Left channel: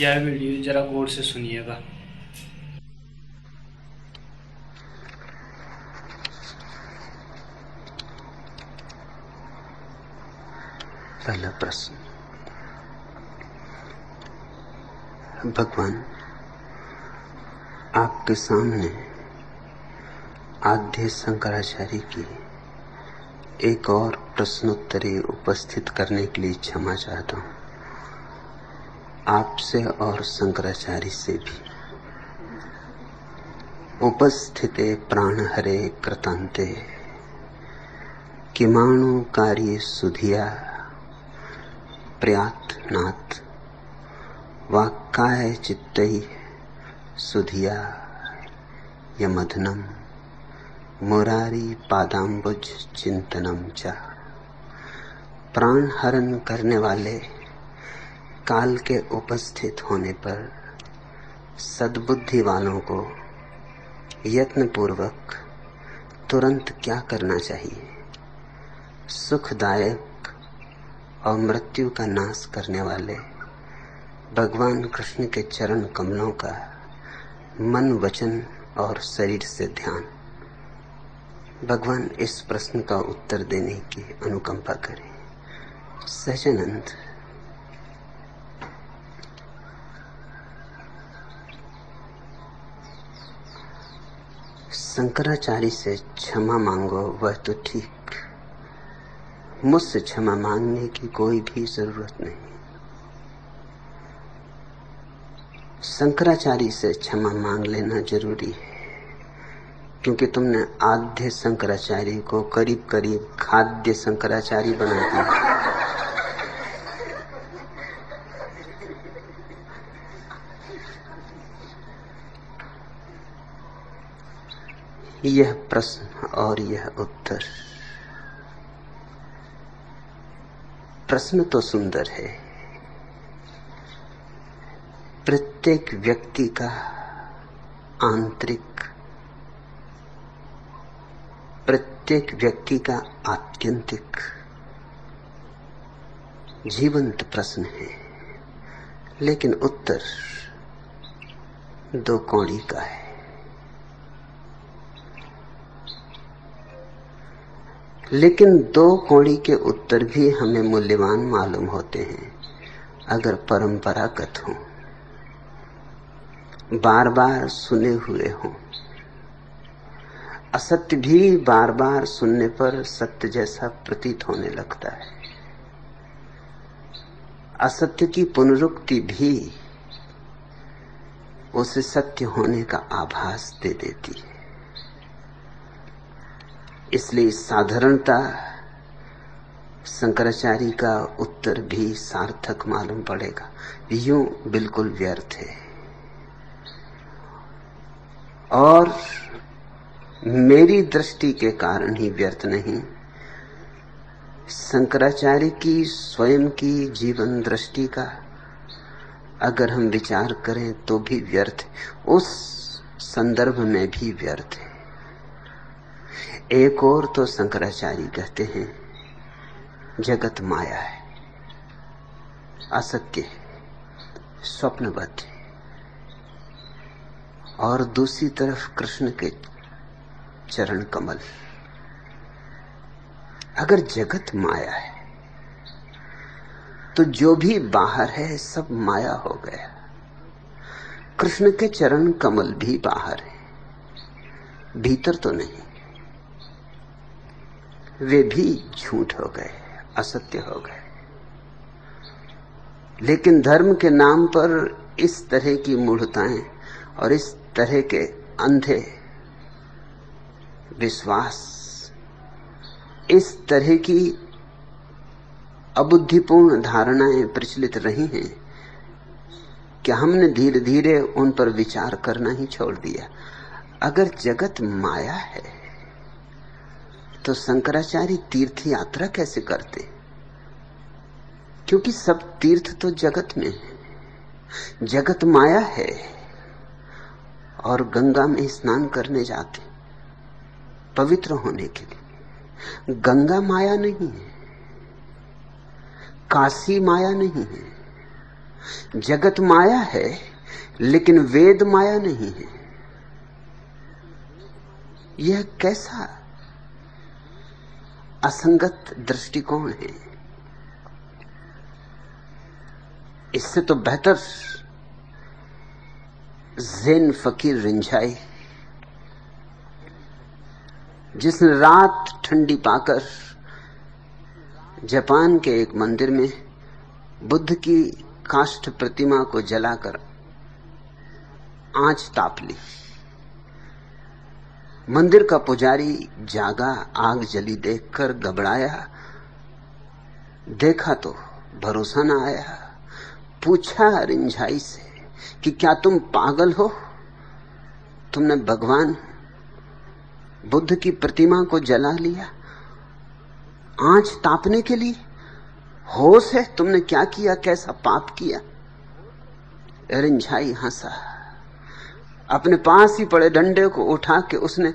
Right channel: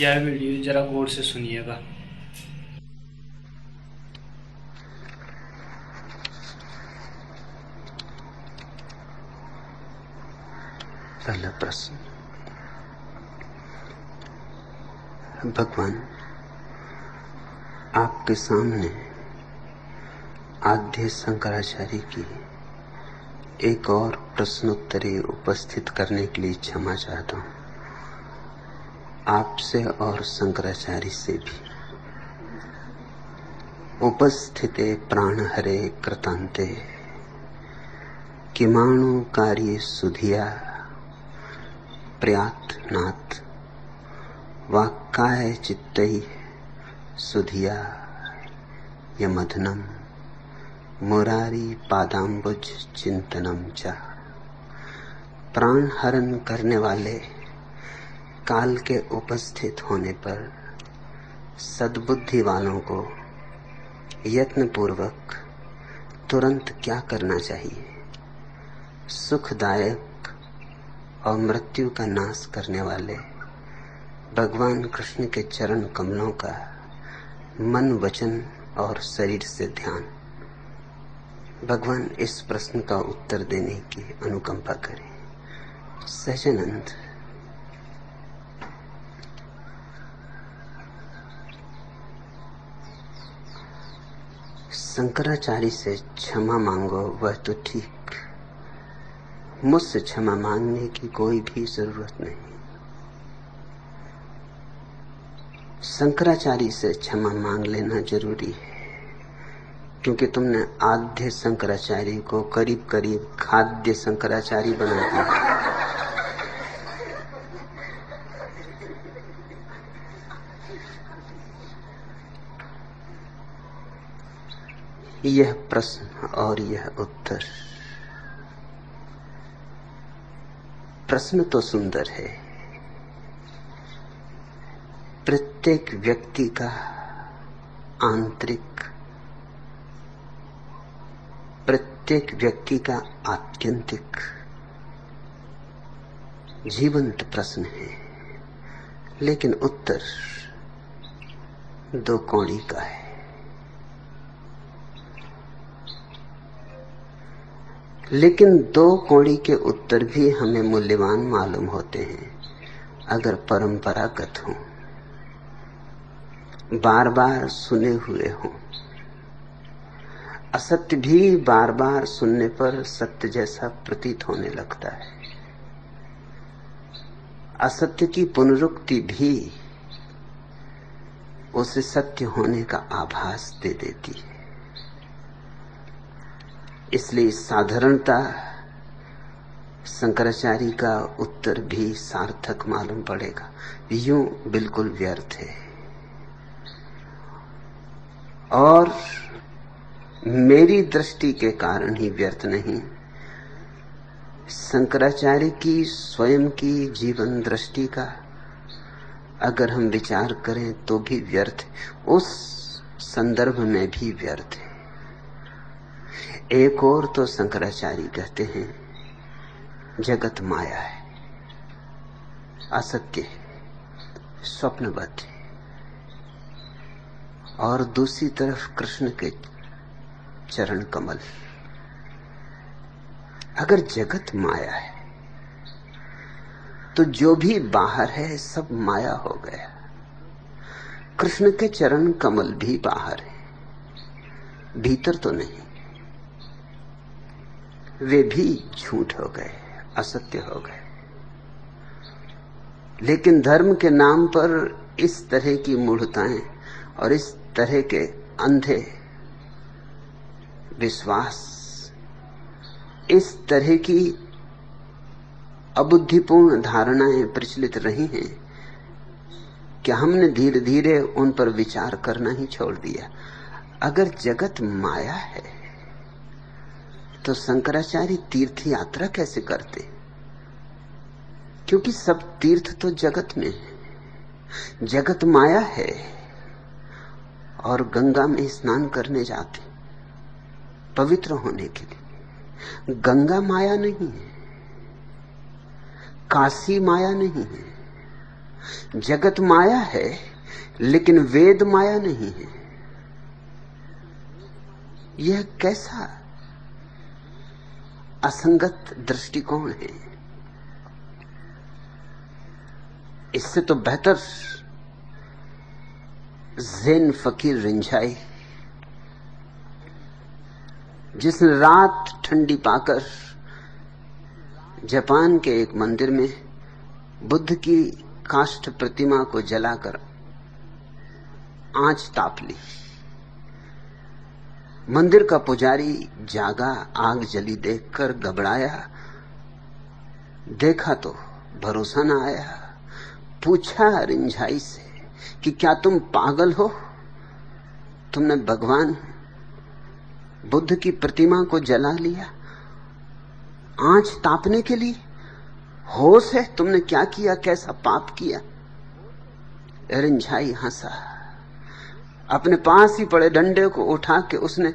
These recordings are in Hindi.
यह वीडियो जरा गौर से सुनिएगा। पहला प्रश्न। भगवान, आपके सामने आद्य शंकराचार्य की एक और प्रश्नोत्तरी उपस्थित करने के लिए क्षमा चाहता हूँ, आपसे और शंकराचार्य से भी। उपस्थिते प्राण हरे कृतंते किमाणु कार्य सुधिया प्रयातनाथ वाक्काय चित्तै सुधिया यमधनम मुरारी पादाम्बुज चिंतनम च। प्राण हरण करने वाले काल के उपस्थित होने पर सद्बुद्धि वालों को यत्न पूर्वक तुरंत क्या करना चाहिए? सुखदायक और मृत्यु का नाश करने वाले भगवान कृष्ण के चरण कमलों का मन, वचन और शरीर से ध्यान। भगवान इस प्रश्न का उत्तर देने की अनुकंपा करें। सच्चिदानंद। शंकराचार्य से क्षमा मांगो वह तो ठीक, मुझसे क्षमा मांगने की कोई भी जरूरत नहीं। शंकराचार्य से क्षमा मांग लेना जरूरी है, क्योंकि तुमने आद्य शंकराचार्य को करीब करीब खाद्य शंकराचार्य बना दिया। यह प्रश्न और यह उत्तर। प्रश्न तो सुंदर है। प्रत्येक व्यक्ति का आंतरिक, प्रत्येक व्यक्ति का आत्यंतिक जीवंत प्रश्न है, लेकिन उत्तर दो कौड़ी का है। लेकिन दो कौड़ी के उत्तर भी हमें मूल्यवान मालूम होते हैं अगर परंपरागत हो, बार बार सुने हुए हो। असत्य भी बार बार सुनने पर सत्य जैसा प्रतीत होने लगता है। असत्य की पुनरुक्ति भी उसे सत्य होने का आभास दे देती है। इसलिए साधारणता शंकराचार्य का उत्तर भी सार्थक मालूम पड़ेगा, यूं बिल्कुल व्यर्थ है। और मेरी दृष्टि के कारण ही व्यर्थ नहीं, शंकराचार्य की स्वयं की जीवन दृष्टि का अगर हम विचार करें तो भी व्यर्थ, उस संदर्भ में भी व्यर्थ है। एक और तो शंकराचार्य कहते हैं जगत माया है, असत्य, स्वप्नवत, और दूसरी तरफ कृष्ण के चरण कमल। अगर जगत माया है तो जो भी बाहर है सब माया हो गया। कृष्ण के चरण कमल भी बाहर है, भीतर तो नहीं। वे भी झूठ हो गए, असत्य हो गए। लेकिन धर्म के नाम पर इस तरह की मूढ़ताएं और इस तरह के अंधे विश्वास, इस तरह की अबुद्धिपूर्ण धारणाएं प्रचलित रही हैं कि हमने धीरे धीरे उन पर विचार करना ही छोड़ दिया। अगर जगत माया है तो शंकराचार्य तीर्थ यात्रा कैसे करते? क्योंकि सब तीर्थ तो जगत में है। जगत माया है और गंगा में स्नान करने जाते पवित्र होने के लिए। गंगा माया नहीं है, काशी माया नहीं है, जगत माया है, लेकिन वेद माया नहीं है। यह कैसा असंगत दृष्टिकोण है। इससे तो बेहतर ज़ेन फकीर रिंझाई, जिसने रात ठंडी पाकर जापान के एक मंदिर में बुद्ध की काष्ठ प्रतिमा को जलाकर आंच ताप ली। मंदिर का पुजारी जागा, आग जली देखकर घबराया, देखा तो भरोसा न आया। पूछा रिंझाई से कि क्या तुम पागल हो? तुमने भगवान बुद्ध की प्रतिमा को जला लिया आंच तापने के लिए? होश है? तुमने क्या किया? कैसा पाप किया? रिंझाई हंसा। अपने पास ही पड़े डंडे को उठा के उसने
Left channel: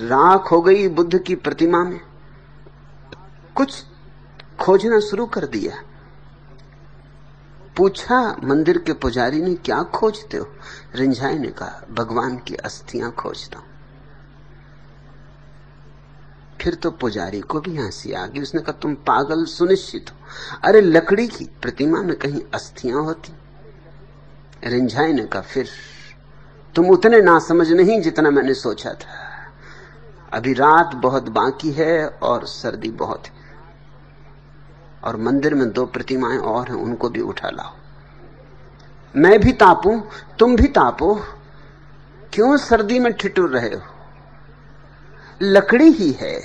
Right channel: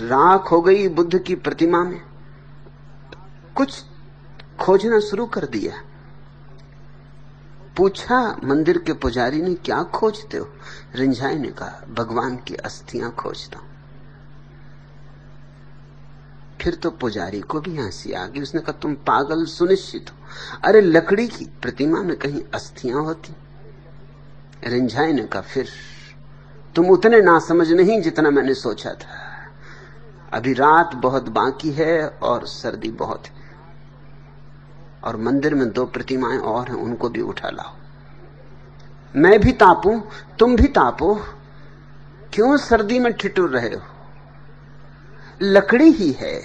राख हो गई बुद्ध की प्रतिमा में कुछ खोजना शुरू कर दिया। पूछा मंदिर के पुजारी ने, क्या खोजते हो? रिंझाई ने कहा, भगवान की अस्थियां खोजता। फिर तो पुजारी को भी हंसी आ गई। उसने कहा, तुम पागल सुनिश्चित हो? अरे लकड़ी की प्रतिमा में कहीं अस्थियां होती? रिंझाई ने कहा, फिर तुम उतने नासमझ नहीं जितना मैंने सोचा था। अभी रात बहुत बाकी है और सर्दी बहुत है, और मंदिर में 2 प्रतिमाएं और हैं, उनको भी उठा लाओ। मैं भी तापूं, तुम भी तापो। क्यों सर्दी में ठिठुर रहे हो? लकड़ी ही है।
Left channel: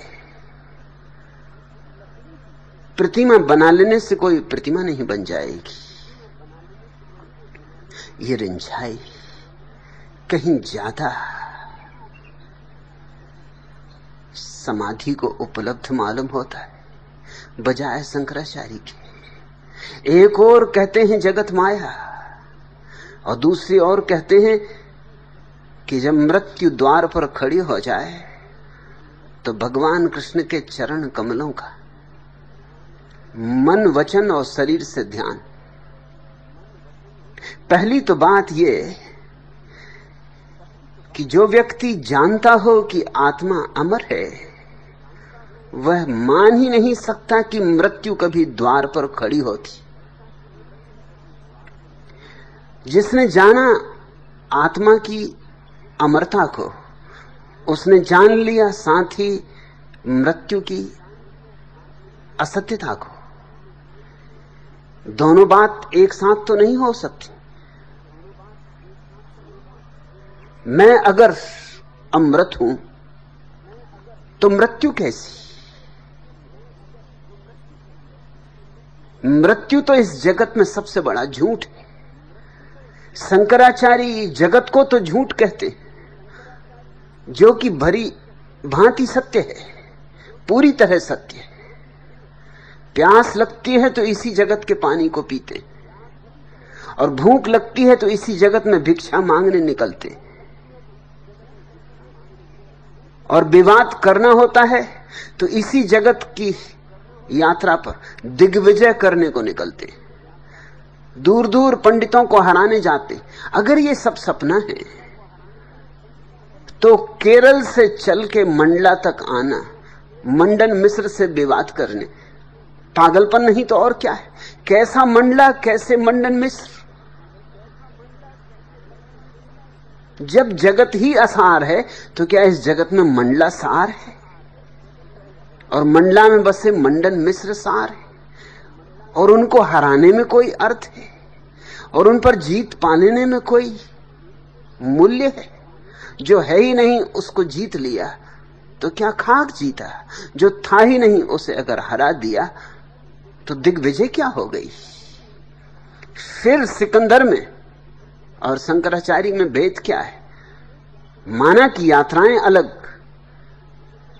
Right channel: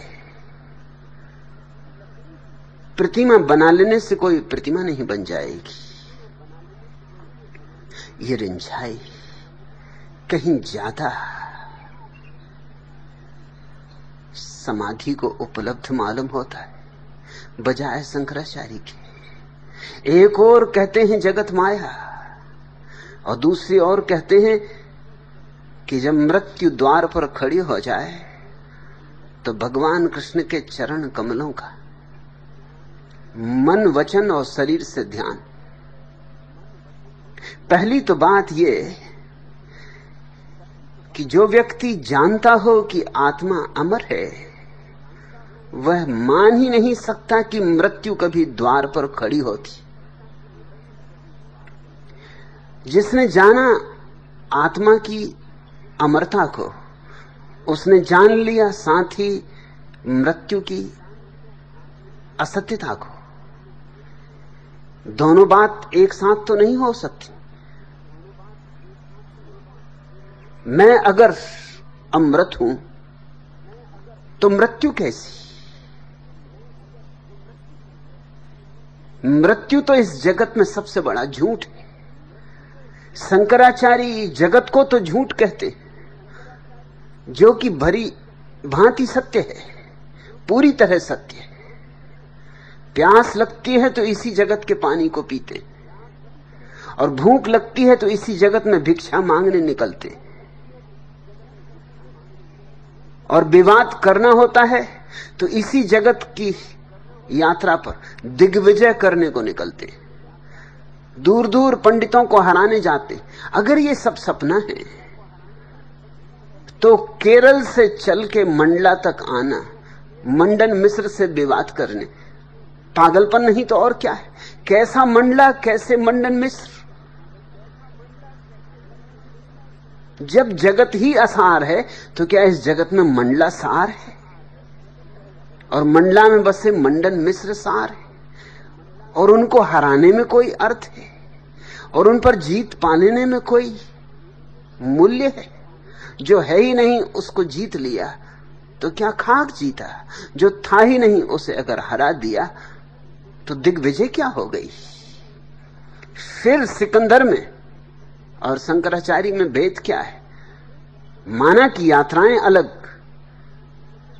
प्रतिमा बना लेने से कोई प्रतिमा नहीं बन जाएगी। ये रिंझाई कहीं ज्यादा समाधि को उपलब्ध मालूम होता है बजाय शंकराचार्य के। एक और कहते हैं जगत माया, और दूसरी ओर कहते हैं कि जब मृत्यु द्वार पर खड़ी हो जाए तो भगवान कृष्ण के चरण कमलों का मन, वचन और शरीर से ध्यान। पहली तो बात यह कि जो व्यक्ति जानता हो कि आत्मा अमर है, वह मान ही नहीं सकता कि मृत्यु कभी द्वार पर खड़ी होती। जिसने जाना आत्मा की अमरता को, उसने जान लिया साथ ही मृत्यु की असत्यता को। दोनों बात एक साथ तो नहीं हो सकती। मैं अगर अमृत हूं तो मृत्यु कैसी? मृत्यु तो इस जगत में सबसे बड़ा झूठ है। शंकराचार्य जगत को तो झूठ कहते, जो कि भरी भांति सत्य है, पूरी तरह सत्य है। प्यास लगती है तो इसी जगत के पानी को पीते, और भूख लगती है तो इसी जगत में भिक्षा मांगने निकलते, और विवाद करना होता है तो इसी जगत की यात्रा पर दिग्विजय करने को निकलते, दूर दूर पंडितों को हराने जाते। अगर ये सब सपना है तो केरल से चल के मंडला तक आना, मंडन मिश्र से विवाद करने, पागलपन नहीं तो और क्या है? कैसा मंडला, कैसे मंडन मिश्र? जब जगत ही असार है तो क्या इस जगत में मंडला सार है? और मंडला में बसे मंडन मिश्र सार है, और उनको हराने में कोई अर्थ है, और उन पर जीत पाने में कोई मूल्य है? जो है ही नहीं उसको जीत लिया तो क्या खाक जीता? जो था ही नहीं उसे अगर हरा दिया तो दिग्विजय क्या हो गई? फिर सिकंदर में और शंकराचार्य में भेद क्या है? माना कि यात्राएं अलग,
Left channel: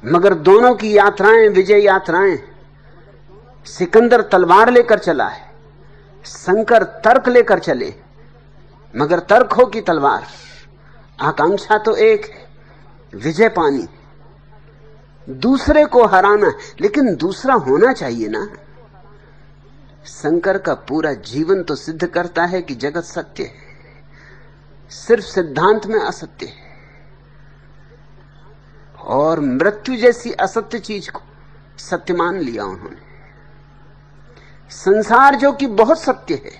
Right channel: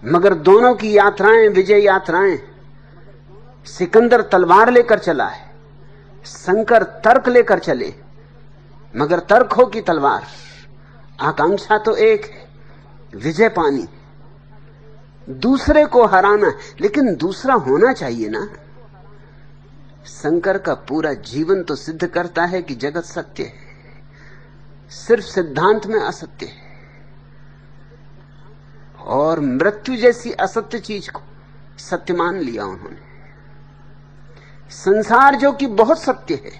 मगर दोनों की यात्राएं विजय यात्राएं। सिकंदर तलवार लेकर चला है, शंकर तर्क लेकर चले, मगर तर्क हो कि तलवार, आकांक्षा तो एक है, विजय पानी, दूसरे को हराना। लेकिन दूसरा होना चाहिए ना। शंकर का पूरा जीवन तो सिद्ध करता है कि जगत सत्य है, सिर्फ सिद्धांत में असत्य है। और मृत्यु जैसी असत्य चीज को सत्य मान लिया उन्होंने। संसार जो कि बहुत सत्य है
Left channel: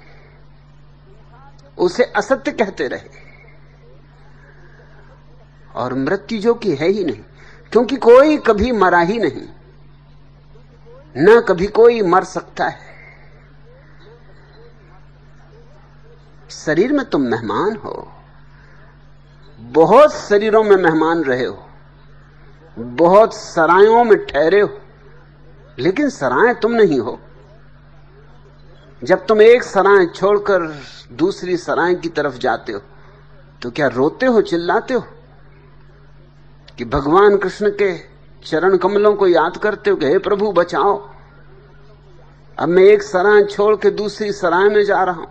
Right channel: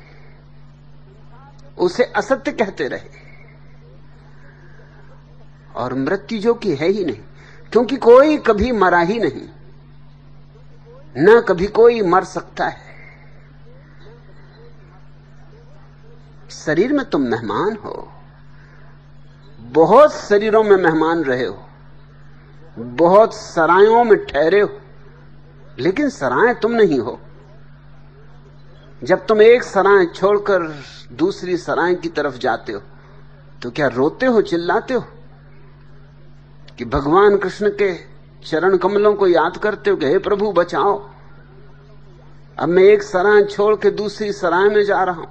उसे असत्य कहते रहे, और मृत्यु जो कि है ही नहीं, क्योंकि कोई कभी मरा ही नहीं, ना कभी कोई मर सकता है। शरीर में तुम मेहमान हो, बहुत शरीरों में मेहमान रहे हो, बहुत सरायों में ठहरे हो, लेकिन सराय तुम नहीं हो। जब तुम एक सराय छोड़कर दूसरी सराय की तरफ जाते हो तो क्या रोते हो, चिल्लाते हो कि भगवान कृष्ण के चरण कमलों को याद करते हो कि हे प्रभु बचाओ, अब मैं एक सराय छोड़ के दूसरी सराय में जा रहा हूं।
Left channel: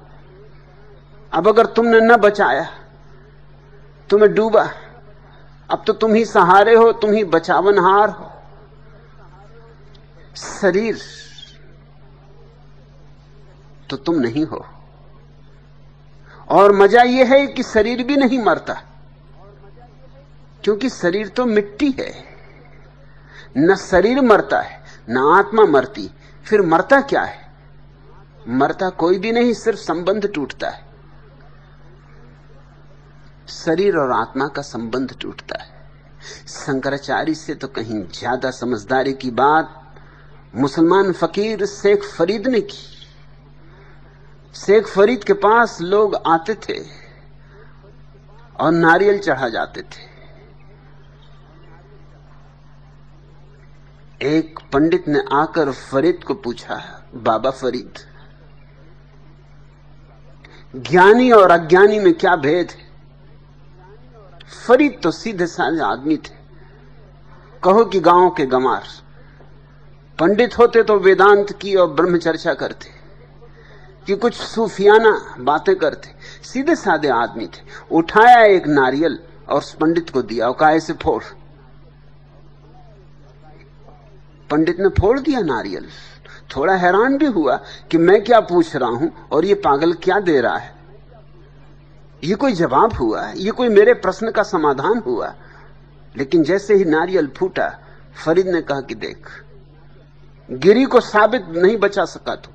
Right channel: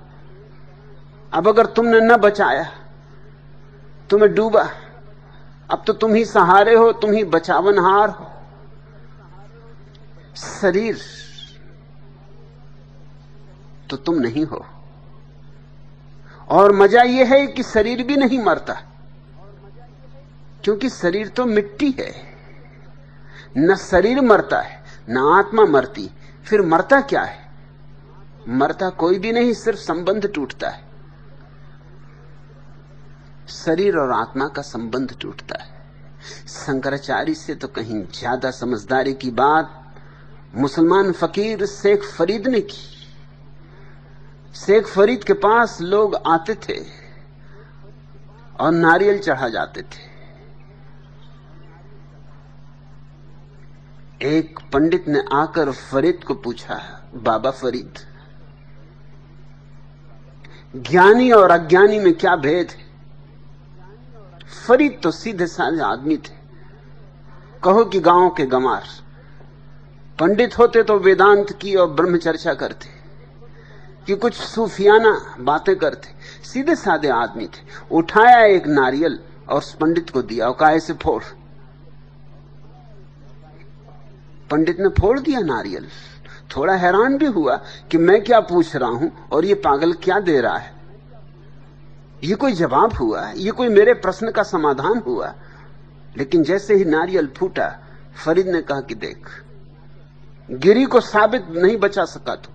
अब अगर तुमने न बचाया, तुम्हें डूबा, अब तो तुम ही सहारे हो, तुम ही बचावनहार हो। शरीर तो तुम नहीं हो। और मजा यह है कि शरीर भी नहीं मरता, क्योंकि शरीर तो मिट्टी है। न शरीर मरता है न आत्मा मरती, फिर मरता क्या है? मरता कोई भी नहीं, सिर्फ संबंध टूटता है। शरीर और आत्मा का संबंध टूटता है। शंकराचार्य से तो कहीं ज्यादा समझदारी की बात मुसलमान फकीर शेख फरीद ने की। शेख फरीद के पास लोग आते थे और नारियल चढ़ा जाते थे। एक पंडित ने आकर फरीद को पूछा, बाबा फरीद, ज्ञानी और अज्ञानी में क्या भेद है? फरीद तो सीधे साधे आदमी थे, कहो कि गांव के गंवार। पंडित होते तो वेदांत की और ब्रह्म चर्चा करते, कि कुछ सूफियाना बातें करते। सीधे साधे आदमी थे। उठाया एक नारियल और उस पंडित को दिया और कहा ऐसे फोड़। पंडित ने फोड़ दिया नारियल। थोड़ा हैरान भी हुआ कि मैं क्या पूछ रहा हूं और ये पागल क्या दे रहा है। ये कोई जवाब हुआ, ये कोई मेरे प्रश्न का समाधान हुआ। लेकिन जैसे ही नारियल फूटा, फरीद ने कहा कि देख, गिरी को साबित नहीं बचा सका तो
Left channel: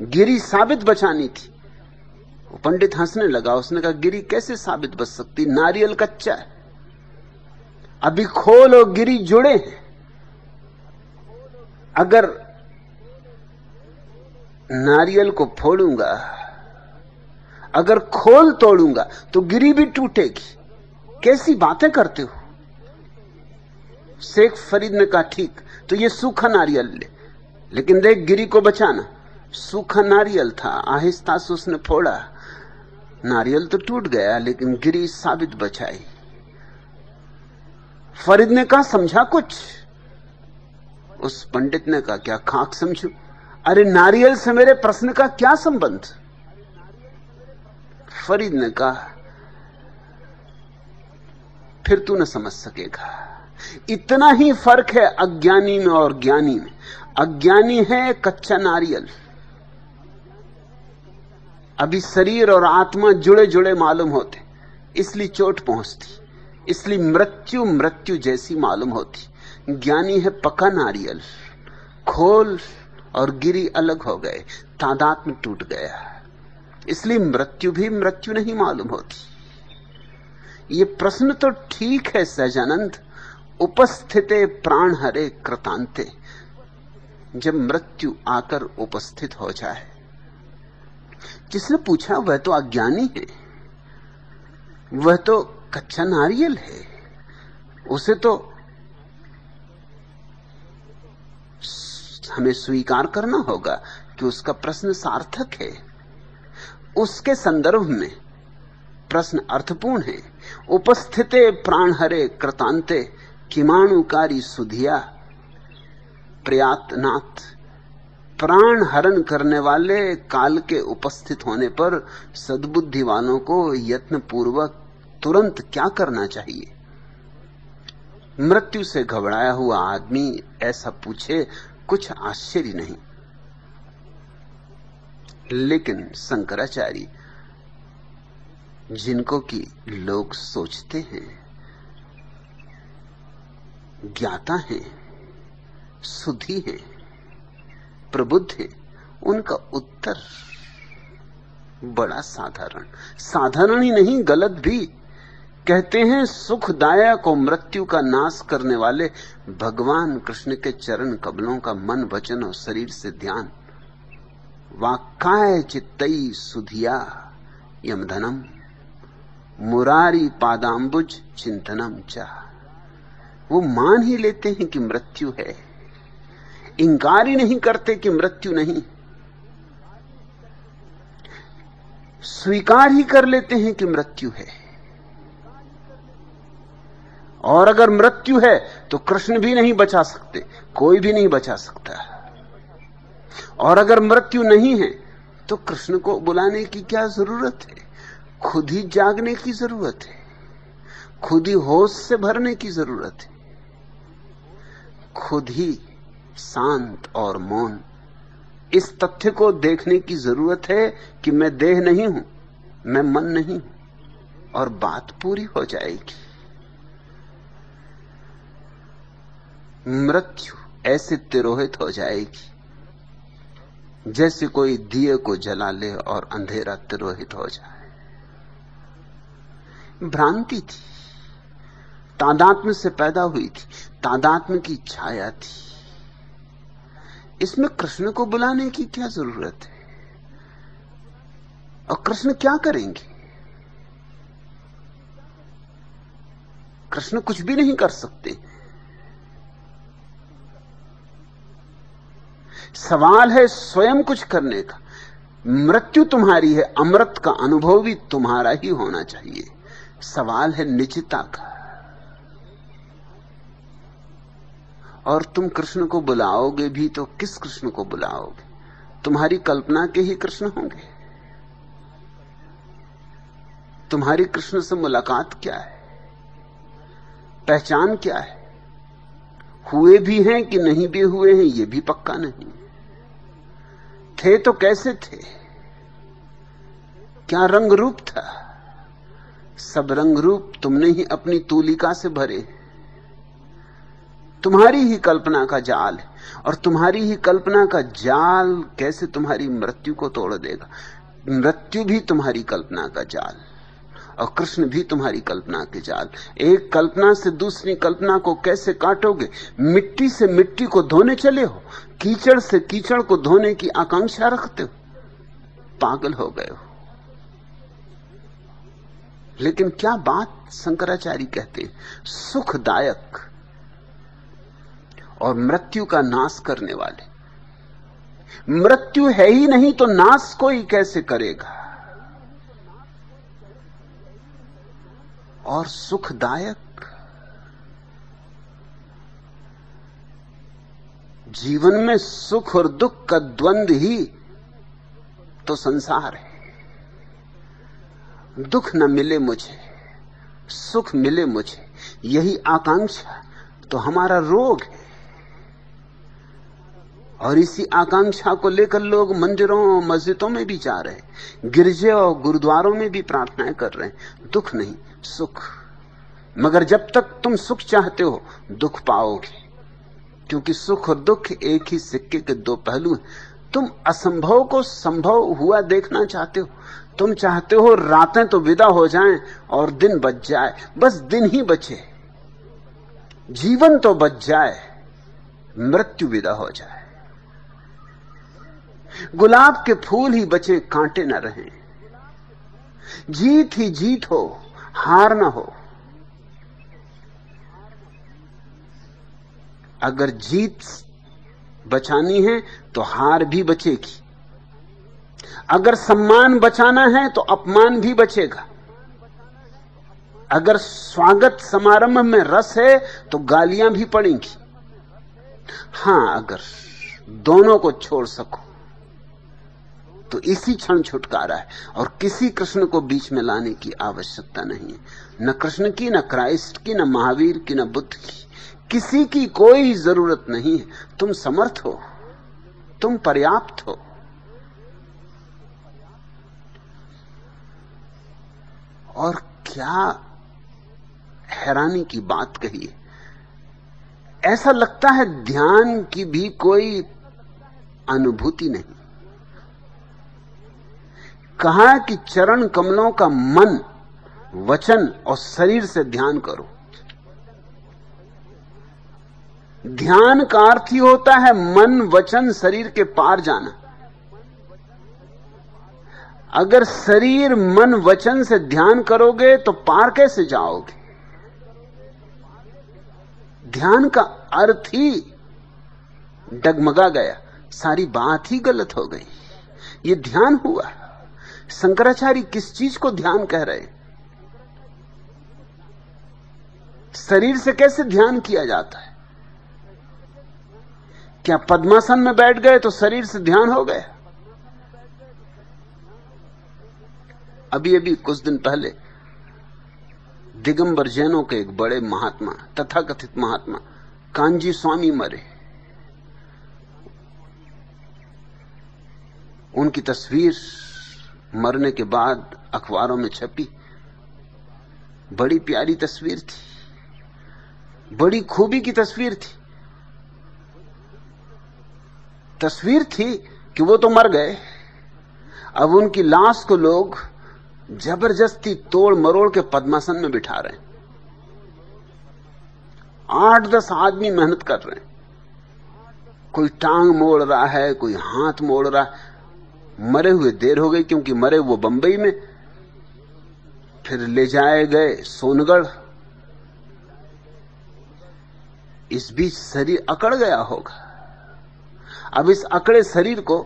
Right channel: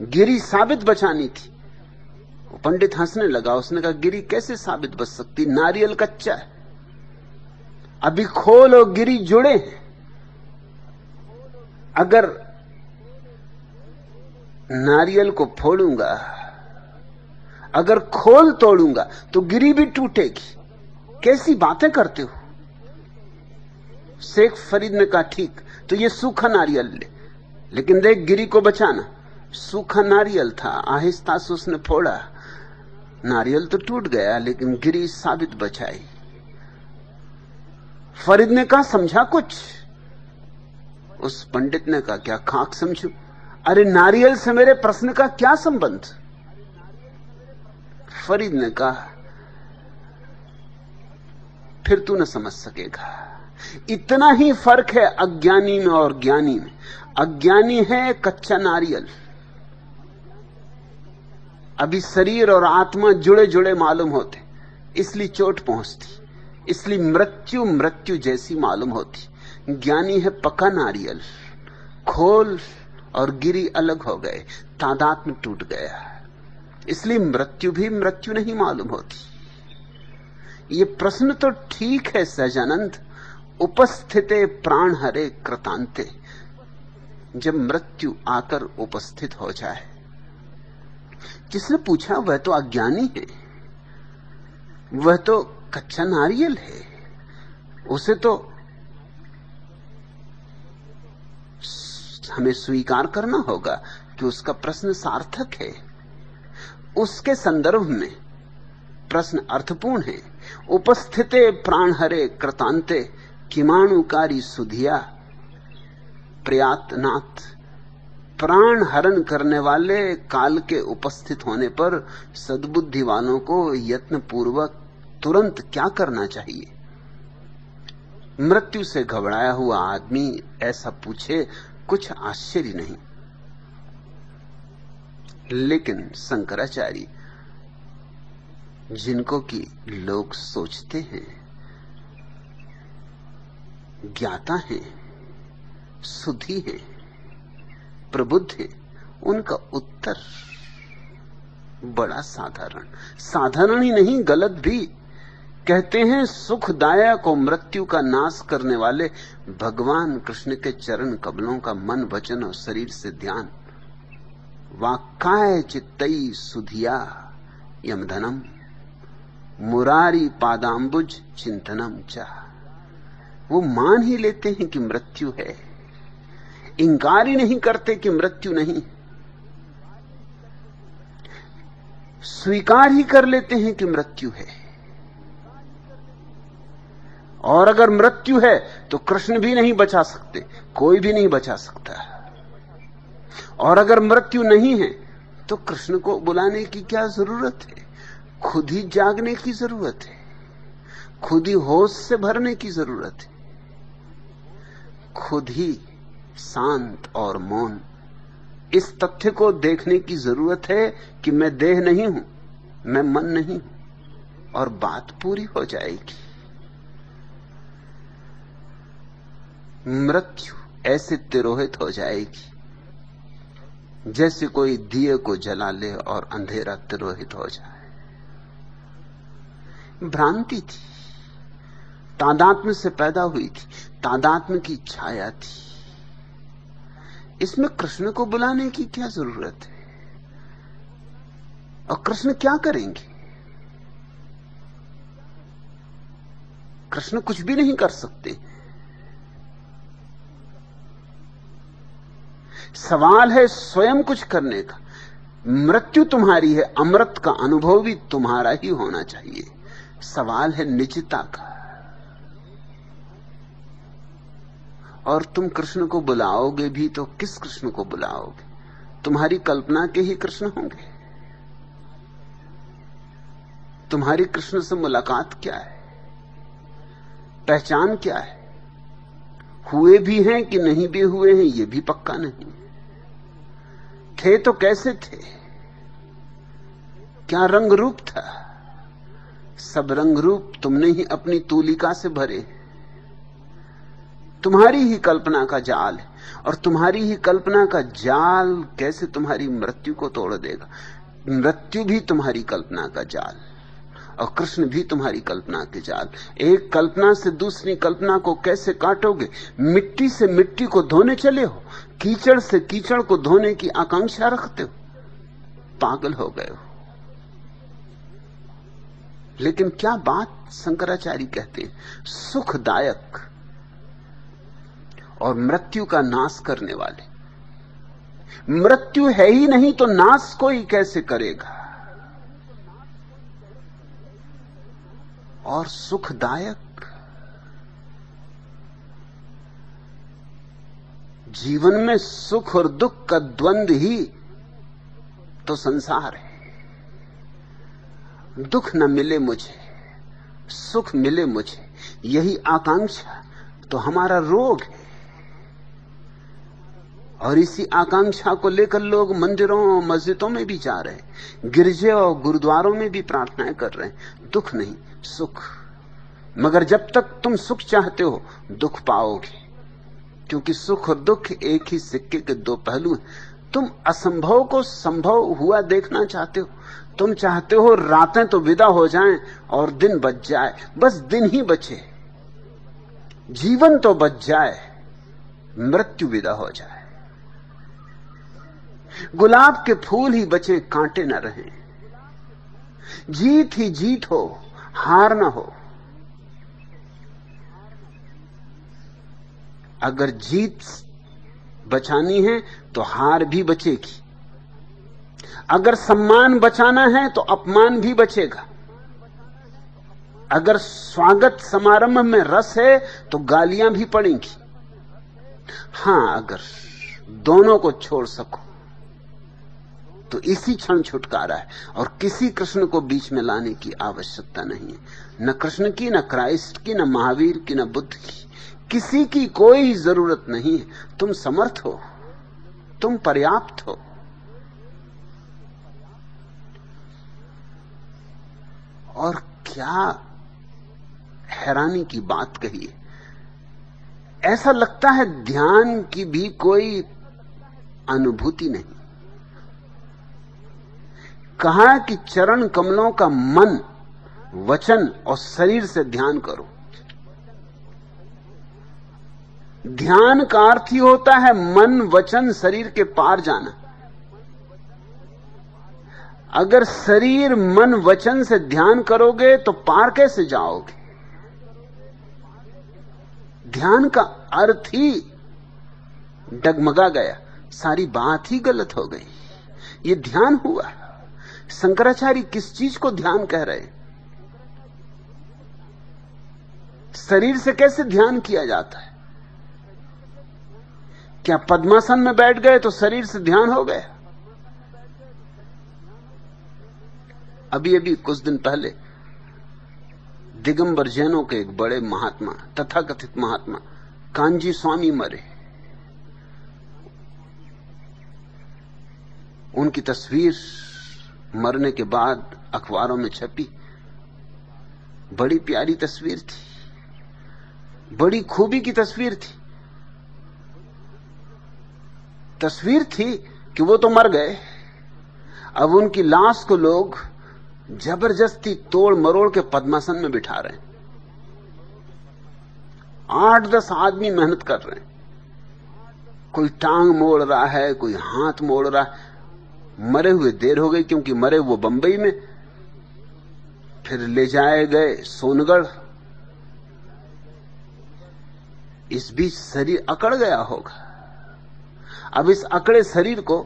गिरी साबित बचानी थी। पंडित हंसने लगा। उसने कहा गिरी कैसे साबित बच सकती, नारियल कच्चा है, अभी खोल और गिरी जुड़े हैं। अगर नारियल को फोड़ूंगा, अगर खोल तोड़ूंगा तो गिरी भी टूटेगी। कैसी बातें करते हो? शेख फरीद ने कहा ठीक, तो ये सूखा नारियल ले, लेकिन देख गिरी को बचाना। सूखा नारियल था, आहिस्ता से उसने फोड़ा, नारियल तो टूट गया लेकिन गिरी साबित बचाई। फरीद ने कहा समझा कुछ? उस पंडित ने कहा क्या खाक समझू, अरे नारियल से मेरे प्रश्न का क्या संबंध? फरीद ने कहा फिर तू न समझ सकेगा। इतना ही फर्क है अज्ञानी में और ज्ञानी में। अज्ञानी है कच्चा नारियल, अभी शरीर और आत्मा जुड़े जुड़े मालूम होते, इसलिए चोट पहुंचती, इसलिए मृत्यु मृत्यु जैसी मालूम होती। ज्ञानी है पका नारियल, खोल और गिरी अलग हो गए, तादाद में टूट गया, इसलिए मृत्यु भी मृत्यु नहीं मालूम होती। ये प्रश्न तो ठीक है सहजानंद, उपस्थिते प्राण हरे कृतांते, जब मृत्यु आकर उपस्थित हो जाए। जिसने पूछा वह तो अज्ञानी है, वह तो कच्चा नारियल है, उसे तो हमें स्वीकार करना होगा कि उसका प्रश्न सार्थक है, उसके संदर्भ में प्रश्न अर्थपूर्ण है। उपस्थिते प्राण हरे कृतांते किमाणुकारी सुधिया प्रयातनाथ, प्राण हरण करने वाले काल के उपस्थित होने पर सद्बुद्धि वालों को यत्न पूर्वक तुरंत क्या करना चाहिए? मृत्यु से घबराया हुआ आदमी ऐसा पूछे, कुछ आश्चर्य नहीं। लेकिन शंकराचार्य, जिनको कि लोग सोचते हैं ज्ञाता है, सुधी है, प्रबुद्ध है, उनका उत्तर बड़ा साधारण, साधारण ही नहीं गलत भी। कहते हैं सुखदायक और मृत्यु का नाश करने वाले भगवान कृष्ण के चरण कमलों का मन वचन और शरीर से ध्यान। वाक्काय चित्तई सुधिया यमधनम मुरारी पादाम्बुज चिंतनम च। वो मान ही लेते हैं कि मृत्यु है, इंकार ही नहीं करते कि मृत्यु नहीं, स्वीकार ही कर लेते हैं कि मृत्यु है। और अगर मृत्यु है तो कृष्ण भी नहीं बचा सकते, कोई भी नहीं बचा सकता। और अगर मृत्यु नहीं है तो कृष्ण को बुलाने की क्या जरूरत है? खुद ही जागने की जरूरत है, खुद ही होश से भरने की जरूरत है, खुद ही शांत और मौन इस तथ्य को देखने की जरूरत है कि मैं देह नहीं हूं, मैं मन नहीं हूं, और बात पूरी हो जाएगी। मृत्यु ऐसे तिरोहित हो जाएगी जैसे कोई दिए को जला ले और अंधेरा तिरोहित हो जाए। भ्रांति थी, तादात्म्य से पैदा हुई थी, तादात्म्य की छाया थी। इसमें कृष्ण को बुलाने की क्या जरूरत है? और कृष्ण क्या करेंगे? कृष्ण कुछ भी नहीं कर सकते। सवाल है स्वयं कुछ करने का। मृत्यु तुम्हारी है, अमृत का अनुभव भी तुम्हारा ही होना चाहिए। सवाल है निजता का। और तुम कृष्ण को बुलाओगे भी तो किस कृष्ण को बुलाओगे? तुम्हारी कल्पना के ही कृष्ण होंगे। तुम्हारी कृष्ण से मुलाकात क्या है, पहचान क्या है? हुए भी हैं कि नहीं भी हुए हैं ये भी पक्का नहीं। थे तो कैसे थे, क्या रंग रूप था? सब रंग रूप तुमने ही अपनी तूलिका से भरे। तुम्हारी ही कल्पना का जाल है, और तुम्हारी ही कल्पना का जाल कैसे तुम्हारी मृत्यु को तोड़ देगा? मृत्यु भी तुम्हारी कल्पना का जाल और कृष्ण भी तुम्हारी कल्पना के जाल। एक कल्पना से दूसरी कल्पना को कैसे काटोगे? मिट्टी से मिट्टी को धोने चले हो, कीचड़ से कीचड़ को धोने की आकांक्षा रखते हो, पागल हो गए हो। लेकिन क्या बात शंकराचार्य कहते हैं, सुखदायक और मृत्यु का नाश करने वाले। मृत्यु है ही नहीं तो नाश कोई कैसे करेगा? और सुखदायक, जीवन में सुख और दुख का द्वंद्व ही तो संसार है। दुख न मिले मुझे, सुख मिले मुझे, यही आकांक्षा तो हमारा रोग है। और इसी आकांक्षा को लेकर लोग मंदिरों और मस्जिदों में भी जा रहे हैं, गिरजे और गुरुद्वारों में भी प्रार्थनाएं कर रहे हैं। दुख नहीं, सुख। मगर जब तक तुम सुख चाहते हो दुख पाओगे, क्योंकि सुख और दुख एक ही सिक्के के दो पहलू हैं। तुम असंभव को संभव हुआ देखना चाहते हो। तुम चाहते हो रातें तो विदा हो जाएं और दिन बच जाए, बस दिन ही बचे, जीवन तो बच जाए, मृत्यु विदा हो जाए, गुलाब के फूल ही बचे, कांटे न रहे, जीत ही जीत हो, हार न हो। अगर जीत बचानी है तो हार भी बचेगी, अगर सम्मान बचाना है तो अपमान भी बचेगा, अगर स्वागत समारोह में रस है तो गालियां भी पड़ेंगी। हां, अगर दोनों को छोड़ सको तो इसी क्षण छुटकारा है, और किसी कृष्ण को बीच में लाने की आवश्यकता नहीं है। न कृष्ण की, न क्राइस्ट की, न महावीर की, न बुद्ध की, किसी की कोई जरूरत नहीं है। तुम समर्थ हो, तुम पर्याप्त हो। और क्या हैरानी की बात कही है। ऐसा लगता है ध्यान की भी कोई अनुभूति नहीं। कहा कि चरण कमलों का मन, वचन और शरीर से ध्यान करो। ध्यान का अर्थ ही होता है मन, वचन, शरीर के पार जाना। अगर शरीर, मन, वचन से ध्यान करोगे तो पार कैसे जाओगे? ध्यान का अर्थ ही डगमगा गया, सारी बात ही गलत हो गई। ये ध्यान हुआ। शंकराचार्य किस चीज को ध्यान कह रहे? शरीर से कैसे ध्यान किया जाता है? क्या पद्मासन में बैठ गए तो शरीर से ध्यान हो गया? अभी अभी कुछ दिन पहले दिगंबर जैनों के एक बड़े महात्मा, तथाकथित महात्मा कांजी स्वामी मरे। उनकी तस्वीर मरने के बाद अखबारों में छपी। बड़ी प्यारी तस्वीर थी, बड़ी खूबी की तस्वीर थी। तस्वीर थी कि वो तो मर गए, अब उनकी लाश को लोग जबरदस्ती तोड़ मरोड़ के पद्मासन में बिठा रहे हैं। 8-10 आदमी मेहनत कर रहे हैं। कोई टांग मोड़ रहा है, कोई हाथ मोड़ रहा है। मरे हुए देर हो गई, क्योंकि मरे वो बंबई में, फिर ले जाए गए सोनगढ़। इस बीच शरीर अकड़ गया होगा। अब इस अकड़े शरीर को,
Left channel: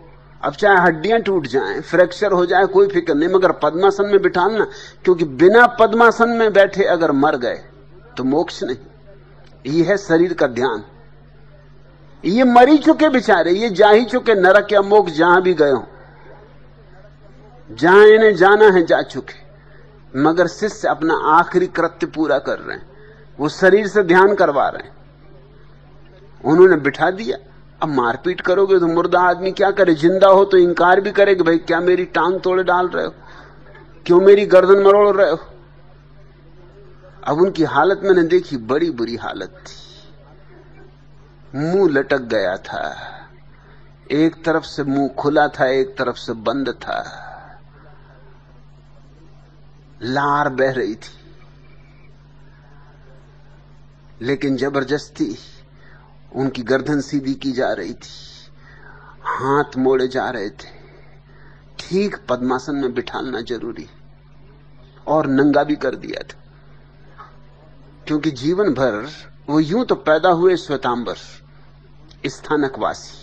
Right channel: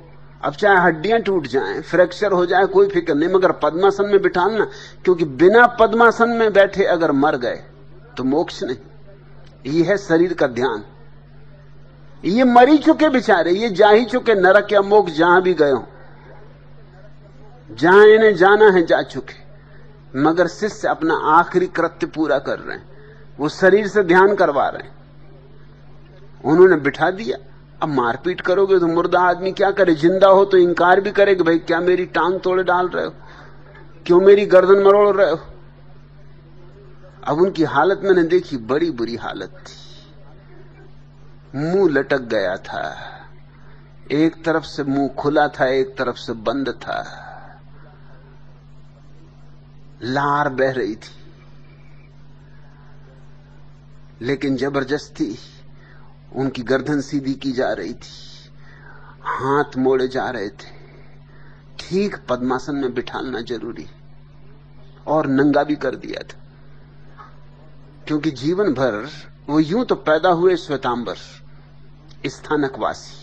अब चाहे हड्डियां टूट जाएं, फ्रैक्चर हो जाए, कोई फिक्र नहीं, मगर पद्मासन में बिठाना, क्योंकि बिना पद्मासन में बैठे अगर मर गए तो मोक्ष नहीं। ये है शरीर का ध्यान। ये मर ही चुके बेचारे, ये जा ही चुके नरक या मोक्ष, जहां भी गए हो, जहां इन्हें जाना है जा चुके। मगर शिष्य अपना आखिरी कृत्य पूरा कर रहे हैं, वो शरीर से ध्यान करवा रहे हैं। उन्होंने बिठा दिया। अब मारपीट करोगे तो मुर्दा आदमी क्या करे? जिंदा हो तो इनकार भी करे कि भाई क्या मेरी टांग तोड़े डाल रहे हो, क्यों मेरी गर्दन मरोड़ रहे हो। अब उनकी हालत मैंने देखी, बड़ी बुरी हालत थी। मुंह लटक गया था, एक तरफ से मुंह खुला था, एक तरफ से बंद था, लार बह रही थी, लेकिन जबरदस्ती उनकी गर्दन सीधी की जा रही थी, हाथ मोड़े जा रहे थे। ठीक पद्मासन में बिठाना जरूरी, और नंगा भी कर दिया था, क्योंकि जीवन भर वो यूं तो पैदा हुए श्वेतांबर, स्थानकवासी,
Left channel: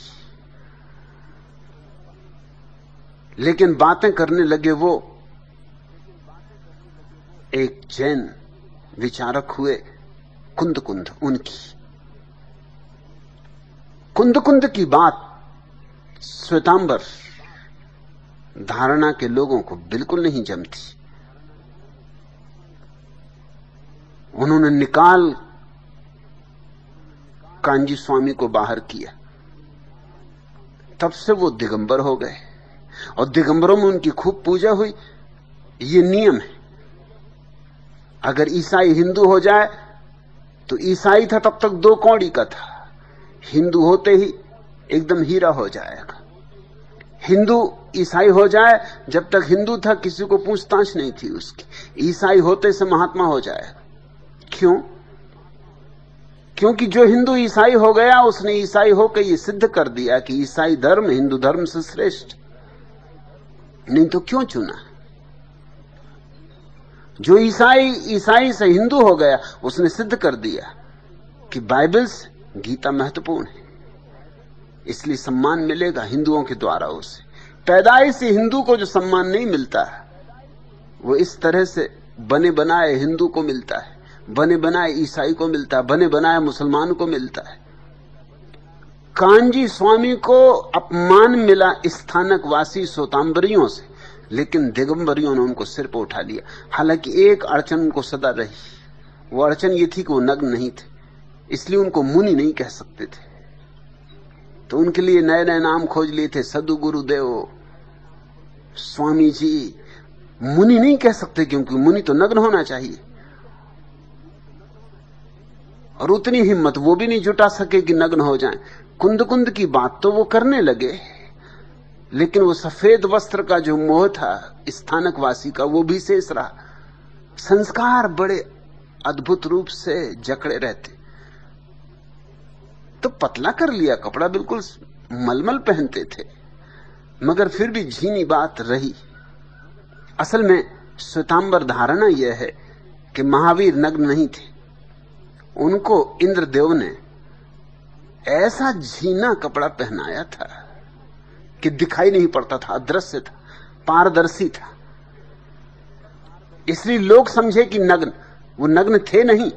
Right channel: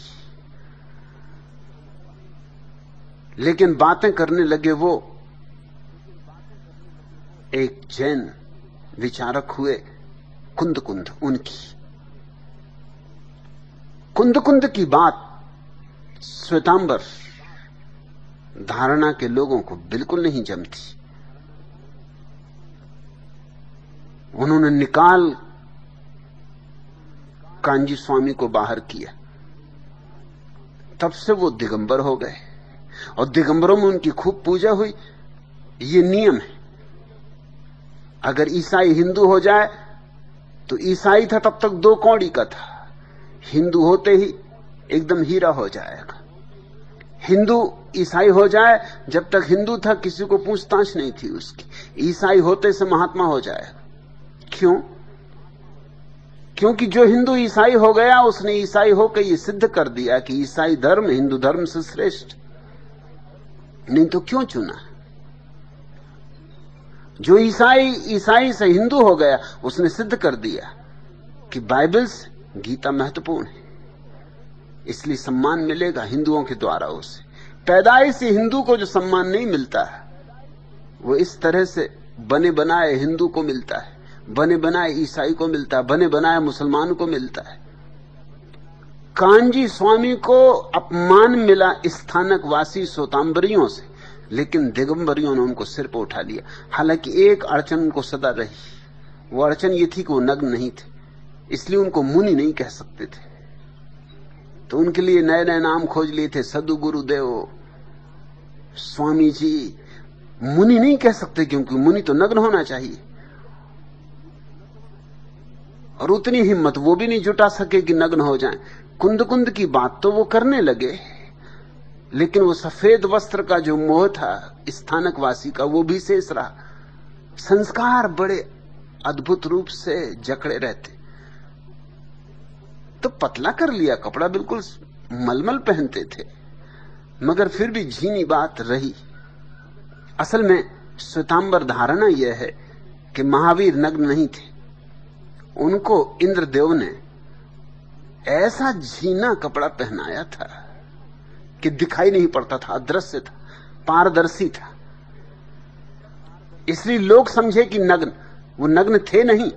लेकिन बातें करने लगे वो एक जैन विचारक हुए, कुंद कुंद। उनकी कुंद कुंद की बात श्वेतांबर धारणा के लोगों को बिल्कुल नहीं जमती। उन्होंने निकाल कांजी स्वामी को बाहर किया। तब से वो दिगंबर हो गए, और दिगंबरों में उनकी खूब पूजा हुई। ये नियम है, अगर ईसाई हिंदू हो जाए तो ईसाई था तब तक 2 कौड़ी का था, हिंदू होते ही एकदम हीरा हो जाएगा। हिंदू ईसाई हो जाए, जब तक हिंदू था किसी को पूछताछ नहीं थी उसकी, ईसाई होते से महात्मा हो जाए। क्यों? क्योंकि जो हिंदू ईसाई हो गया, उसने ईसाई होकर ये सिद्ध कर दिया कि ईसाई धर्म हिंदू धर्म से श्रेष्ठ। नहीं तो क्यों चुना? जो ईसाई से हिंदू हो गया, उसने सिद्ध कर दिया कि बाइबल से गीता महत्वपूर्ण है, इसलिए सम्मान मिलेगा हिंदुओं के द्वारा उसे। पैदाइश से हिंदू को जो सम्मान नहीं मिलता, वो इस तरह से बने बनाए हिंदू को मिलता है, बने बनाए ईसाई को मिलता है, बने बनाए मुसलमान को मिलता है। कांजी स्वामी को अपमान मिला स्थानकवासी श्वेतांबरियों से, लेकिन दिगंबरियों ने उनको सिर पर उठा लिया। हालांकि एक अड़चन उनको सदा रही, वो अड़चन ये थी कि वो नग्न नहीं थे, इसलिए उनको मुनि नहीं कह सकते थे। तो उनके लिए नए नए नाम खोज लिए थे, सदगुरुदेव, स्वामी जी, मुनि नहीं कह सकते, क्योंकि मुनि तो नग्न होना चाहिए, और उतनी हिम्मत वो भी नहीं जुटा सके कि नग्न हो जाएं। कुंद कुंद की बात तो वो करने लगे, लेकिन वो सफेद वस्त्र का जो मोह था स्थानकवासी का, वो भी शेष रहा। संस्कार बड़े अद्भुत रूप से जकड़े रहते, तो पतला कर लिया कपड़ा, बिल्कुल मलमल पहनते थे, मगर फिर भी झीनी बात रही। असल में श्वेतांबर धारणा यह है कि महावीर नग्न नहीं थे, उनको इंद्रदेव ने ऐसा झीना कपड़ा पहनाया था कि दिखाई नहीं पड़ता था, अदृश्य था, पारदर्शी था। इसलिए लोग समझे कि नग्न, वो नग्न थे नहीं,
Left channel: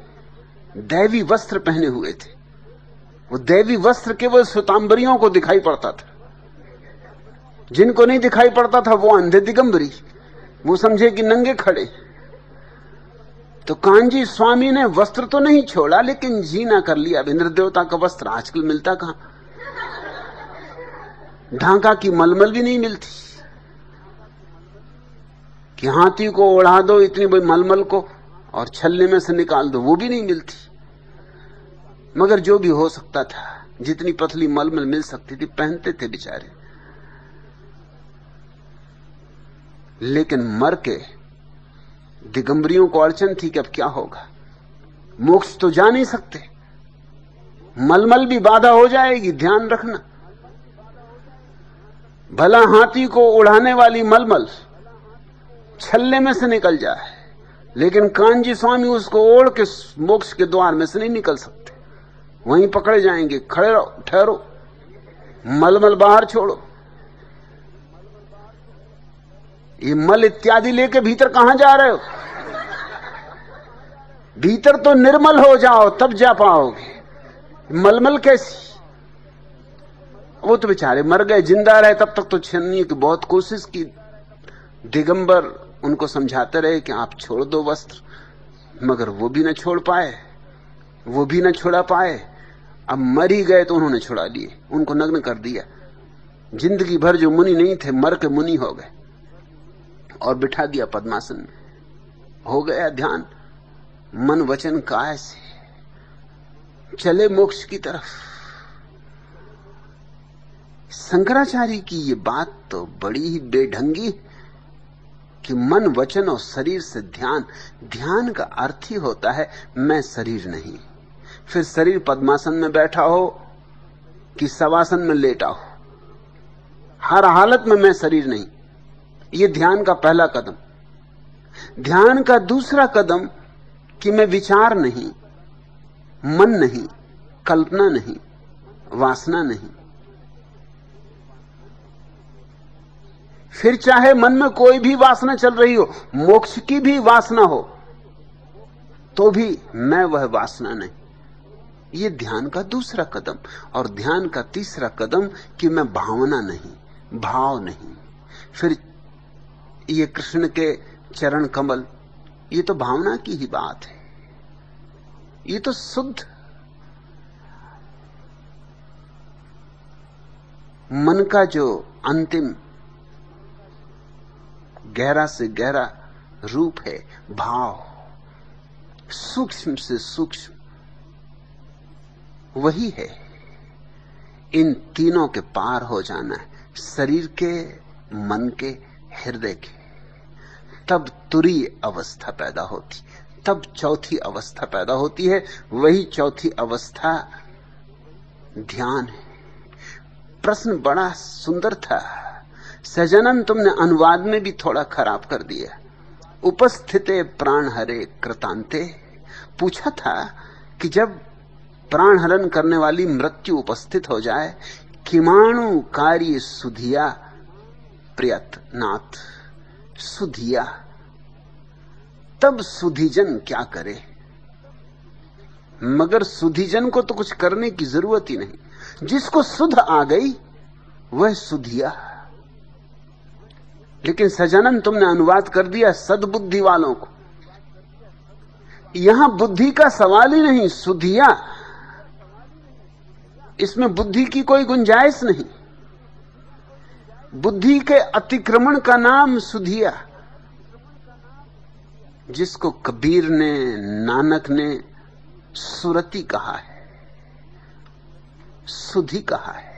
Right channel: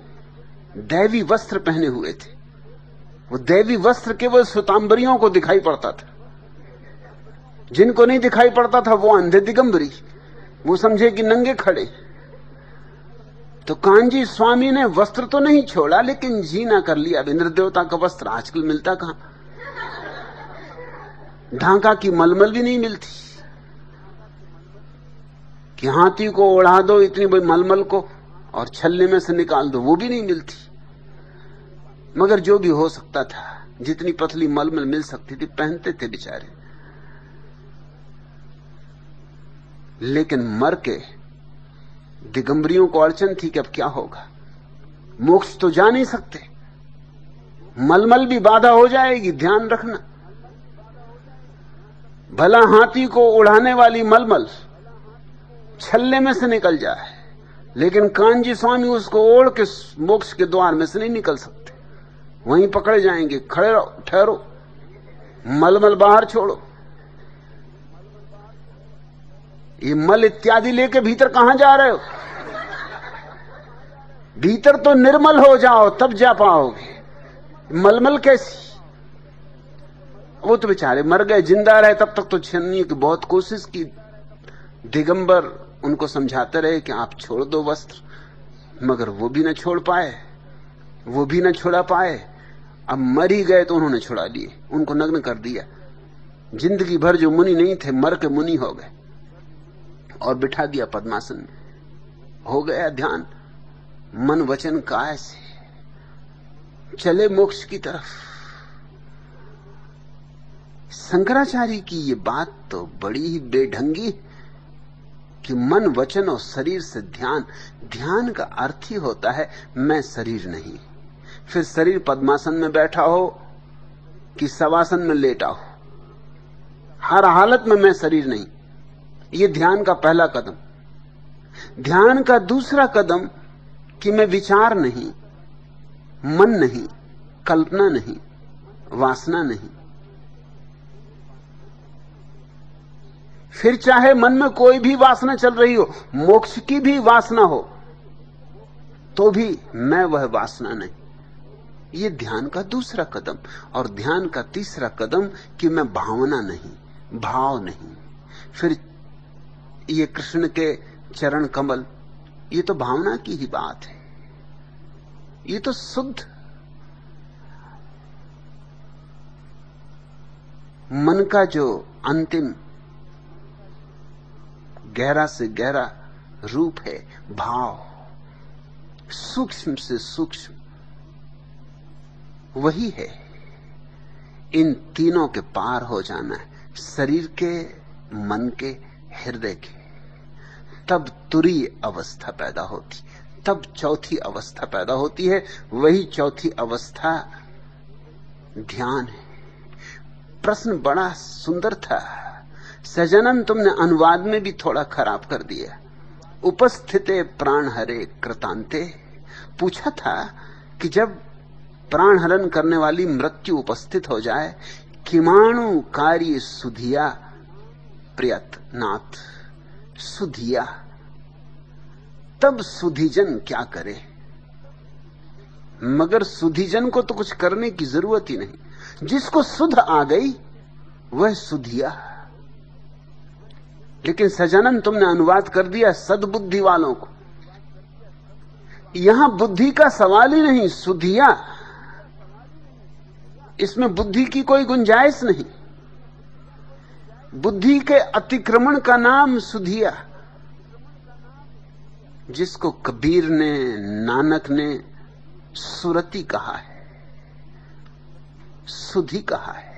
दैवी वस्त्र पहने हुए थे। वो दैवी वस्त्र केवल श्वेतांबरियों को दिखाई पड़ता था, जिनको नहीं दिखाई पड़ता था वो अंधे दिगंबरी, वो समझे कि नंगे खड़े। तो कांजी स्वामी ने वस्त्र तो नहीं छोड़ा, लेकिन जीना कर लिया। इंद्र देवता का वस्त्र आजकल मिलता कहां, ढांका की मलमल भी नहीं मिलती कि हाथी को उड़ा दो इतनी बड़ी मलमल को और छल्ले में से निकाल दो, वो भी नहीं मिलती। मगर जो भी हो सकता था, जितनी पतली मलमल मिल सकती थी पहनते थे बेचारे। लेकिन मर के दिगंबरियों को अड़चन थी कि अब क्या होगा, मोक्ष तो जा नहीं सकते, मलमल भी बाधा हो जाएगी, ध्यान रखना। भला हाथी को उड़ाने वाली मलमल छल्ले में से निकल जाए, लेकिन कांजी स्वामी उसको ओढ़ के मोक्ष के द्वार में से नहीं निकल सकते, वहीं पकड़े जाएंगे। खड़े रहो, ठहरो, मलमल बाहर छोड़ो, ये मल इत्यादि लेके भीतर कहां जा रहे हो? भीतर तो निर्मल हो जाओ तब जा पाओगे, मलमल कैसी? वो तो बेचारे मर गए, जिंदा रहे तब तक तो छन्नी की बहुत कोशिश की। दिगंबर उनको समझाते रहे कि आप छोड़ दो वस्त्र, मगर वो भी न छोड़ पाए, वो भी न छुड़ा पाए। अब मर ही गए तो उन्होंने छुड़ा लिए, उनको नग्न कर दिया। जिंदगी भर जो मुनि नहीं थे मर के मुनि हो गए और बिठा दिया पद्मासन में। हो गया ध्यान, मन वचन काय से चले मोक्ष की तरफ। शंकराचार्य की ये बात तो बड़ी ही बेढंगी कि मन वचन और शरीर से ध्यान। ध्यान का अर्थ ही होता है मैं शरीर नहीं, फिर शरीर पद्मासन में बैठा हो कि शवासन में लेटा हो, हर हालत में मैं शरीर नहीं। ये ध्यान का पहला कदम। ध्यान का दूसरा कदम कि मैं विचार नहीं, मन नहीं, कल्पना नहीं, वासना नहीं। फिर चाहे मन में कोई भी वासना चल रही हो, मोक्ष की भी वासना हो, तो भी मैं वह वासना नहीं। ये ध्यान का दूसरा कदम। और ध्यान का तीसरा कदम कि मैं भावना नहीं, भाव नहीं। फिर ये कृष्ण के चरण कमल, ये तो भावना की ही बात है, ये तो शुद्ध मन का जो अंतिम गहरा से गहरा रूप है, भाव, सूक्ष्म से सूक्ष्म, वही है। इन तीनों के पार हो जाना, शरीर के, मन के, हृदय के, तब तुरीय अवस्था पैदा होती, तब चौथी अवस्था पैदा होती है। वही चौथी अवस्था ध्यान है। प्रश्न बड़ा सुंदर था, सजनन तुमने अनुवाद में भी थोड़ा खराब कर दिया। उपस्थिते प्राण हरे कृतांते, पूछा था कि जब प्राण हरण करने वाली मृत्यु उपस्थित हो जाए, किमाणु कार्य सुधिया प्रयत्नात्, सुधिया, तब सुधिजन क्या करे? मगर सुधिजन को तो कुछ करने की जरूरत ही नहीं, जिसको सुध आ गई वह सुधिया। लेकिन सजनन तुमने अनुवाद कर दिया सद्बुद्धि वालों को। यहां बुद्धि का सवाल ही नहीं, सुधिया, इसमें बुद्धि की कोई गुंजाइश नहीं। बुद्धि के अतिक्रमण का नाम सुधिया। जिसको कबीर ने, नानक ने सुरति कहा है, सुधि कहा है,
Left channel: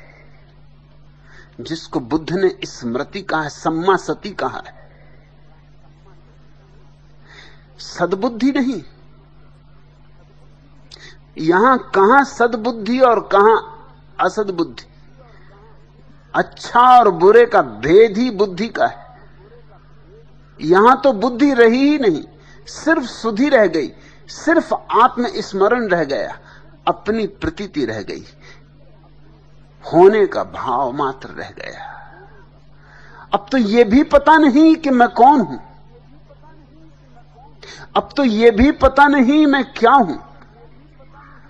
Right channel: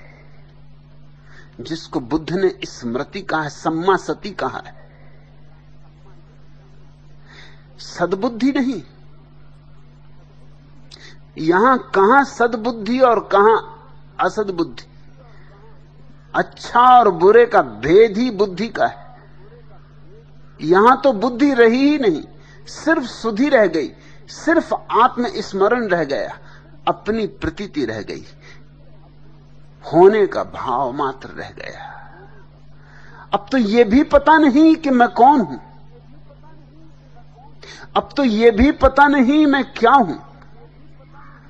जिसको बुद्ध ने स्मृति कहा है, सम्मा सती कहा है, सद्बुद्धि नहीं। यहां कहां सद्बुद्धि और कहां असद्बुद्धि? अच्छा और बुरे का भेद ही बुद्धि का है। यहां तो बुद्धि रही ही नहीं, सिर्फ सुधि रह गई, सिर्फ आत्मस्मरण रह गया, अपनी प्रतीति रह गई, होने का भाव मात्र रह गया। अब तो यह भी पता नहीं कि मैं कौन हूं, अब तो यह भी पता नहीं मैं क्या हूं,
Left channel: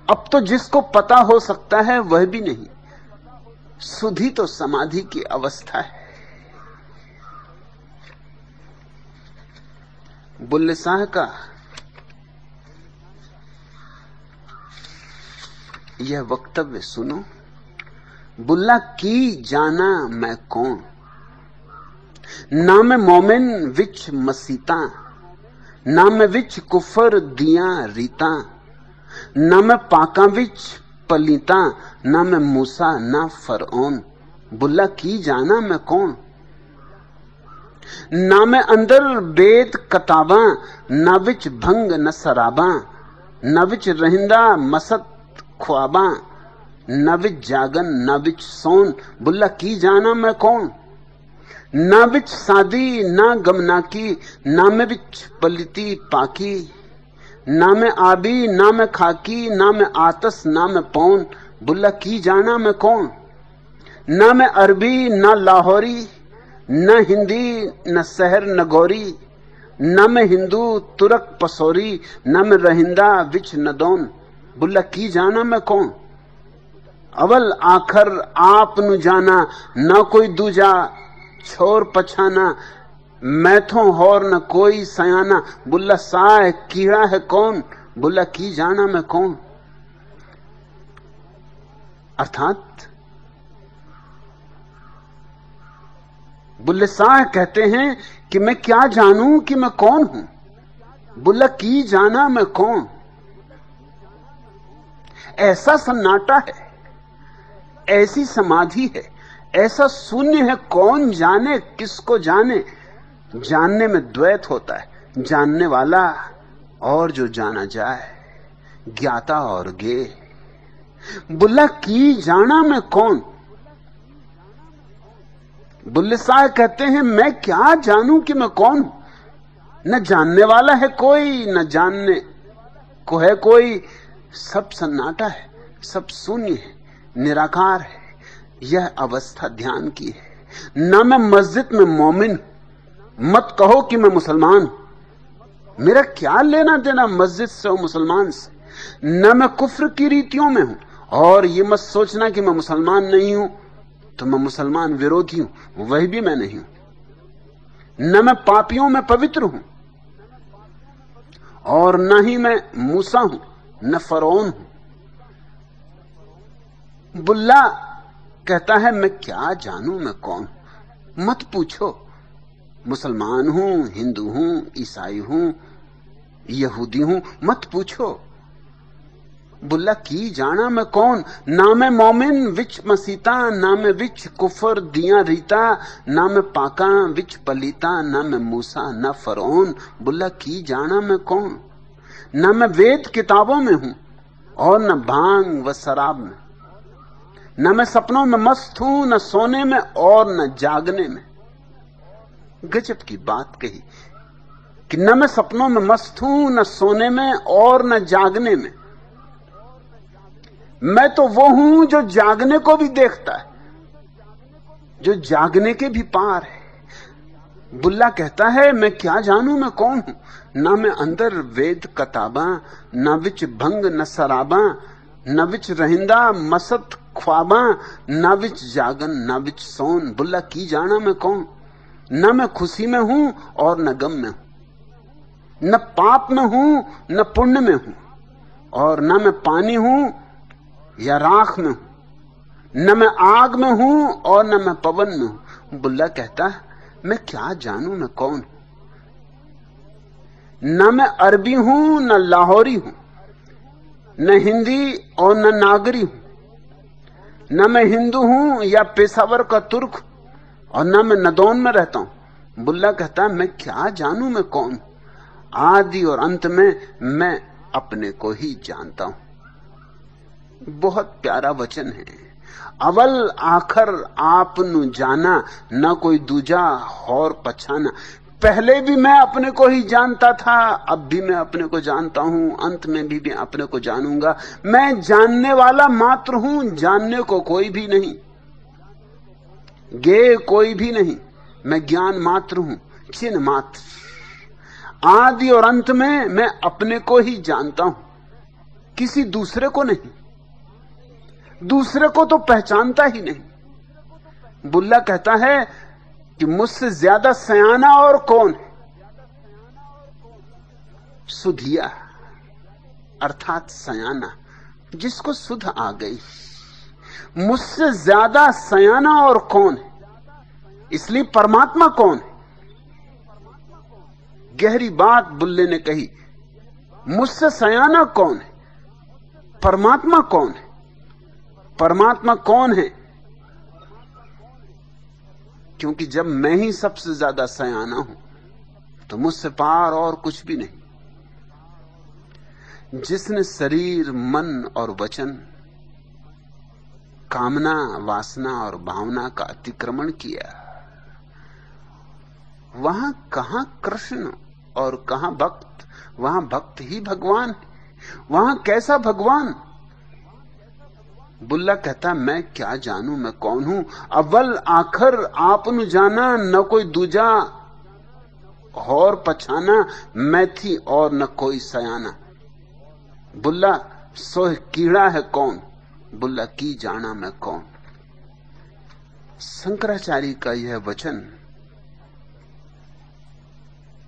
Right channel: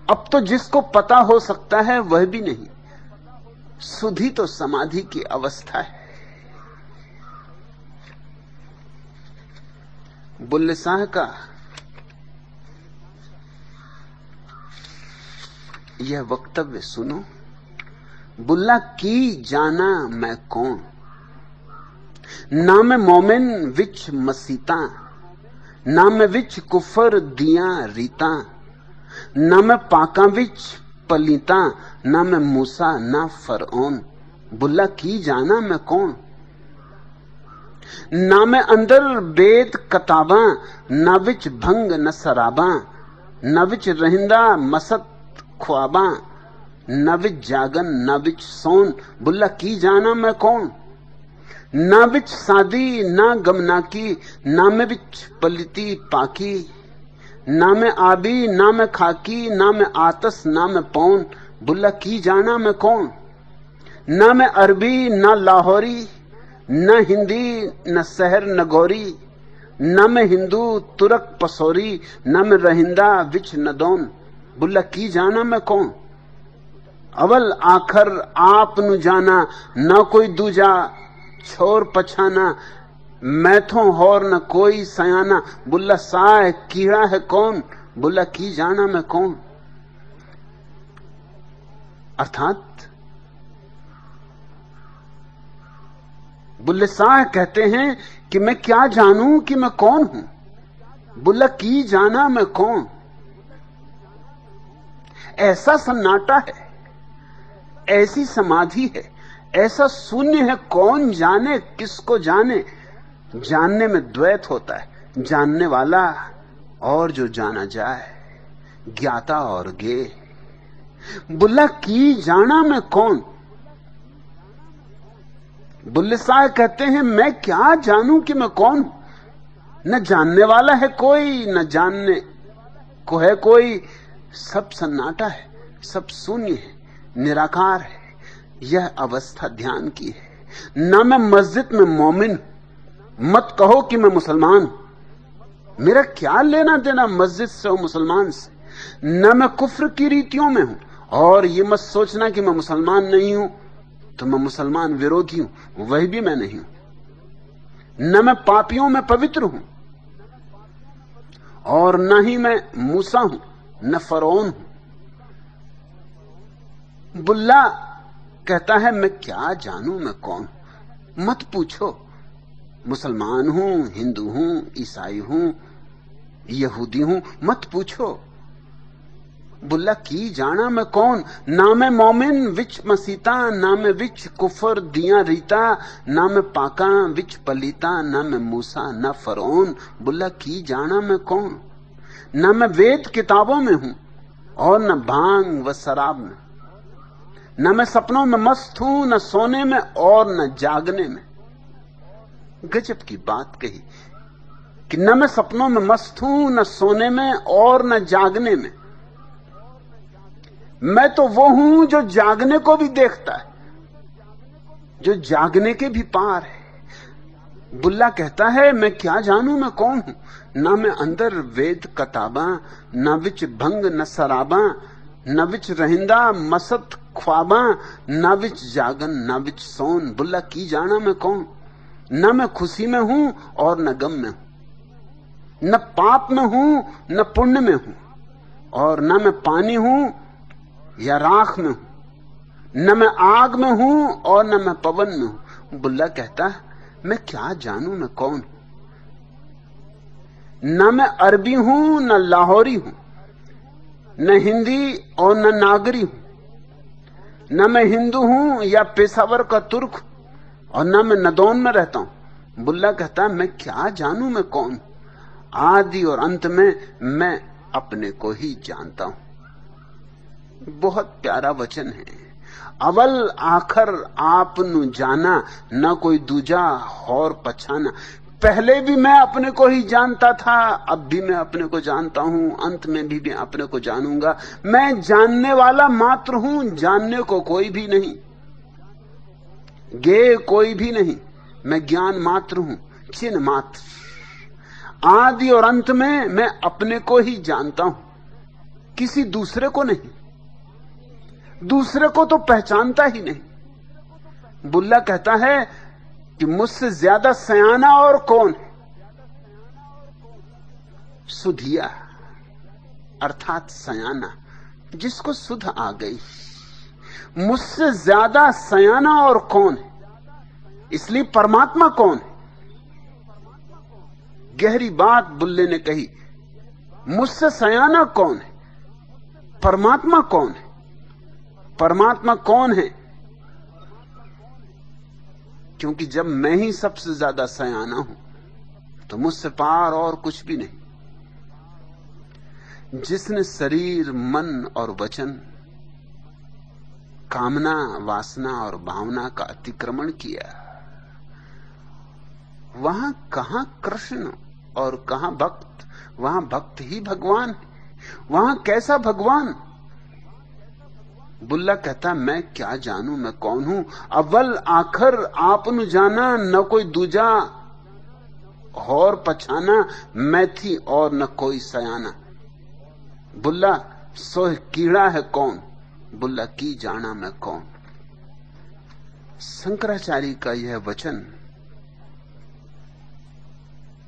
अब तो जिसको पता हो सकता है वह भी नहीं। सुधि तो समाधि की अवस्था है। बुल्ले शाह का यह वक्तव्य सुनो। बुल्ला के जाना मैं कौन, ना मैं मोमिन विच मसीता, ना मैं विच कुफर दिया रीता, ना मैं पाका विच पलीता, ना मैं मूसा ना फरौन। बुल्ला की जाना मैं कौन, ना मैं अंदर बेद कताबा, ना विच भंग न सराबा, ना विच रहिंदा मसत ख्वाबा, ना विच जागन ना विच सोन। बुल्ला की जाना मैं कौन, ना विच सादी ना गमना की, ना मैं विच पलिती पाकी, ना मैं आबी ना मैं खाकी, ना मैं आतस ना मैं पौन। बुल्ला की जाना मैं कौन, ना मैं अरबी ना लाहौरी, न हिंदी न सहर नगौरी, न मैं हिंदू तुरक पसौरी, न मैं रहिंदा विच नदौन। बुल्ला की जाना मैं कौन, अवल आखर आप नु जाना, न कोई दूजा छोर पछाना, मैथों होर न कोई सयाना। बुल्ला साए कीड़ा है कौन, बुल्ला की जाना मैं कौन। अर्थात बुल्ले शाह कहते हैं कि मैं क्या जानूं कि मैं कौन हूं। बुल्ला की जाना मैं कौन। ऐसा सन्नाटा है, ऐसी समाधि है, ऐसा शून्य है, कौन जाने किसको जाने। जानने में द्वैत होता है, जानने वाला और जो जाना जाए, ज्ञाता और गे। बुल्ला की जाना मैं कौन। बुल्ले शाह कहते हैं मैं क्या जानूं कि मैं कौन। न जानने वाला है कोई, न जानने को है कोई, सब सन्नाटा है, सब शून्य है, निराकार है। यह अवस्था ध्यान की है। न मैं मस्जिद में मोमिन, मत कहो कि मैं मुसलमान हूं, मेरा क्या लेना देना मस्जिद से और मुसलमान से। न मैं कुफ्र की रीतियों में हूं, और ये मत सोचना कि मैं मुसलमान नहीं हूं तो मैं मुसलमान विरोधी हूं, वह भी मैं नहीं हूं। न मैं पापियों में पवित्र हूं, और न ही मैं मूसा हूं, न फरौन हूं। बुल्ला कहता है मैं क्या जानूं मैं कौन। मत पूछो, मुसलमान हूं, हिंदू हूं, ईसाई हूं, यहूदी हूं, मत पूछो। बुल्ला की जाना मैं कौन। ना मैं मोमिन विच मसीता, ना मैं विच कुफर दिया रीता, ना मैं पाका विच पलीता, ना मैं मूसा ना फरौन। बुल्ला की जाना मैं कौन। ना मैं वेद किताबों में हूं, और न भांग व शराब में, न मैं सपनों में मस्त हूं, न सोने में और न जागने में। गजब की बात कही कि न मैं सपनों में मस्त हूं, न सोने में और न जागने में। मैं तो वो हूं जो जागने को भी देखता है, जो जागने के भी पार है। बुल्ला कहता है मैं क्या जानूं मैं कौन हूं। ना मैं अंदर वेद कताबा, ना विच भंग न सराबा, न विच रहिंदा मसत ख्वाबा, ना विच जागन ना विच सोन। बुल्ला की जाना मैं कौन। ना मैं खुशी में हूं और न गम में हूं, न पाप में हूं न पुण्य में हूं, और ना मैं पानी हूं या राख में हूं, न मैं आग में हूं और न मैं पवन में हूं। बुल्ला कहता है मैं क्या जानूं मैं कौन। न मैं अरबी हूं न लाहौरी हूं, न हिंदी और न नागरी हूं, न मैं हिंदू हूं या पेशावर का तुर्क, और न मैं नदौन में रहता हूं। बुल्ला कहता है मैं क्या जानूं मैं कौन हूं, आदि और अंत में मैं अपने को ही जानता हूं। बहुत प्यारा वचन है। अवल आखर आपनु जाना, न कोई दूजा और पछाना। पहले भी मैं अपने को ही जानता था, अब भी मैं अपने को जानता हूं, अंत में भी अपने को जानूंगा। मैं जानने वाला मात्र हूं, जानने को कोई भी नहीं, गे कोई भी नहीं। मैं ज्ञान मात्र हूं, चिन्ह मात्र। आदि और अंत में मैं अपने को ही जानता हूं, किसी दूसरे को नहीं। दूसरे को तो पहचानता ही नहीं। बुल्ला कहता है कि मुझसे ज्यादा सयाना और कौन है? सुधिया अर्थात सयाना, जिसको सुध आ गई। मुझसे ज्यादा सयाना और कौन है? इसलिए परमात्मा कौन है? गहरी बात बुल्ले ने कही। मुझसे सयाना कौन है? परमात्मा कौन है? परमात्मा कौन है? क्योंकि जब मैं ही सबसे ज्यादा सयाना हूं तो मुझसे पार और कुछ भी नहीं। जिसने शरीर, मन और वचन, कामना, वासना और भावना का अतिक्रमण किया, वहां कहां कृष्ण और कहां भक्त? वहां भक्त ही भगवान है। वहां कैसा भगवान? बुल्ला कहता मैं क्या जानूं मैं कौन हूं। अव्वल आखर आपनु जाना, न कोई दूजा और पछाना। मैं थी और न कोई सयाना। बुल्ला सोह कीड़ा है कौन, बुल्ला की जाना मैं कौन। शंकराचार्य का यह वचन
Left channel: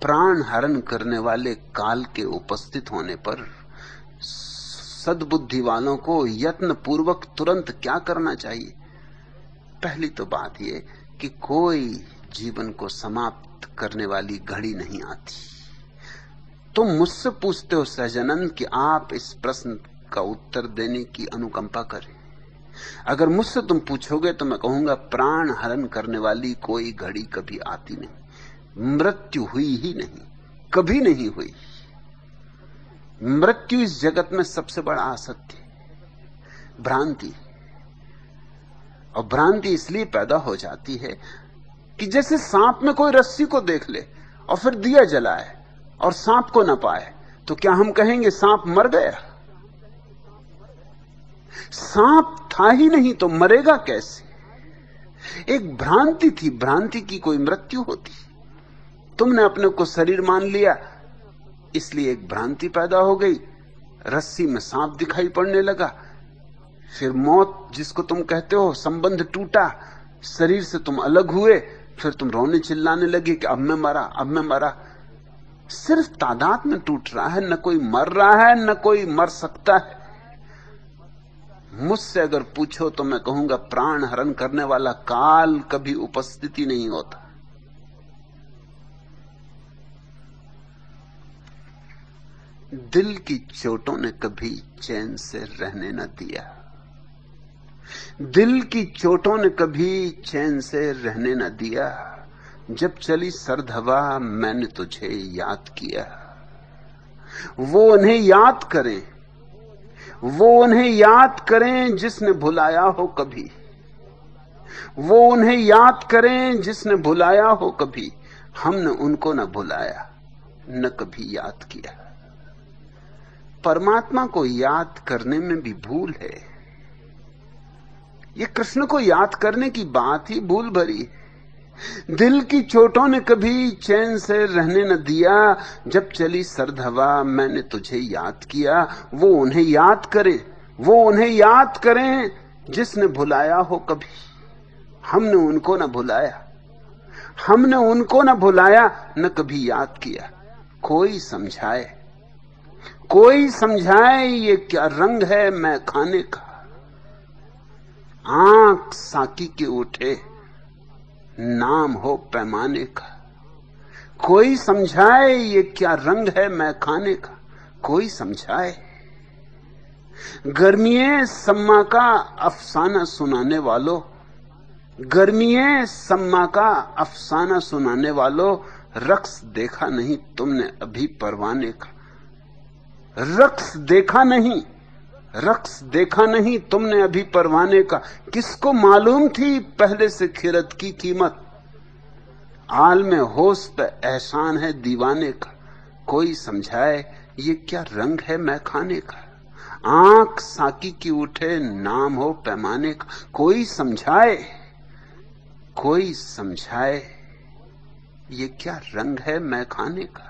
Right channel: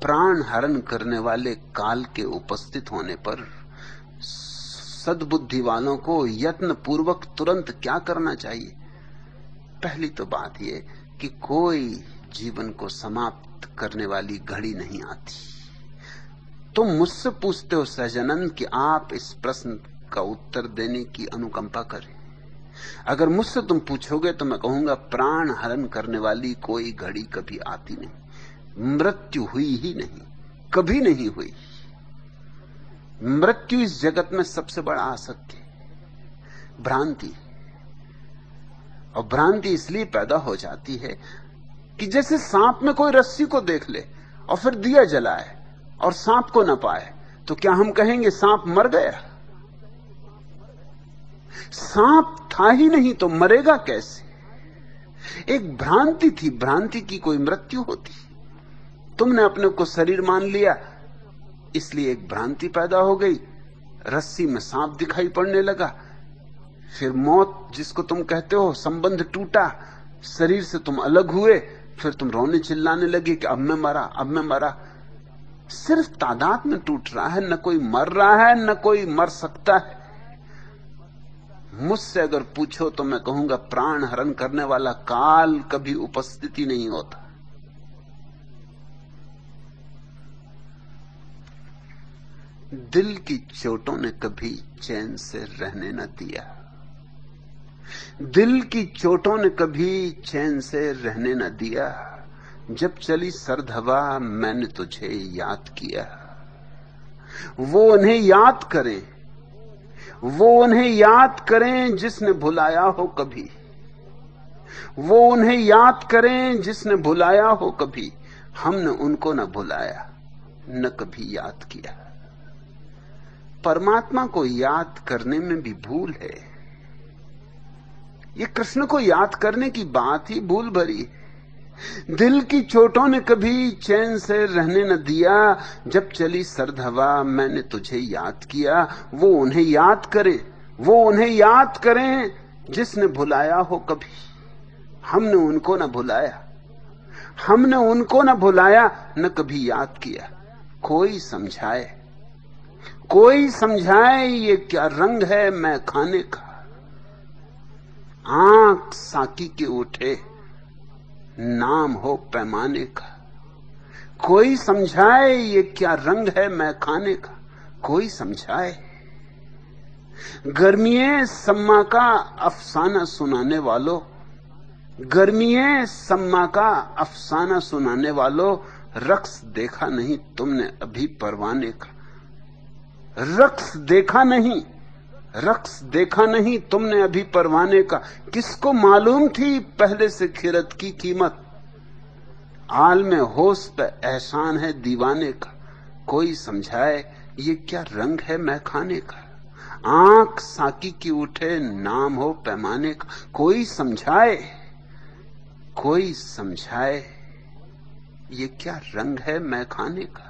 प्राण हरण करने वाले काल के उपस्थित होने पर सद्बुद्धि वालों को यत्न पूर्वक तुरंत क्या करना चाहिए? पहली तो बात यह कि कोई जीवन को समाप्त करने वाली घड़ी नहीं आती। तुम मुझसे पूछते हो सहजानंद कि आप इस प्रश्न का उत्तर देने की अनुकंपा करें। अगर मुझसे तुम पूछोगे तो मैं कहूंगा प्राण हरण करने वाली कोई घड़ी कभी आती नहीं। मृत्यु हुई ही नहीं, कभी नहीं हुई। मृत्यु इस जगत में सबसे बड़ा असत्य, भ्रांति। और भ्रांति इसलिए पैदा हो जाती है कि जैसे सांप में कोई रस्सी को देख ले और फिर दिया जलाए और सांप को न पाए, तो क्या हम कहेंगे सांप मर गया? सांप था ही नहीं तो मरेगा कैसे? एक भ्रांति थी। भ्रांति की कोई मृत्यु होती? तुमने अपने को शरीर मान लिया, इसलिए एक भ्रांति पैदा हो गई। रस्सी में सांप दिखाई पड़ने लगा। फिर मौत जिसको तुम कहते हो, संबंध टूटा, शरीर से तुम अलग हुए, फिर तुम रोने चिल्लाने लगे कि अब मैं मरा, अब मैं मरा। सिर्फ तादाद में टूट रहा है, न कोई मर रहा है, न कोई मर सकता है। मुझसे अगर पूछो तो मैं कहूंगा प्राण हरण करने वाला काल कभी उपस्थिति नहीं होता। दिल की चोटों ने कभी चैन से रहने न दिया। दिल की चोटों ने कभी चैन से रहने न दिया। जब चली सर्द हवा मैंने तुझे याद किया। वो उन्हें याद करें, वो उन्हें याद करें जिसने भुलाया हो कभी। वो उन्हें याद करें जिसने भुलाया हो कभी। हमने उनको न भुलाया, न कभी याद किया। परमात्मा को याद करने में भी भूल है। ये कृष्ण को याद करने की बात ही भूल भरी। दिल की चोटों ने कभी चैन से रहने न दिया। जब चली सर्द हवा मैंने तुझे याद किया। वो उन्हें याद करें, वो उन्हें याद करें जिसने भुलाया हो कभी। हमने उनको न भुलाया, हमने उनको न भुलाया, न कभी याद किया। कोई समझाए, कोई समझाए ये क्या रंग है मैं खाने का। आंख साकी के उठे, नाम हो पैमाने का। कोई समझाए ये क्या रंग है मैं खाने का, कोई समझाए। गर्मिये सम्मा का अफसाना सुनाने वालों, गर्मिये सम्मा का अफसाना सुनाने वालों, रक्स देखा नहीं तुमने अभी परवाने का, रक्स देखा नहीं, रक्स देखा नहीं तुमने अभी परवाने का। किसको मालूम थी पहले से खिरत की कीमत, हाल में होश पे एहसान है दीवाने का, कोई समझाए ये क्या रंग है मैं खाने का। आंख साकी की उठे नाम हो पैमाने का, कोई समझाए, कोई समझाए ये क्या रंग है मैं खाने का।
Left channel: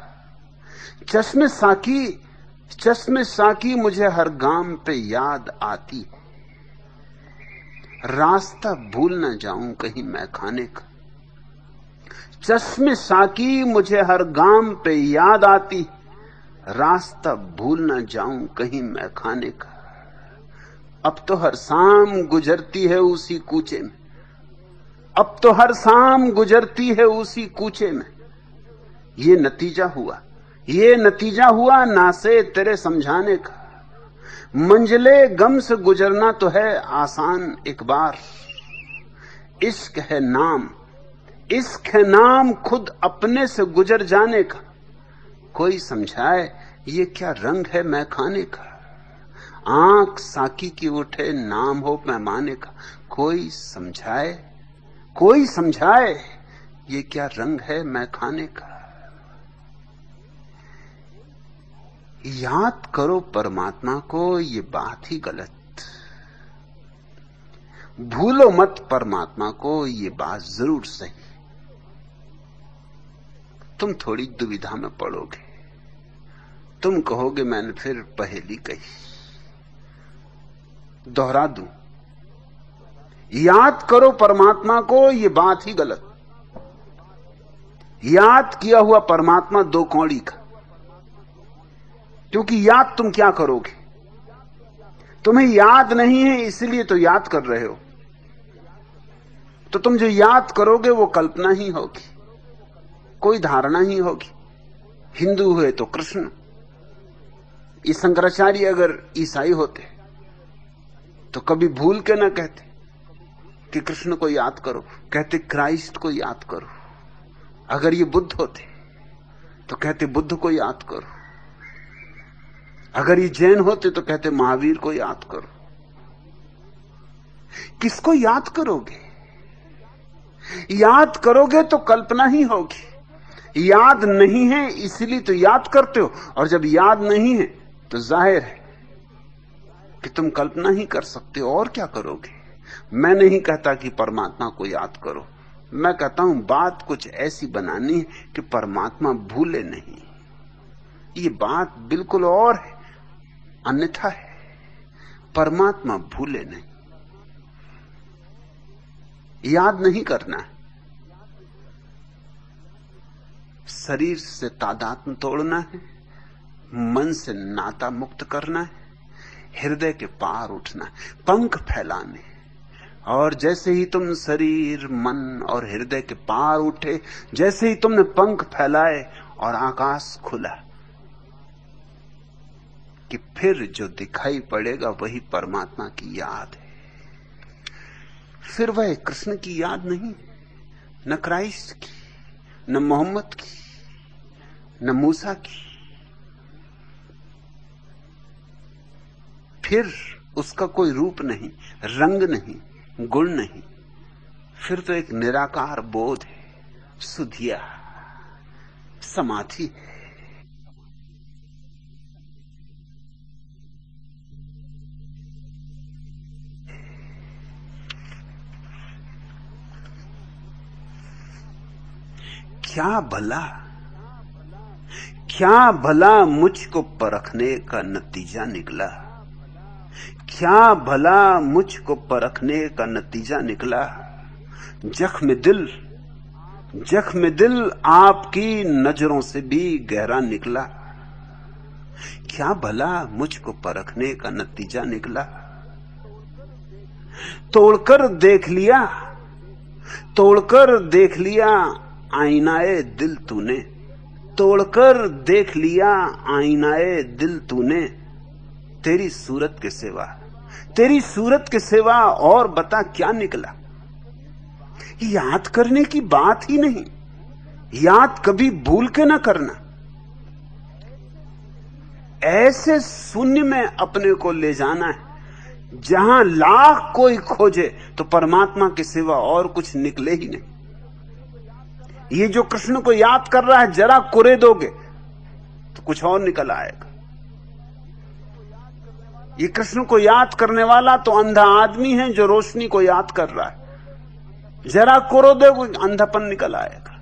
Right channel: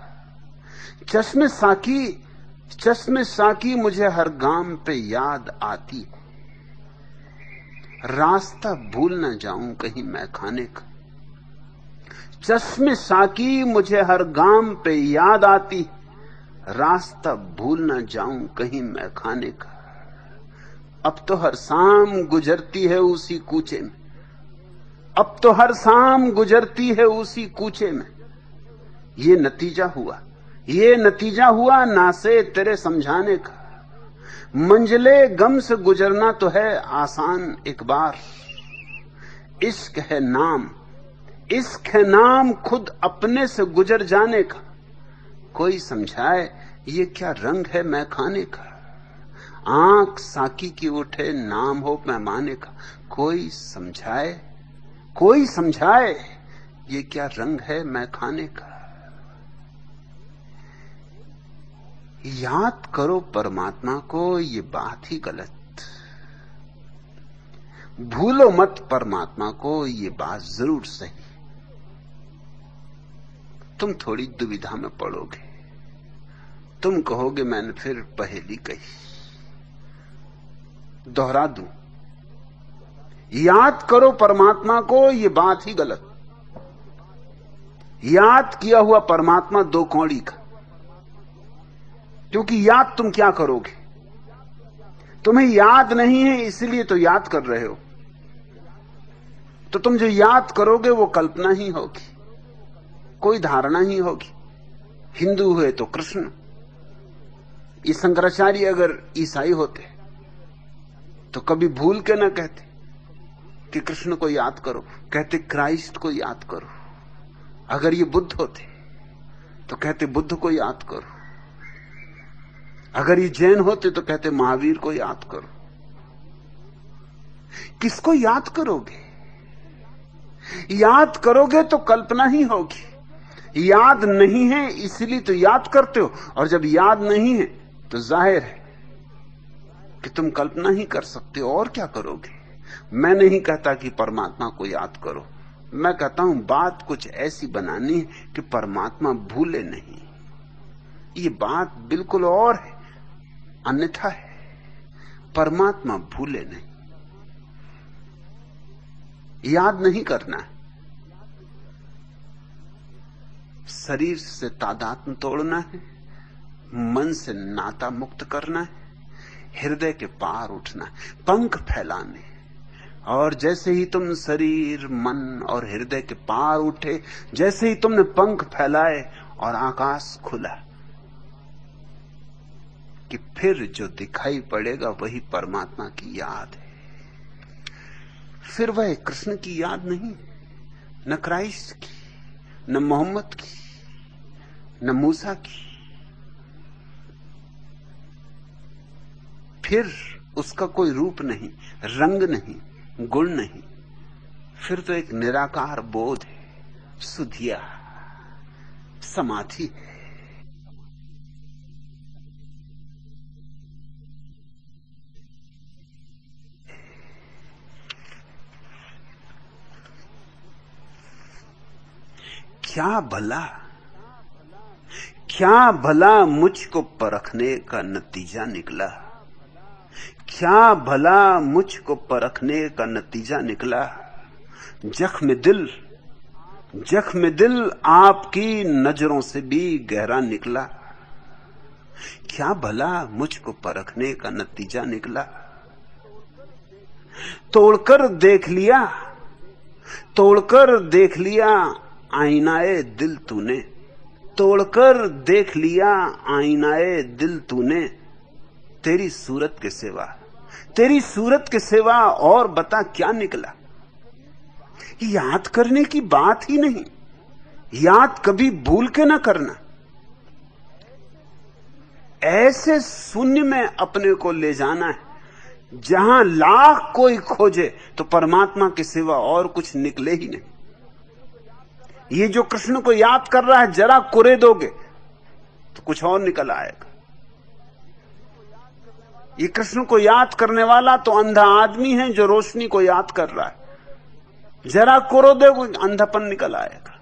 चश्मे साकी, चश्मे साकी मुझे हर गाम पे याद आती है, रास्ता भूल न जाऊं कहीं मैं खाने का। चश्मे साकी मुझे हर गाम पे याद आती, रास्ता भूल न जाऊं कहीं मैं खाने का। अब तो हर शाम गुजरती है उसी कूचे में, अब तो हर शाम गुजरती है उसी कूचे में। ये नतीजा हुआ, ये नतीजा हुआ ना से तेरे समझाने का। मंजिले गम से गुजरना तो है आसान एक बार, इश्क है नाम, इश्क है नाम खुद अपने से गुजर जाने का। कोई समझाए ये क्या रंग है मैं खाने का। आंख साकी की उठे नाम हो पैमाने का, कोई समझाए, कोई समझाए ये क्या रंग है मैं खाने का। याद करो परमात्मा को ये बात ही गलत, भूलो मत परमात्मा को ये बात जरूर सही। तुम थोड़ी दुविधा में पड़ोगे, तुम कहोगे मैंने फिर पहेली कही। दोहरा दूं, याद करो परमात्मा को ये बात ही गलत। याद किया हुआ परमात्मा दो कौड़ी का, क्योंकि याद तुम क्या करोगे, तुम्हें याद नहीं है इसलिए तो याद कर रहे हो। तो तुम जो याद करोगे वो कल्पना ही होगी, कोई धारणा ही होगी। हिंदू हुए तो कृष्ण, ये शंकराचार्य अगर ईसाई होते तो कभी भूल के ना कहते कि कृष्ण को याद करो, कहते क्राइस्ट को याद करो। अगर ये बुद्ध होते तो कहते बुद्ध को याद करो। अगर ये जैन होते तो कहते महावीर को याद करो। किसको याद करोगे? याद करोगे तो कल्पना ही होगी। याद नहीं है इसलिए तो याद करते हो, और जब याद नहीं है तो जाहिर है कि तुम कल्पना ही कर सकते हो। और क्या करोगे? मैं नहीं कहता कि परमात्मा को याद करो, मैं कहता हूं बात कुछ ऐसी बनानी है कि परमात्मा भूले नहीं। ये बात बिल्कुल और है, अन्यथा है। परमात्मा भूले नहीं, याद नहीं करना है, शरीर से तादात्म्य तोड़ना है, मन से नाता मुक्त करना है, हृदय के पार उठना है, पंख फैलाने। और जैसे ही तुम शरीर, मन और हृदय के पार उठे, जैसे ही तुमने पंख फैलाए और आकाश खुला, कि फिर जो दिखाई पड़ेगा वही परमात्मा की याद है। फिर वह कृष्ण की याद नहीं, न क्राइस्ट की, न मोहम्मद की, न मूसा की। फिर उसका कोई रूप नहीं, रंग नहीं, गुण नहीं। फिर तो एक निराकार बोध है, सुधिया समाधि है। क्या भला मुझको परखने का नतीजा निकला, क्या भला मुझको परखने का नतीजा निकला। जख्म दिल आपकी नजरों से भी गहरा निकला। क्या भला मुझको परखने का नतीजा निकला। तोड़कर देख लिया आईनाए दिल तूने, तोड़कर देख लिया आईनाए दिल तूने, तेरी सूरत के सिवा, तेरी सूरत के सिवा और बता क्या निकला। याद करने की बात ही नहीं, याद कभी भूल के ना करना। ऐसे शून्य में अपने को ले जाना है जहां लाख कोई खोजे तो परमात्मा के सिवा और कुछ निकले ही नहीं। ये जो कृष्ण को याद कर रहा है, जरा कुरे दोगे तो कुछ और निकल आएगा। ये कृष्ण को याद करने वाला तो अंधा आदमी है जो रोशनी को याद कर रहा है। जरा कुरो दोगे अंधापन निकल आएगा।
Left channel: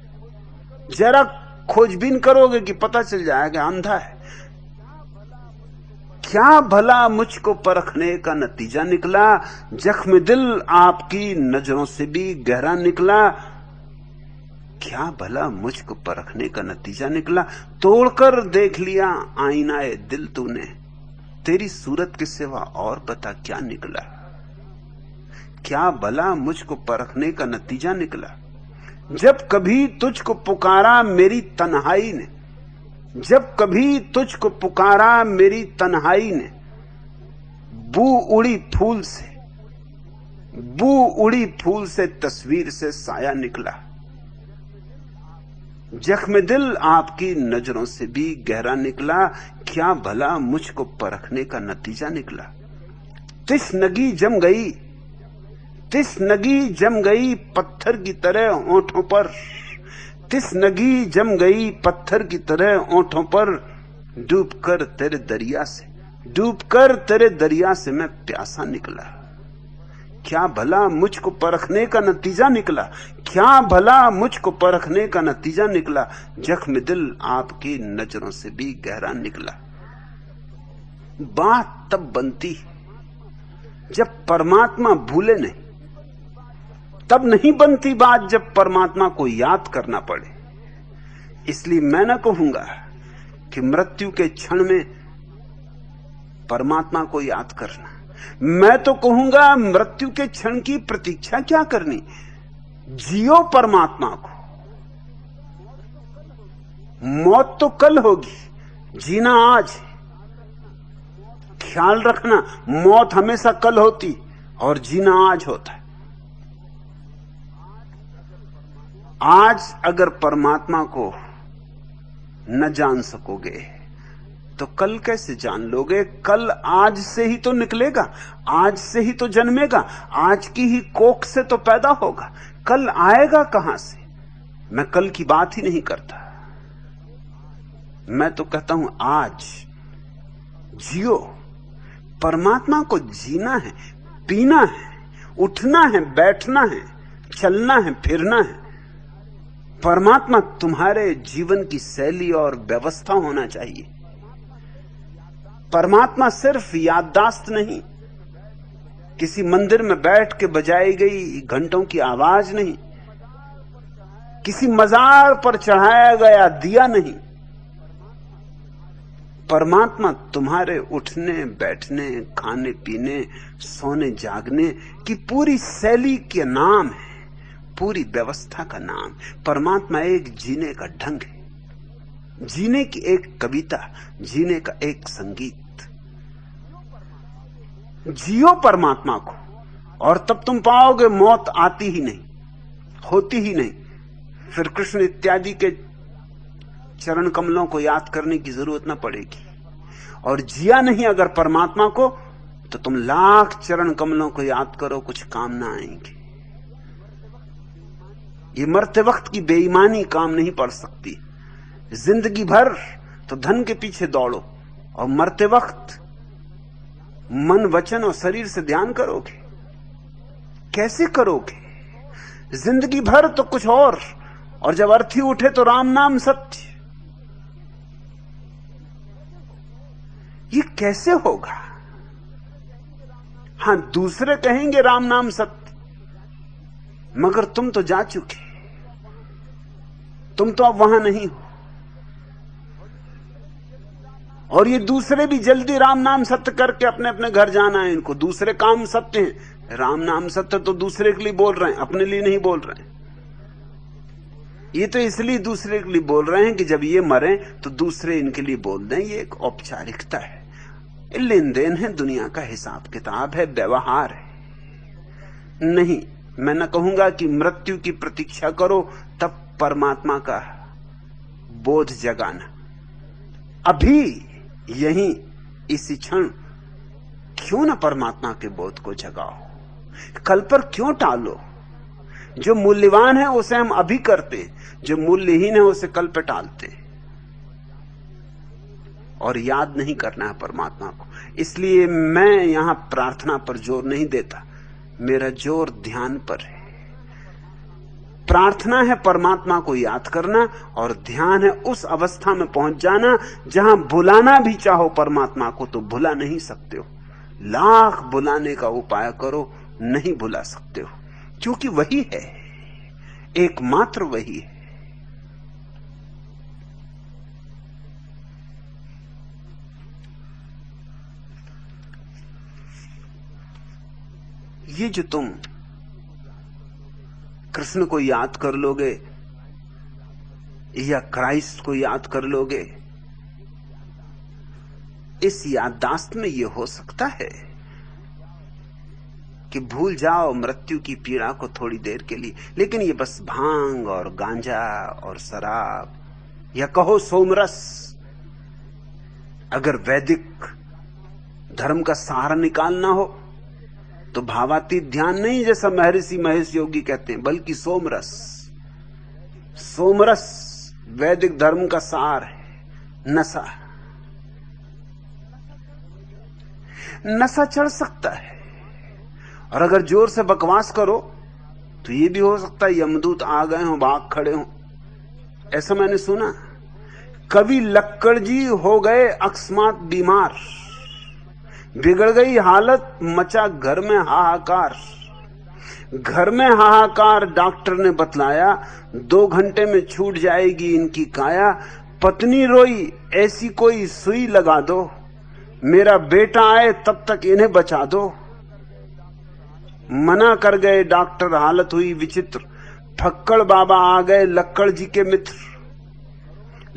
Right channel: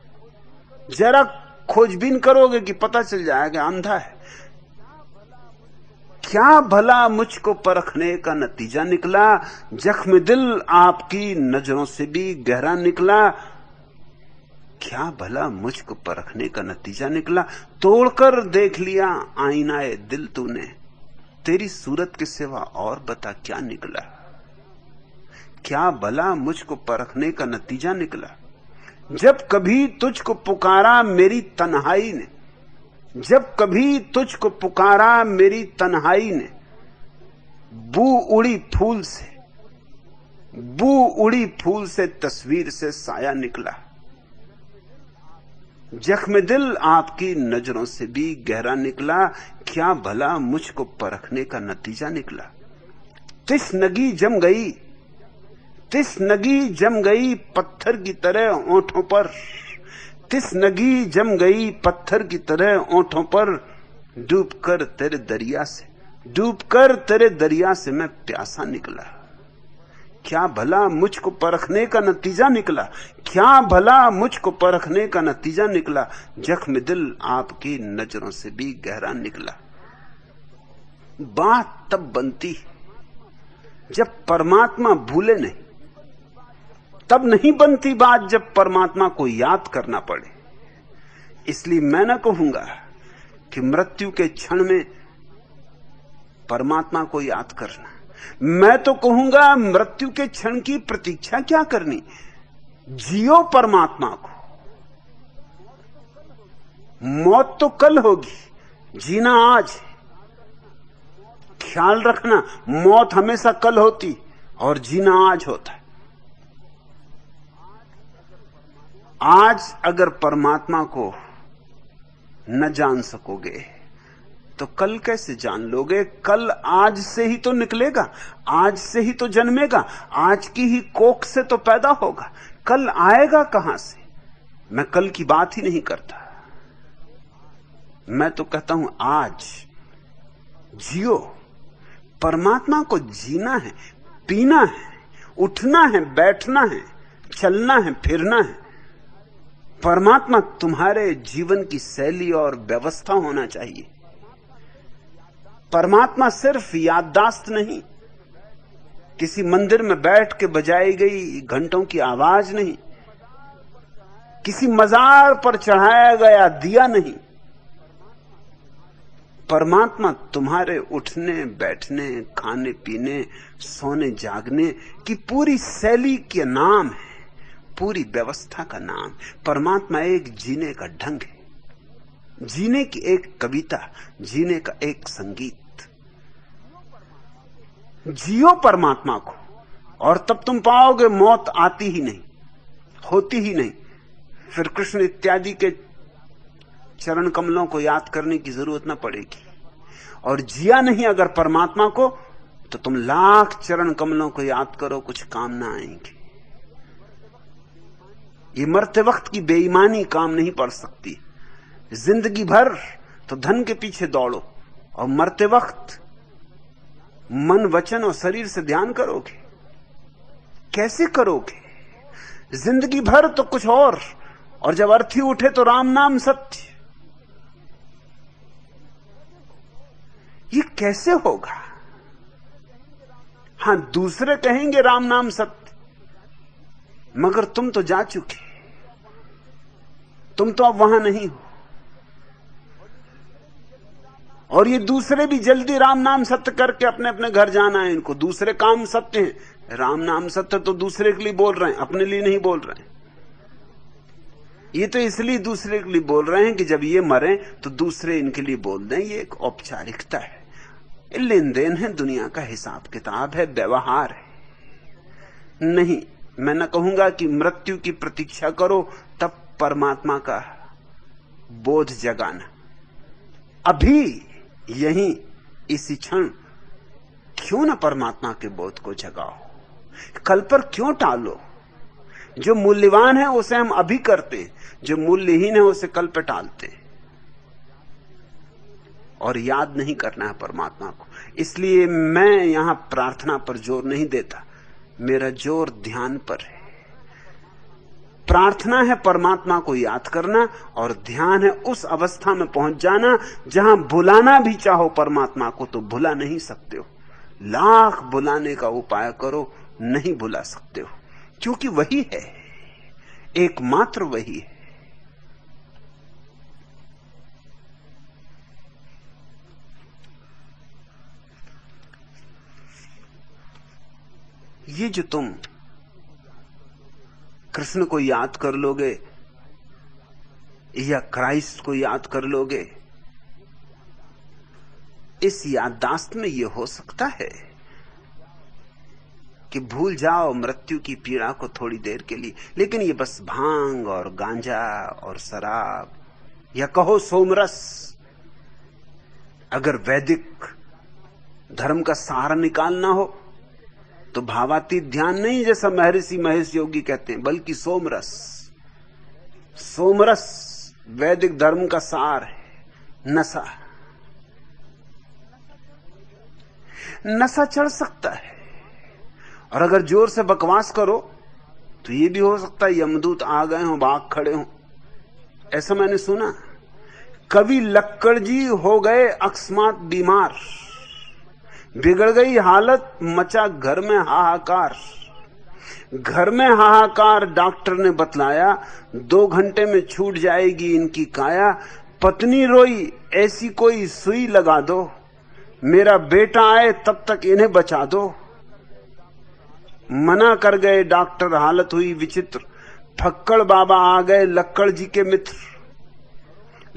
जरा खोजबीन करोगे कि पता चल जाएगा अंधा है। क्या भला मुझको परखने का नतीजा निकला, जख्म दिल आपकी नजरों से भी गहरा निकला। क्या भला मुझको परखने का नतीजा निकला, तोड़कर देख लिया आईनाए दिल तूने, तेरी सूरत के सिवा और बता क्या निकला। क्या भला मुझको परखने का नतीजा निकला, जब कभी तुझको पुकारा मेरी तन्हाई ने, जब कभी तुझको पुकारा मेरी तन्हाई ने, बू उड़ी फूल से, बू उड़ी फूल से तस्वीर से साया निकला। जख्म दिल आपकी नजरों से भी गहरा निकला, क्या भला मुझको परखने का नतीजा निकला। तिश्नगी जम गई, तिश्नगी जम गई पत्थर की तरह होठों पर, तिश्नगी जम गई पत्थर की तरह होठों पर, डूबकर तेरे दरिया से, डूबकर तेरे दरिया से मैं प्यासा निकला। क्या भला मुझको परखने का नतीजा निकला, क्या भला मुझको परखने का नतीजा निकला, जख्म दिल आपकी नजरों से भी गहरा निकला। बात तब बनती जब परमात्मा भूले नहीं, तब नहीं बनती बात जब परमात्मा को याद करना पड़े। इसलिए मैं ना कहूंगा कि मृत्यु के क्षण में परमात्मा को याद करना, मैं तो कहूंगा मृत्यु के क्षण की प्रतीक्षा क्या करनी, जियो परमात्मा को। मौत तो कल होगी, जीना आज। ख्याल रखना, मौत हमेशा कल होती और जीना आज होता। आज अगर परमात्मा को न जान सकोगे तो कल कैसे जान लोगे। कल आज से ही तो निकलेगा, आज से ही तो जन्मेगा, आज की ही कोख से तो पैदा होगा। कल आएगा कहां से। मैं कल की बात ही नहीं करता, मैं तो कहता हूं आज जियो। परमात्मा को जीना है, पीना है, उठना है, बैठना है, चलना है, फिरना है। परमात्मा तुम्हारे जीवन की शैली और व्यवस्था होना चाहिए। परमात्मा सिर्फ याददाश्त नहीं, किसी मंदिर में बैठ के बजाई गई घंटों की आवाज नहीं, किसी मजार पर चढ़ाया गया दिया नहीं। परमात्मा तुम्हारे उठने बैठने, खाने पीने, सोने जागने की पूरी शैली के नाम है, पूरी व्यवस्था का नाम। परमात्मा एक जीने का ढंग है, जीने की एक कविता, जीने का एक संगीत। जियो परमात्मा को और तब तुम पाओगे मौत आती ही नहीं, होती ही नहीं। फिर कृष्ण इत्यादि के चरण कमलों को याद करने की जरूरत ना पड़ेगी। और जिया नहीं अगर परमात्मा को तो तुम लाख चरण कमलों को याद करो, कुछ काम ना आएंगे। ये मरते वक्त की बेईमानी काम नहीं पड़ सकती। जिंदगी भर तो धन के पीछे दौड़ो और मरते वक्त मन वचन और शरीर से ध्यान करोगे, कैसे करोगे। जिंदगी भर तो कुछ और जब अर्थी उठे तो राम नाम सत्य। ये कैसे होगा। हां, दूसरे कहेंगे राम नाम सत्य, मगर तुम तो जा चुके, तुम तो अब वहां नहीं हो। और ये दूसरे भी जल्दी राम नाम सत्य करके अपने अपने घर जाना है इनको। दूसरे काम सत्य हैं, राम नाम सत्य तो दूसरे के लिए बोल रहे हैं, अपने लिए नहीं बोल रहे हैं। ये तो इसलिए दूसरे के लिए बोल रहे हैं कि जब ये मरे तो दूसरे इनके लिए बोल दें। ये एक औपचारिकता है, लेन देन है, दुनिया का हिसाब किताब है, व्यवहार है। नहीं, मैं न कहूंगा कि मृत्यु की प्रतीक्षा करो तब परमात्मा का बोध जगाना। अभी यही इसी क्षण क्यों न परमात्मा के बोध को जगाओ, कल पर क्यों टालो। जो मूल्यवान है उसे हम अभी करते हैं, जो मूल्यहीन है उसे कल पे टालते हैं। और याद नहीं करना है परमात्मा को। इसलिए मैं यहां प्रार्थना पर जोर नहीं देता, मेरा जोर ध्यान पर है। प्रार्थना है परमात्मा को याद करना, और ध्यान है उस अवस्था में पहुंच जाना जहां बुलाना भी चाहो परमात्मा को तो बुला नहीं सकते हो। लाख बुलाने का उपाय करो, नहीं बुला सकते हो, क्योंकि वही है, एकमात्र वही है। ये जो तुम कृष्ण को याद कर लोगे या क्राइस्ट को याद कर लोगे, इस याददाश्त में यह हो सकता है कि भूल जाओ मृत्यु की पीड़ा को थोड़ी देर के लिए, लेकिन ये बस भांग और गांजा और शराब या कहो सोमरस। अगर वैदिक धर्म का सार निकालना हो तो भावातीत ध्यान नहीं, जैसा महर्षि महेश योगी कहते हैं, बल्कि सोमरस। सोमरस वैदिक धर्म का सार है। नशा, नशा चढ़ सकता है, और अगर जोर से बकवास करो तो ये भी हो सकता है यमदूत आ गए हो, भाग खड़े हो। ऐसा मैंने सुना। कवि लक्कड़ जी हो गए अकस्मात बीमार, बिगड़ गई हालत, मचा घर में हाहाकार। घर में हाहाकार, डॉक्टर ने बतलाया 2 घंटे में छूट जाएगी इनकी काया। पत्नी रोई, ऐसी कोई सुई लगा दो, मेरा बेटा आए तब तक इन्हें बचा दो। मना कर गए डॉक्टर, हालत हुई विचित्र। फक्कड़ बाबा आ गए लक्कड़ जी के मित्र।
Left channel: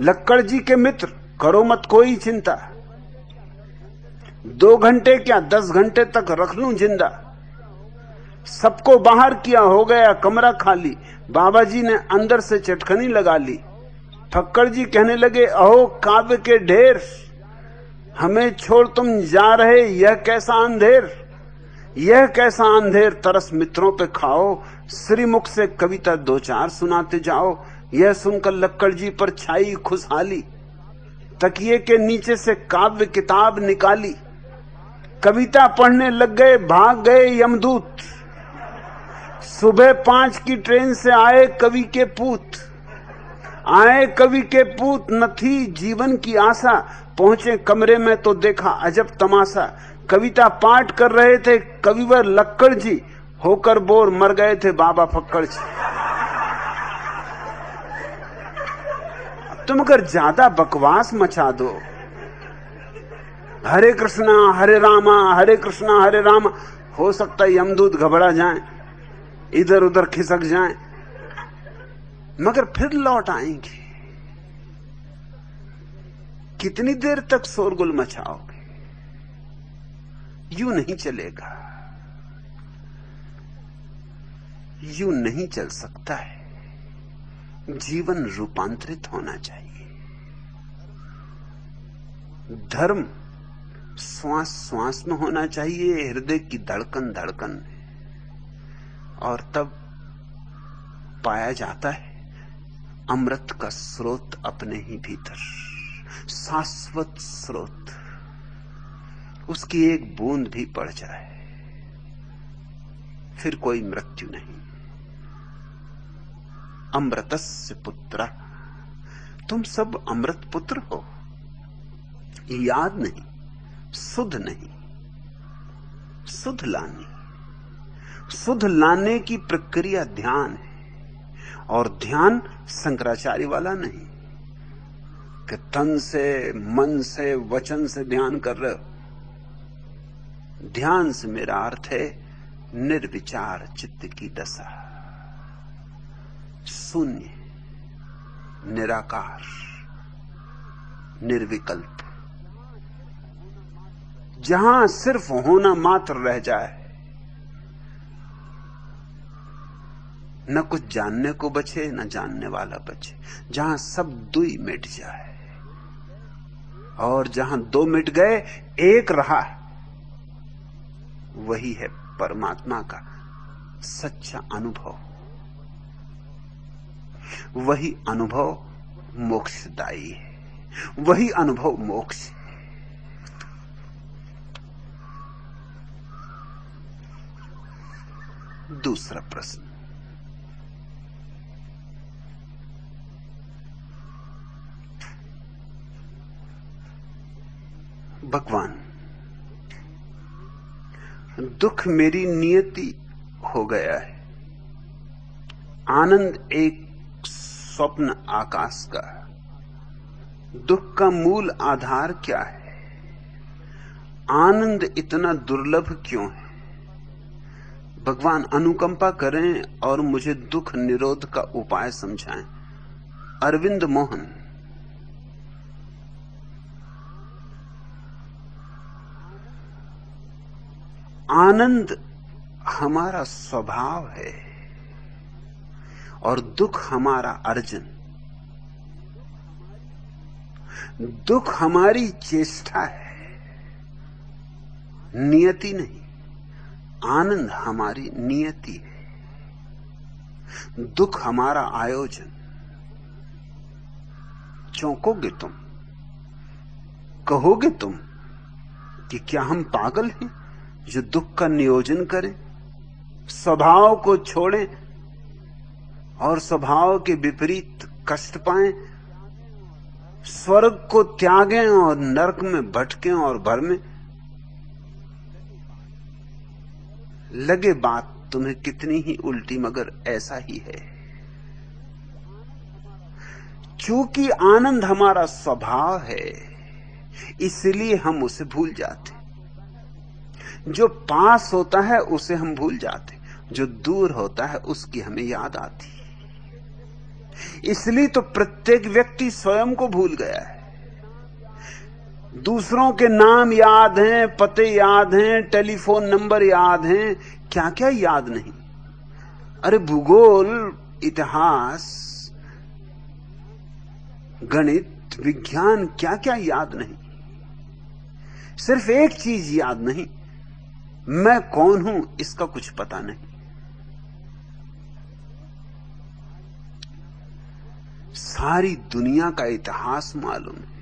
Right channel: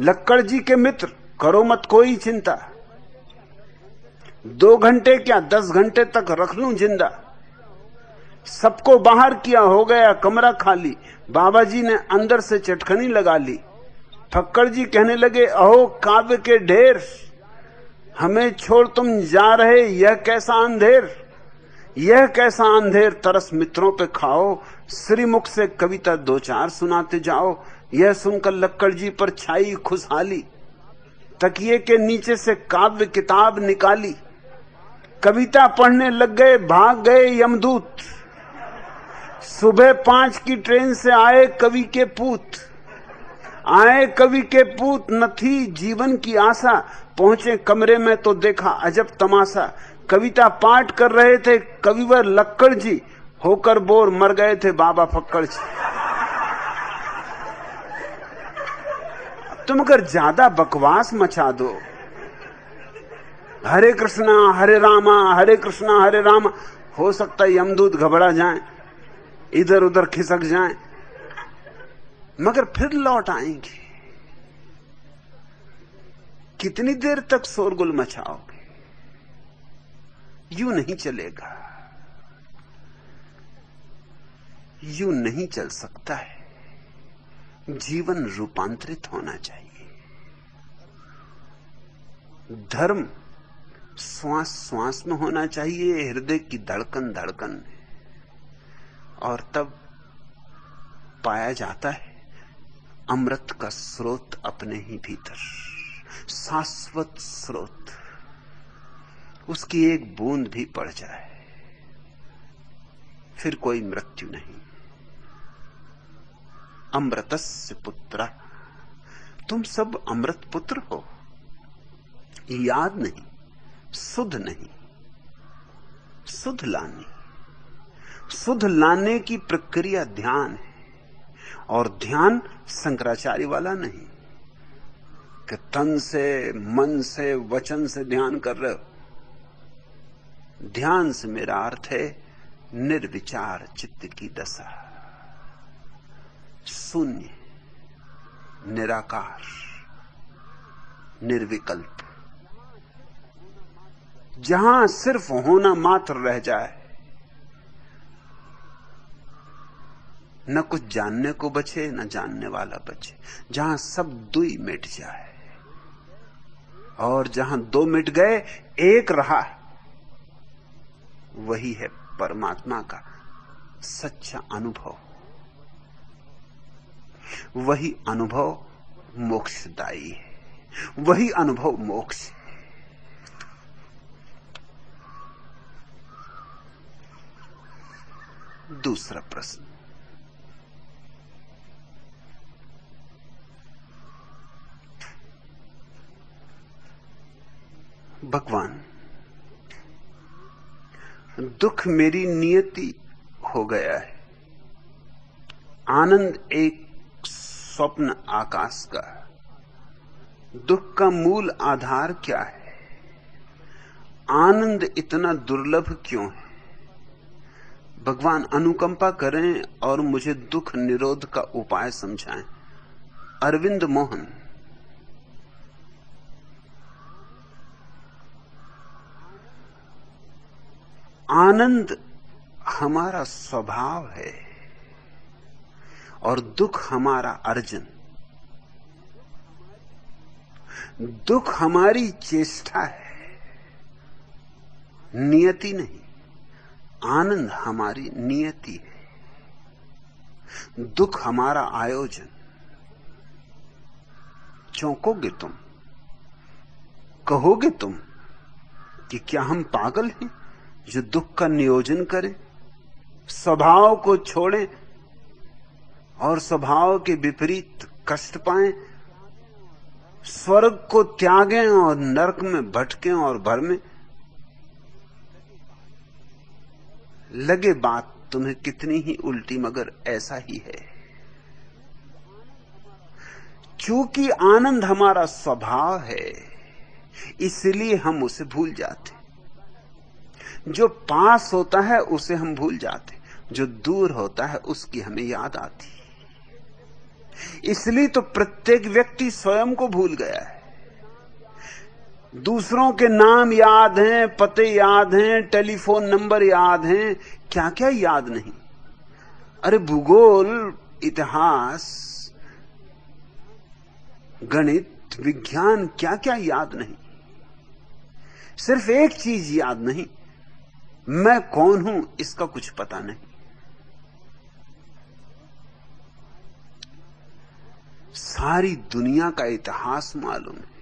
लक्कड़ जी के मित्र, करो मत कोई चिंता, 2 घंटे क्या 10 घंटे तक रख लूं जिंदा। सबको बाहर किया, हो गया कमरा खाली। बाबा जी ने अंदर से चटकनी लगा ली। फक्कड़ जी कहने लगे, अहो काव्य के ढेर, हमें छोड़ तुम जा रहे, यह कैसा अंधेर, यह कैसा अंधेर। तरस मित्रों पे खाओ, श्रीमुख से कविता 2-4 सुनाते जाओ। यह सुनकर लक्कड़ जी पर छाई खुशहाली। तकिए के नीचे से काव्य किताब निकाली, कविता पढ़ने लग गए, भाग गए यमदूत। सुबह 5 की ट्रेन से आए कवि के पूत, आए कवि के पूत, न थी जीवन की आशा। पहुंचे कमरे में तो देखा अजब तमाशा। कविता पाठ कर रहे थे कविवर लक्कड़ जी, होकर बोर मर गए थे बाबा फक्कड़ जी। तुम अगर ज्यादा बकवास मचा दो, हरे कृष्णा हरे रामा हरे कृष्णा हरे रामा, हो सकता है यमदूत घबरा जाए, इधर उधर खिसक जाए, मगर फिर लौट आएंगे। कितनी देर तक शोरगुल मचाओगे? यूं नहीं चलेगा, यूं नहीं चल सकता है। जीवन रूपांतरित होना चाहिए। धर्म श्वास श्वास में होना चाहिए, हृदय की धड़कन धड़कन में, और तब पाया जाता है अमृत का स्रोत अपने ही भीतर, शाश्वत स्रोत। उसकी एक बूंद भी पड़ जाए फिर कोई मृत्यु नहीं। अमृतस्य पुत्र, तुम सब अमृत पुत्र हो। याद नहीं, सुध नहीं, सुध लाने, सुध लाने की प्रक्रिया ध्यान, और ध्यान शंकराचार्य वाला नहीं कि तन से मन से वचन से ध्यान कर रहे हो। ध्यान से मेरा अर्थ है निर्विचार चित्त की दशा, शून्य, निराकार, निर्विकल्प, जहां सिर्फ होना मात्र रह जाए, न कुछ जानने को बचे न जानने वाला बचे, जहां सब दुई मिट जाए, और जहां दो मिट गए एक रहा, वही है परमात्मा का सच्चा अनुभव। वही अनुभव मोक्षदायी है, वही अनुभव मोक्ष है। दूसरा प्रश्न, भगवान, दुख मेरी नियति हो गया है, आनंद एक स्वप्न आकाश का, दुख का मूल आधार क्या है? आनंद इतना दुर्लभ क्यों है? भगवान अनुकंपा करें और मुझे दुख निरोध का उपाय समझाएं। अरविंद मोहन। आनंद हमारा स्वभाव है और दुख हमारा अर्जन। दुख हमारी चेष्टा है, नियति नहीं। आनंद हमारी नियति है, दुख हमारा आयोजन। चौंकोगे तुम, कहोगे तुम कि क्या हम पागल हैं जो दुख का नियोजन करें, स्वभाव को छोड़ें और स्वभाव के विपरीत कष्ट पाएं, स्वर्ग को त्यागें और नरक में भटकें और बरमें। लगे बात तुम्हें कितनी ही उल्टी, मगर ऐसा ही है। क्योंकि आनंद हमारा स्वभाव है, इसलिए हम उसे भूल जाते। जो पास होता है उसे हम भूल जाते, जो दूर होता है उसकी हमें याद आती। इसलिए तो प्रत्येक व्यक्ति स्वयं को भूल गया है। दूसरों के नाम याद हैं, पते याद हैं, टेलीफोन नंबर याद हैं, क्या क्या याद नहीं। अरे भूगोल, इतिहास, गणित, विज्ञान, क्या क्या याद नहीं। सिर्फ एक चीज याद नहीं, मैं कौन हूं इसका कुछ पता नहीं। सारी दुनिया का इतिहास मालूम है,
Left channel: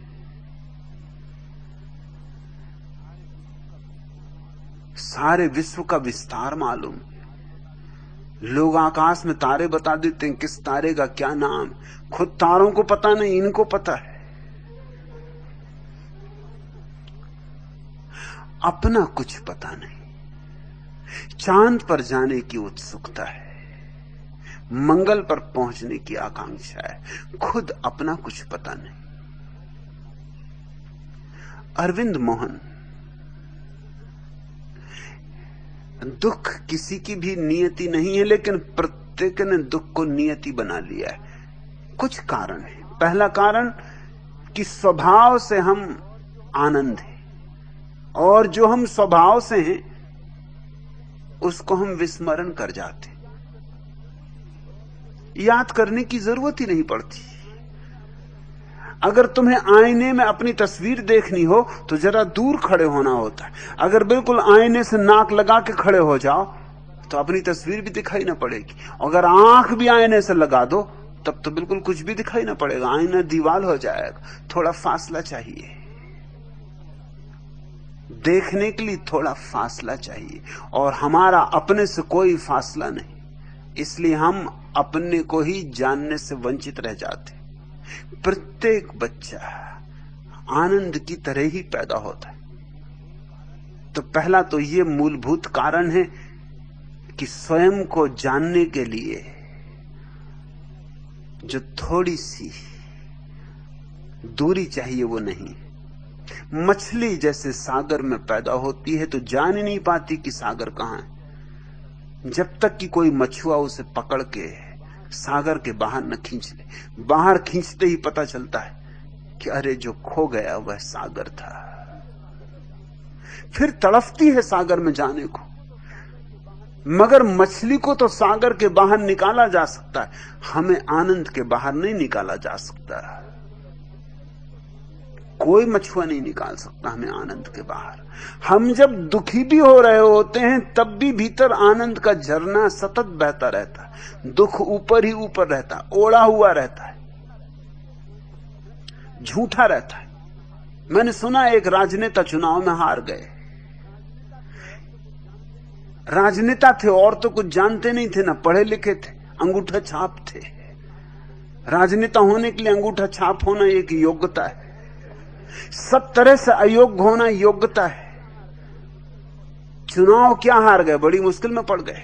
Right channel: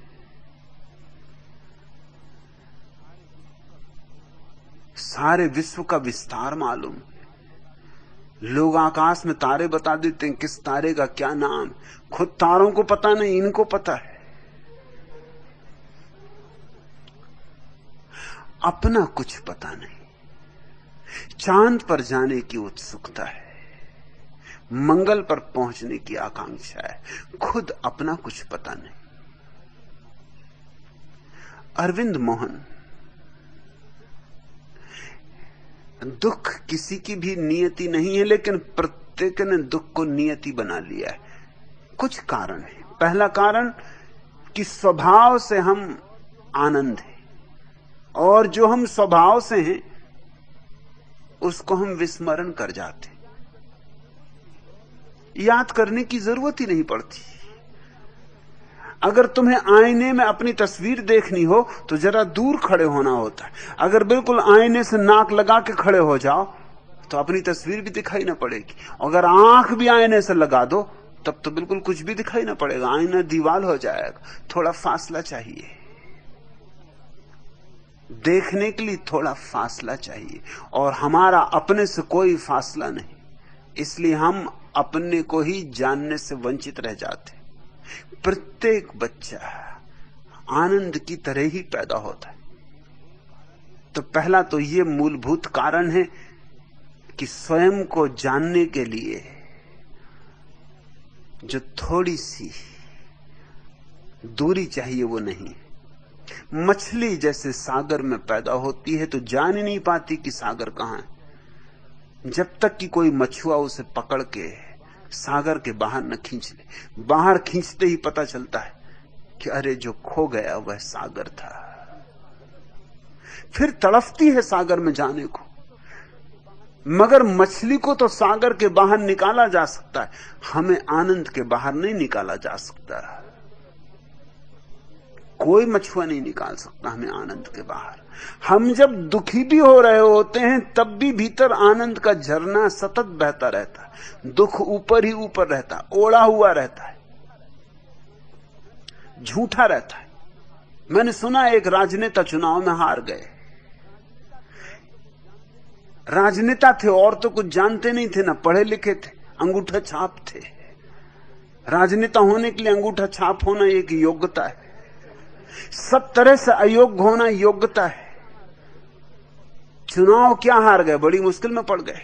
सारे विश्व का विस्तार मालूम। लोग आकाश में तारे बता देते हैं, किस तारे का क्या नाम। खुद तारों को पता नहीं, इनको पता है। अपना कुछ पता नहीं। चांद पर जाने की उत्सुकता है, मंगल पर पहुंचने की आकांक्षा है, खुद अपना कुछ पता नहीं। अरविंद मोहन। दुख किसी की भी नियति नहीं है, लेकिन प्रत्येक ने दुख को नियति बना लिया है। कुछ कारण है। पहला कारण कि स्वभाव से हम आनंद हैं, और जो हम स्वभाव से हैं उसको हम विस्मरण कर जाते, याद करने की जरूरत ही नहीं पड़ती। अगर तुम्हें आईने में अपनी तस्वीर देखनी हो तो जरा दूर खड़े होना होता है। अगर बिल्कुल आईने से नाक लगा के खड़े हो जाओ तो अपनी तस्वीर भी दिखाई ना पड़ेगी। अगर आंख भी आईने से लगा दो तब तो बिल्कुल कुछ भी दिखाई ना पड़ेगा, आईना दीवार हो जाएगा। थोड़ा फासला चाहिए, देखने के लिए थोड़ा फासला चाहिए, और हमारा अपने से कोई फासला नहीं, इसलिए हम अपने को ही जानने से वंचित रह जाते। प्रत्येक बच्चा आनंद की तरह ही पैदा होता है। तो पहला तो ये मूलभूत कारण है कि स्वयं को जानने के लिए जो थोड़ी सी दूरी चाहिए वो नहीं। मछली जैसे सागर में पैदा होती है तो जान ही नहीं पाती कि सागर कहां है, जब तक कि कोई मछुआ उसे पकड़ के सागर के बाहर न खींच ले। बाहर खींचते ही पता चलता है कि अरे जो खो गया वह सागर था। फिर तड़पती है सागर में जाने को, मगर मछली को तो सागर के बाहर निकाला जा सकता है, हमें आनंद के बाहर नहीं निकाला जा सकता। कोई मछुआ नहीं निकाल सकता हमें आनंद के बाहर। हम जब दुखी भी हो रहे होते हैं तब भी भीतर आनंद का झरना सतत बहता रहता है। दुख ऊपर ही ऊपर रहता है, ओढ़ा हुआ रहता है, झूठा रहता है। मैंने सुना एक राजनेता चुनाव में हार गए। राजनेता थे और तो कुछ जानते नहीं थे, ना पढ़े लिखे थे, अंगूठा छाप थे। राजनेता होने के लिए अंगूठा छाप होना एक योग्यता है, सब तरह से अयोग्य होना योग्यता है। चुनाव क्या हार गए, बड़ी मुश्किल में पड़ गए।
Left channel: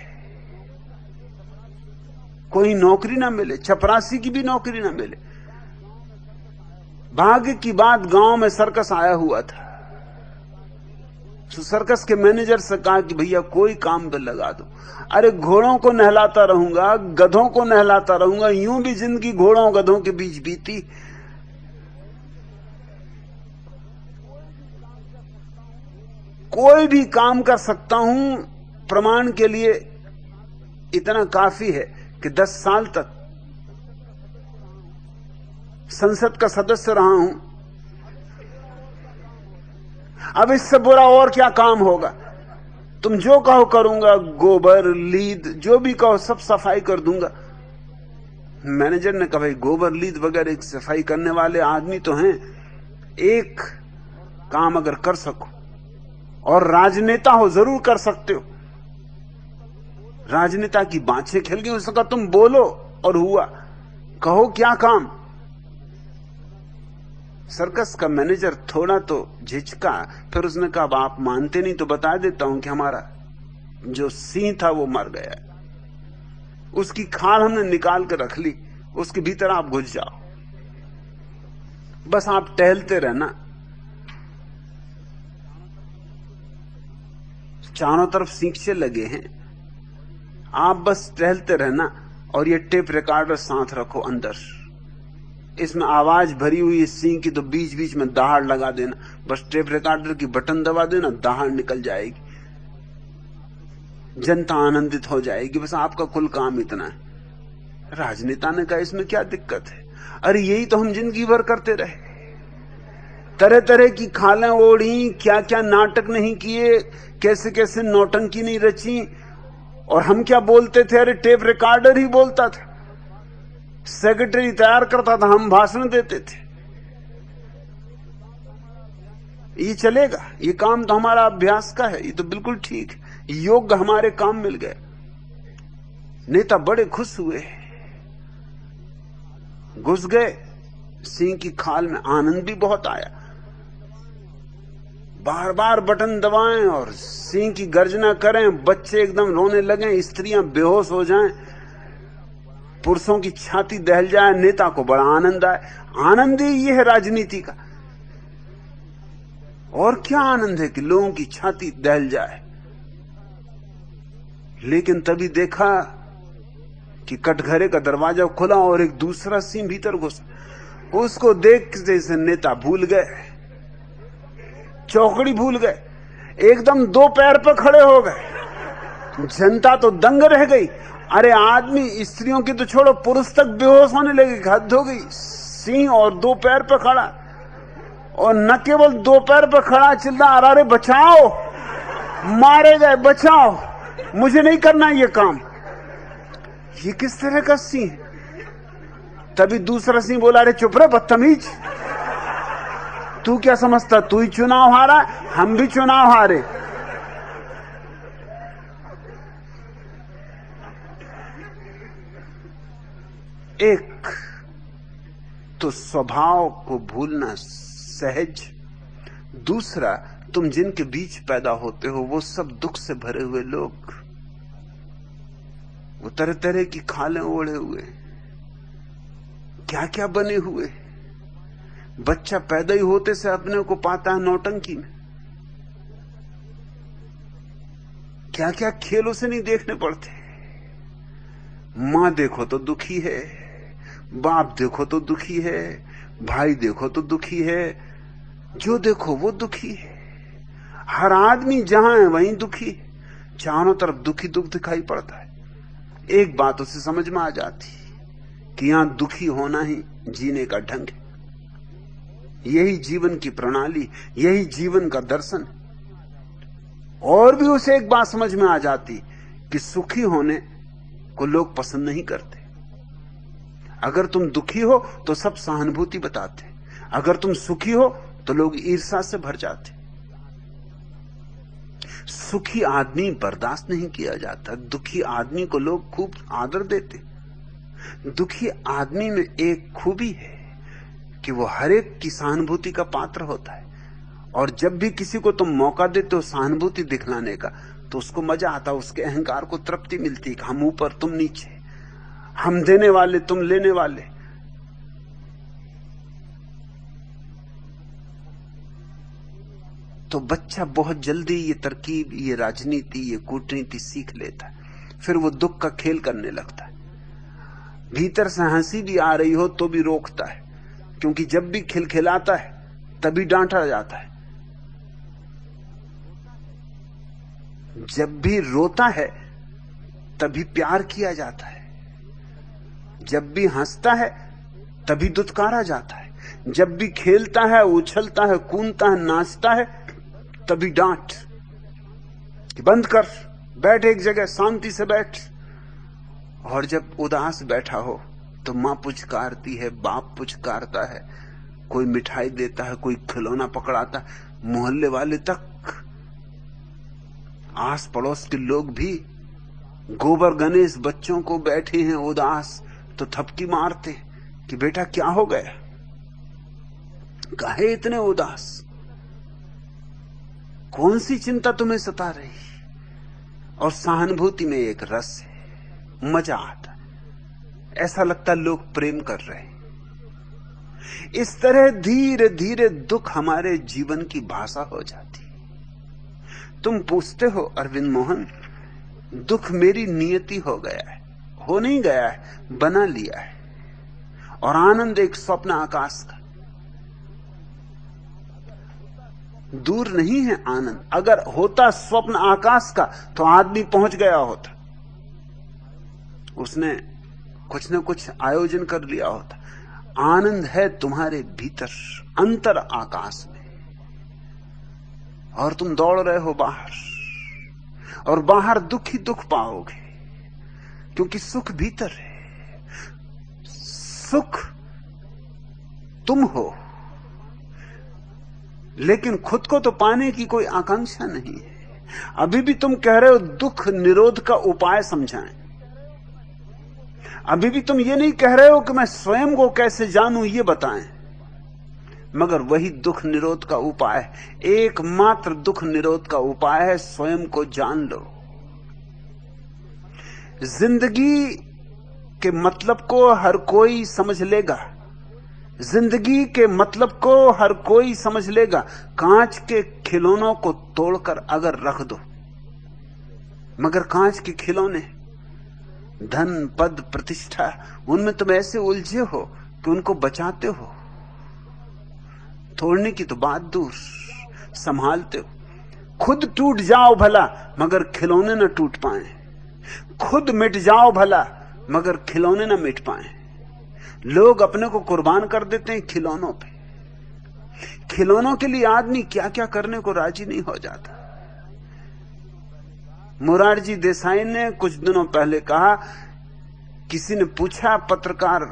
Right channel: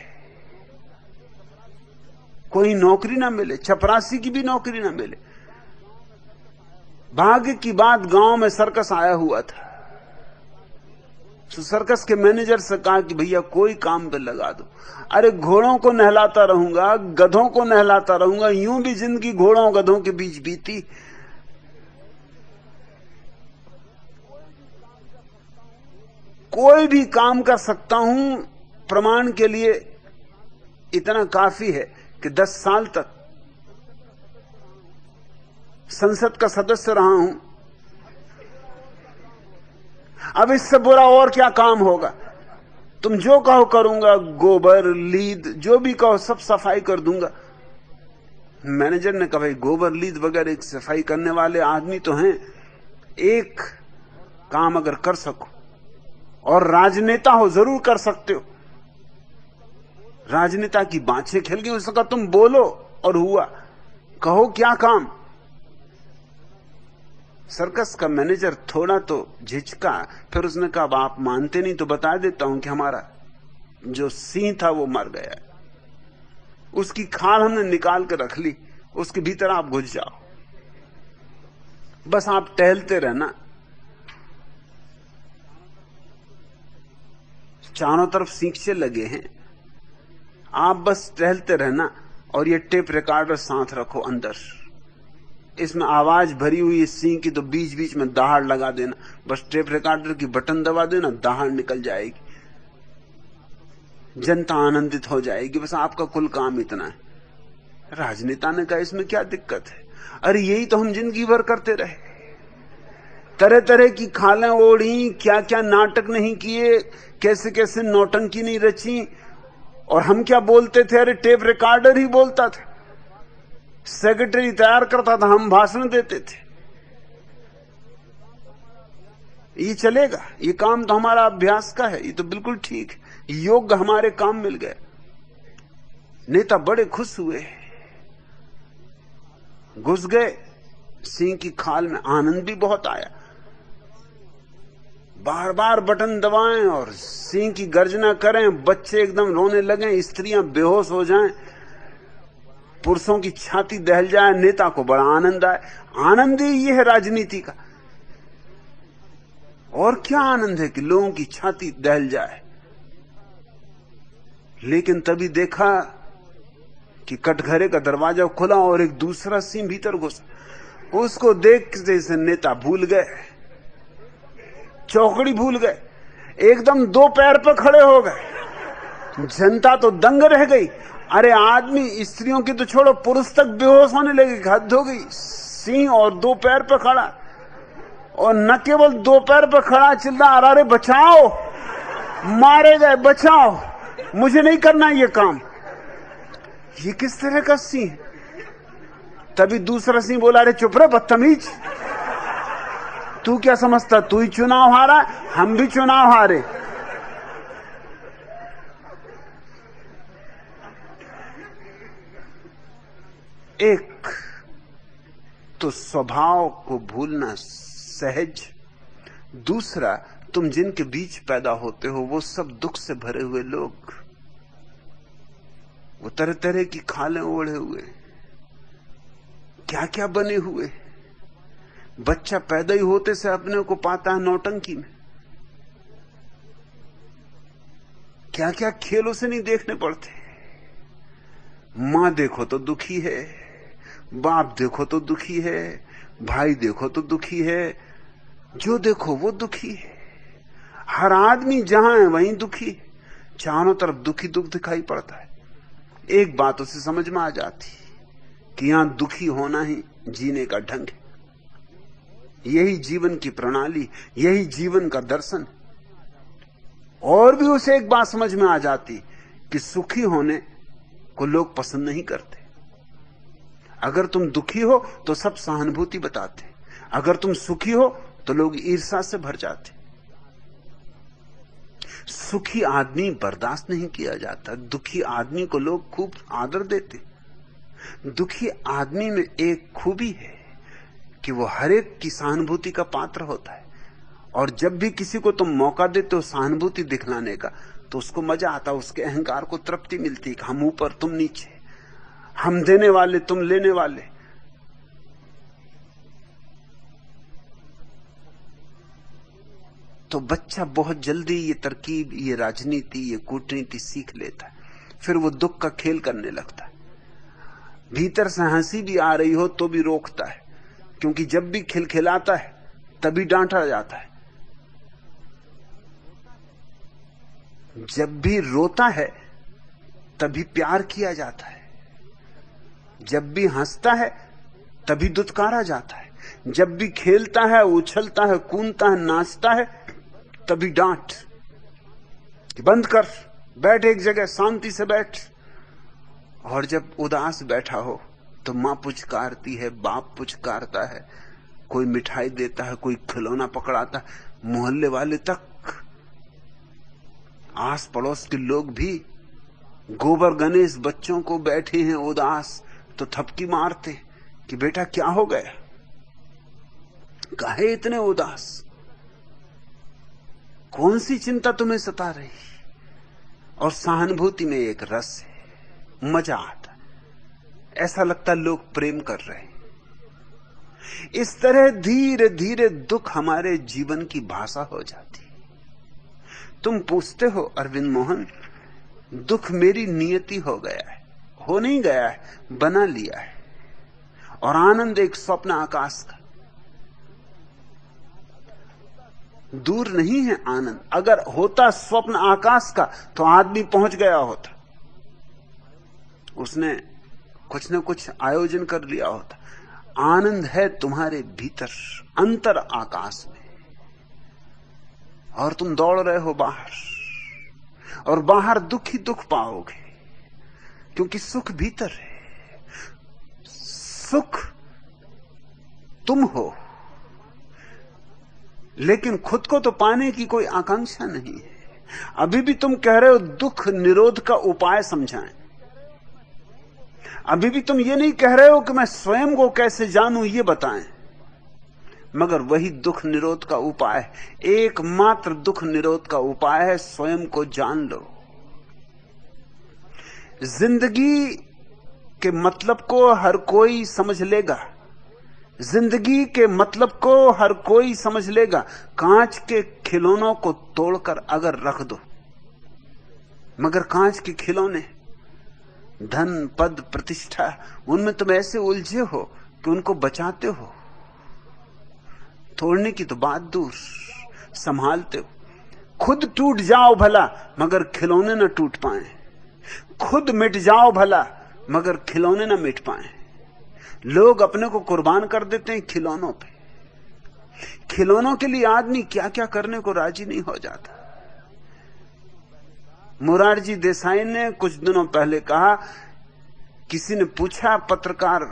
कोई नौकरी ना मिले, चपरासी की भी नौकरी ना मिले। भाग्य की बात, गांव में सर्कस आया हुआ था, तो सर्कस के मैनेजर से कहा कि भैया कोई काम पे लगा दो। अरे घोड़ों को नहलाता रहूंगा, गधों को नहलाता रहूंगा, यूं भी जिंदगी घोड़ों गधों के बीच बीती। कोई भी काम कर सकता हूं, प्रमाण के लिए इतना काफी है कि 10 साल तक संसद का सदस्य रहा हूं। अब इससे बुरा और क्या काम होगा। तुम जो कहो करूंगा, गोबर लीद जो भी कहो सब सफाई कर दूंगा। मैनेजर ने कहा भाई गोबर लीद वगैरह एक सफाई करने वाले आदमी तो हैं, एक काम अगर कर सको और राजनेता हो जरूर कर सकते हो। राजनेता की बाँछें खिल गई। उसका तुम बोलो और हुआ, कहो क्या काम। सर्कस का मैनेजर थोड़ा तो झिझका, फिर उसने कहा आप मानते नहीं तो बता देता हूं कि हमारा जो सिंह था वो मर गया, उसकी खाल हमने निकाल के रख ली, उसके भीतर आप घुस जाओ, बस आप टहलते रहना, चारों तरफ सींचे लगे हैं, आप बस टहलते रहना और ये टेप रिकॉर्डर साथ रखो अंदर, इसमें आवाज भरी हुई सिंह की, तो बीच बीच में दहाड़ लगा देना, बस टेप रिकॉर्डर की बटन दबा देना, दहाड़ निकल जाएगी, जनता आनंदित हो जाएगी, बस आपका कुल काम इतना है। राजनेता ने कहा इसमें क्या दिक्कत है। अरे यही तो हम जिंदगी भर करते रहे, तरह तरह की खाला ओढ़ी, क्या क्या नाटक नहीं किए, कैसे कैसे नौटंकी नहीं रची, और हम क्या बोलते थे, अरे टेप रिकॉर्डर ही बोलता था, सेक्रेटरी तैयार करता था, हम भाषण देते थे। ये चलेगा, ये काम तो हमारा अभ्यास का है, ये तो बिल्कुल ठीक है, योग्य हमारे काम मिल गए। नेता बड़े खुश हुए, घुस गए सिंह की खाल में, आनंद भी बहुत आया। बार बार बटन दबाएं और सिंह की गर्जना करें, बच्चे एकदम रोने लगे, स्त्रियां बेहोश हो जाएं, पुरुषों की छाती दहल जाए, नेता को बड़ा आनंद आए। आनंद ही ये है राजनीति का, और क्या आनंद है कि लोगों की छाती दहल जाए। लेकिन तभी देखा कि कटघरे का दरवाजा खुला और एक दूसरा सिंह भीतर घुसा। उसको देख जैसे नेता भूल गए, चौकड़ी भूल गए, एकदम 2 पैर पर खड़े हो गए। जनता तो दंग रह गई। अरे आदमी, स्त्रियों के तो छोड़ो, पुरुष तक बेहोश होने लगे, हद हो गई। सिंह और 2 पैर पे खड़ा, और न केवल 2 पैर पे खड़ा, चिल्ला अरे बचाओ, मारे गए, बचाओ, मुझे नहीं करना ये काम। ये किस तरह का सिंह। तभी दूसरा सिंह बोला, अरे चुप रह बदतमीज, तू क्या समझता, तू ही चुनाव हारा, हम भी चुनाव हारे। एक तो स्वभाव को भूलना सहज, दूसरा तुम जिनके बीच पैदा होते हो वो सब दुख से भरे हुए लोग, तरह तरह की खालें ओढ़े हुए, क्या क्या बने हुए। बच्चा पैदा ही होते से अपने को पाता है नौटंकी में, क्या क्या खेल उसे नहीं देखने पड़ते। माँ देखो तो दुखी है, बाप देखो तो दुखी है, भाई देखो तो दुखी है, जो देखो वो दुखी है। हर आदमी जहां है वहीं दुखी, चारों तरफ दुखी दुख दिखाई पड़ता है। एक बात उसे समझ में आ जाती कि यहां दुखी होना ही जीने का ढंग है, यही जीवन की प्रणाली, यही जीवन का दर्शन। और भी उसे एक बात समझ में आ जाती कि सुखी होने को लोग पसंद नहीं करते। अगर तुम दुखी हो तो सब सहानुभूति बताते, अगर तुम सुखी हो तो लोग ईर्ष्या से भर जाते। सुखी आदमी बर्दाश्त नहीं किया जाता, दुखी आदमी को लोग खूब आदर देते। दुखी आदमी में एक खूबी है कि वो हर एक की सहानुभूति का पात्र होता है, और जब भी किसी को तुम मौका देते हो सहानुभूति दिखलाने का तो उसको मजा आता, उसके अहंकार को तृप्ति मिलती है कि हम ऊपर तुम नीचे, हम देने वाले तुम लेने वाले। तो बच्चा बहुत जल्दी ये तरकीब, ये राजनीति, ये कूटनीति सीख लेता है, फिर वो दुख का खेल करने लगता है। भीतर से हंसी भी आ रही हो तो भी रोकता है, क्योंकि जब भी खिलखिलाता है तभी डांटा जाता है, जब भी रोता है तभी प्यार किया जाता है, जब भी हंसता है तभी दुत्कारा जाता है, जब भी खेलता है, उछलता है, कूदता है, नाचता है तभी डांट कि बंद कर, बैठ एक जगह, शांति से बैठ। और जब उदास बैठा हो तो मां पुचकारती है, बाप पुचकारता है, कोई मिठाई देता है, कोई खिलौना पकड़ाता है, मोहल्ले वाले तक, आस पड़ोस के लोग भी गोबर गणेश बच्चों को बैठे हैं उदास तो थपकी मारते कि बेटा क्या हो गया, काहे इतने उदास, कौन सी चिंता तुम्हें सता रही। और सहानुभूति में एक रस है, मजा आता है, ऐसा लगता लोग प्रेम कर रहे हैं। इस तरह धीरे धीरे दुख हमारे जीवन की भाषा हो जाती। तुम पूछते हो अरविंद मोहन, दुख मेरी नियति हो गया है, हो नहीं गया है, बना लिया है। और आनंद एक स्वप्न आकाश का, दूर नहीं है आनंद। अगर होता स्वप्न आकाश का तो आदमी पहुंच गया होता, उसने कुछ न कुछ आयोजन कर लिया होता। आनंद है तुम्हारे भीतर, अंतर आकाश में, और तुम दौड़ रहे हो बाहर, और बाहर दुख ही दुख पाओगे, क्योंकि सुख भीतर है। सुख तुम हो, लेकिन खुद को तो पाने की कोई आकांक्षा नहीं है। अभी भी तुम कह रहे हो दुख निरोध का उपाय समझाएं, अभी भी तुम ये नहीं कह रहे हो कि मैं स्वयं को कैसे जानूं ये बताएं, मगर वही दुख निरोध का उपाय, एकमात्र दुख निरोध का उपाय है स्वयं को जान लो। जिंदगी के मतलब को हर कोई समझ लेगा, जिंदगी के मतलब को हर कोई समझ लेगा। कांच के खिलौनों को तोड़कर अगर रख दो, मगर कांच के खिलौने, धन पद प्रतिष्ठा, उनमें तुम ऐसे उलझे हो कि उनको बचाते हो। तोड़ने की तो बात दूर, संभालते हो। खुद टूट जाओ भला मगर खिलौने न टूट पाए, खुद मिट जाओ भला मगर खिलौने न मिट पाए। लोग अपने को कुर्बान कर देते हैं खिलौनों पे। खिलौनों के लिए आदमी क्या क्या करने को राजी नहीं हो जाता। मोरारजी देसाई ने कुछ दिनों पहले कहा, किसी ने पूछा पत्रकार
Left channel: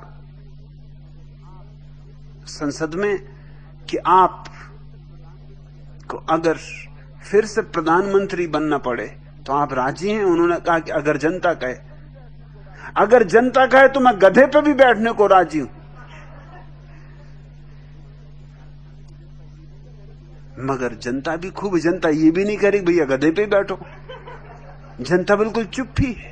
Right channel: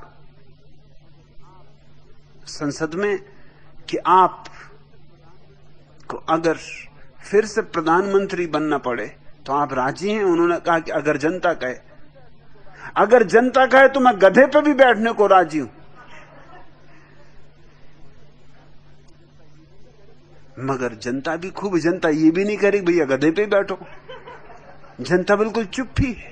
संसद में कि आप को अगर फिर से प्रधानमंत्री बनना पड़े तो आप राजी हैं? उन्होंने कहा कि अगर जनता कहे, अगर जनता कहे तो मैं गधे पे भी बैठने को राजी हूं। मगर जनता भी खूब, जनता ये भी नहीं करी भैया गधे पे बैठो। जनता बिल्कुल चुप ही है,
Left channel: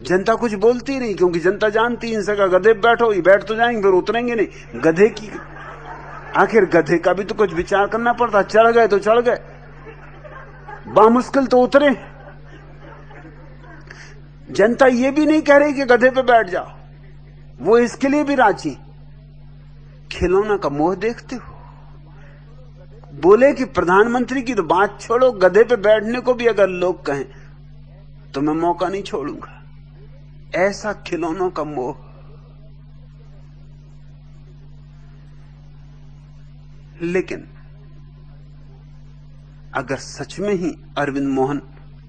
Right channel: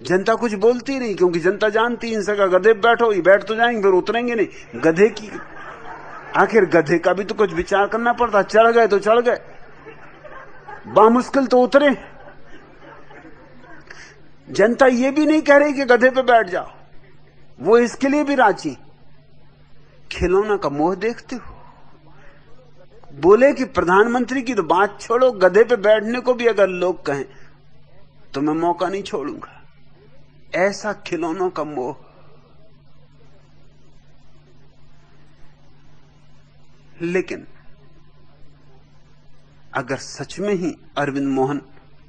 जनता कुछ बोलती नहीं, क्योंकि जनता जानती इनसे का गधे पे बैठो, ये बैठ तो जाएंगे फिर उतरेंगे नहीं। गधे की आखिर गधे का भी तो कुछ विचार करना पड़ता, चढ़ गए तो चढ़ गए, बामुश्किल तो उतरे। जनता ये भी नहीं कह रही कि गधे पे बैठ जाओ, वो इसके लिए भी राजी। खिलौना का मोह देखते हो। बोले कि प्रधानमंत्री की तो बात छोड़ो, गधे पे बैठने को भी अगर लोग कहें तो मैं मौका नहीं छोड़ूंगा। ऐसा खिलौनों का मोह। लेकिन अगर सच में ही अरविंद मोहन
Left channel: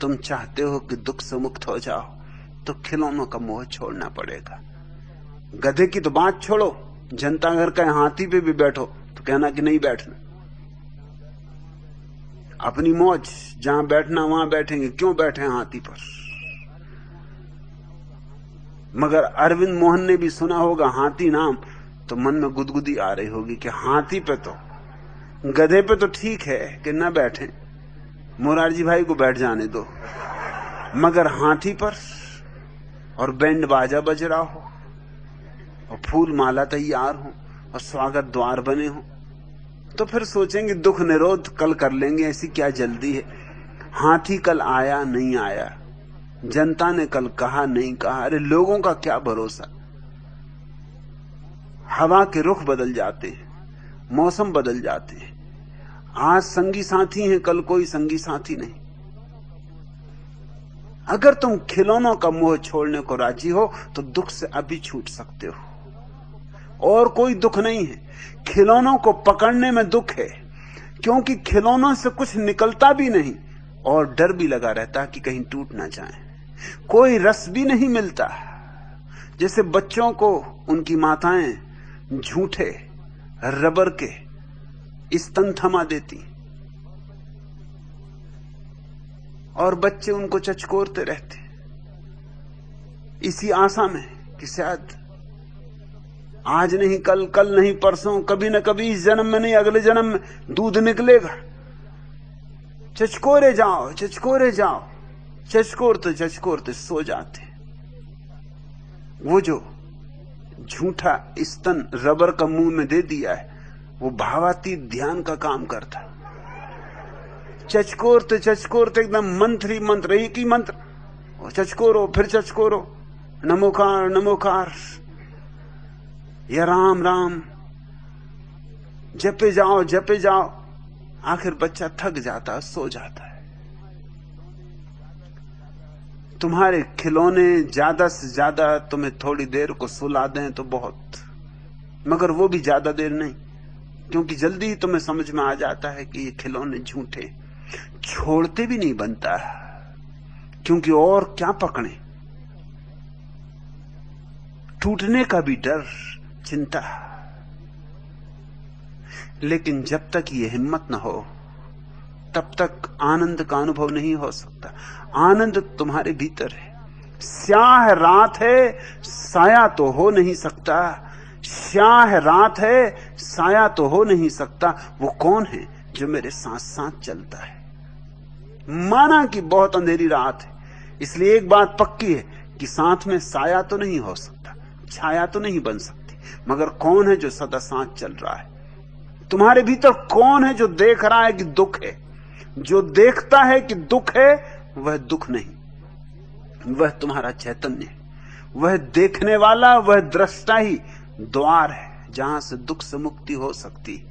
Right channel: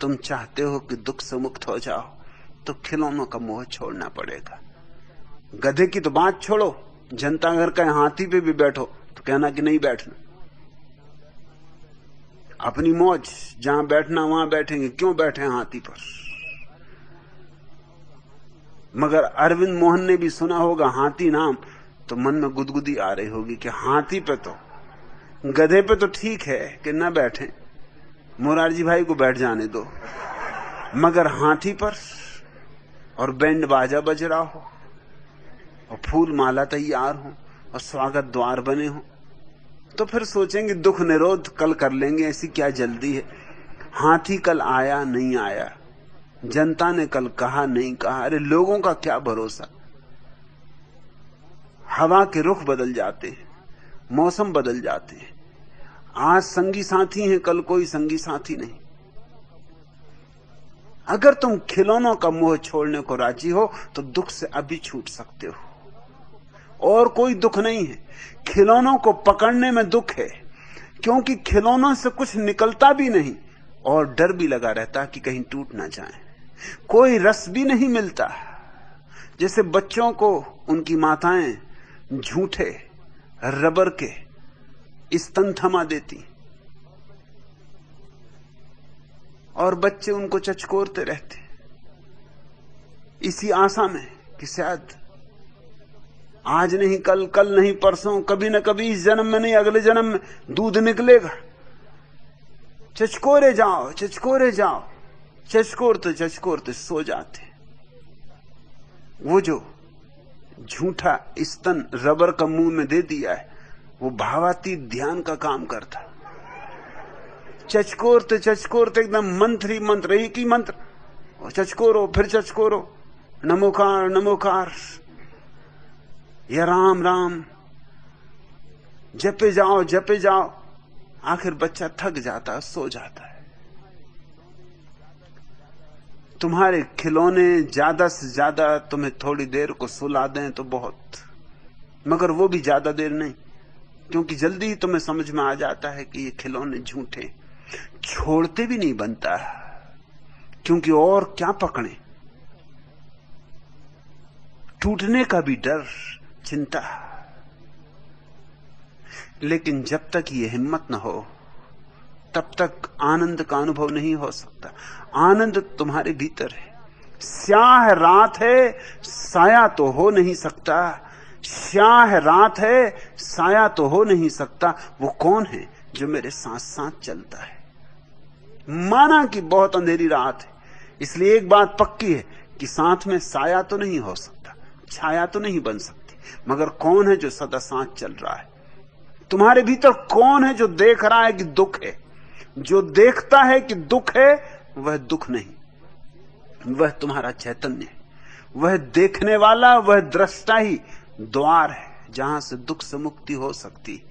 तुम चाहते हो कि दुख से मुक्त हो जाओ, तो खिलौनों का मोह छोड़ना पड़ेगा। गधे की तो बात छोड़ो, जनता अगर कहे हाथी पे भी बैठो तो कहना कि नहीं बैठना। अपनी मौज, जहां बैठना वहां बैठेंगे, क्यों बैठे हाथी पर। मगर अरविंद मोहन ने भी सुना होगा हाथी नाम, तो मन में गुदगुदी आ रही होगी कि हाथी पे तो, गधे पे तो ठीक है कि न बैठे, मोरारजी भाई को बैठ जाने दो, मगर हाथी पर, और बैंड बाजा बज रहा हो और फूल माला तैयार हो और स्वागत द्वार बने हो, तो फिर सोचेंगे दुख निरोध कल कर लेंगे, ऐसी क्या जल्दी है। हाथी कल आया नहीं आया, जनता ने कल कहा नहीं कहा, अरे लोगों का क्या भरोसा। हवा के रुख बदल जाते हैं, मौसम बदल जाते हैं। आज संगी साथी हैं, कल कोई संगी साथी नहीं। अगर तुम खिलौनों का मोह छोड़ने को राजी हो तो दुख से अभी छूट सकते हो, और कोई दुख नहीं है। खिलौनों को पकड़ने में दुख है, क्योंकि खिलौनों से कुछ निकलता भी नहीं और डर भी लगा रहता है कि कहीं टूट ना जाए। कोई रस भी नहीं मिलता। जैसे बच्चों को उनकी माताएं झूठे रबर के स्तन थमा देती और बच्चे उनको चचकोरते रहते, इसी आशा में कि शायद आज नहीं कल, कल नहीं परसों, कभी न कभी इस जन्म में नहीं अगले जन्म में दूध निकलेगा। चचकोरे जाओ, चचकोरे जाओ, चचकोरते सो जाते। वो जो झूठा स्तन रबर का मुंह में दे दिया है, वो भावातीत ध्यान का काम करता है। चचकोरते एकदम मंत्री मंत्र, एक ही मंत्र, चचकोरो फिर चचकोरो, नमोकार नमोकार या राम राम, जपे जाओ। आखिर बच्चा थक जाता है, सो जाता है। तुम्हारे खिलौने ज्यादा से ज्यादा तुम्हें थोड़ी देर को सुला दें तो बहुत, मगर वो भी ज्यादा देर नहीं, क्योंकि जल्दी ही तुम्हें समझ में आ जाता है कि ये खिलौने झूठे। छोड़ते भी नहीं बनता, क्योंकि और क्या पकड़े। टूटने का भी डर, चिंता। लेकिन जब तक ये हिम्मत न हो तब तक आनंद का अनुभव नहीं हो सकता। आनंद तुम्हारे भीतर है। स्याह रात है, साया तो हो नहीं सकता। स्याह रात है, साया तो हो नहीं सकता। वो कौन है जो मेरे साथ साथ चलता है? माना कि बहुत अंधेरी रात है, इसलिए एक बात पक्की है कि साथ में साया तो नहीं हो सकता, छाया तो नहीं बन सकती, मगर कौन है जो सदा साथ चल रहा है? तुम्हारे भीतर कौन है जो देख रहा है कि दुख है? जो देखता है कि दुख है वह दुख नहीं, वह तुम्हारा चैतन्य है। वह देखने वाला, वह दृष्टा ही द्वार है जहां से दुख से मुक्ति हो सकती।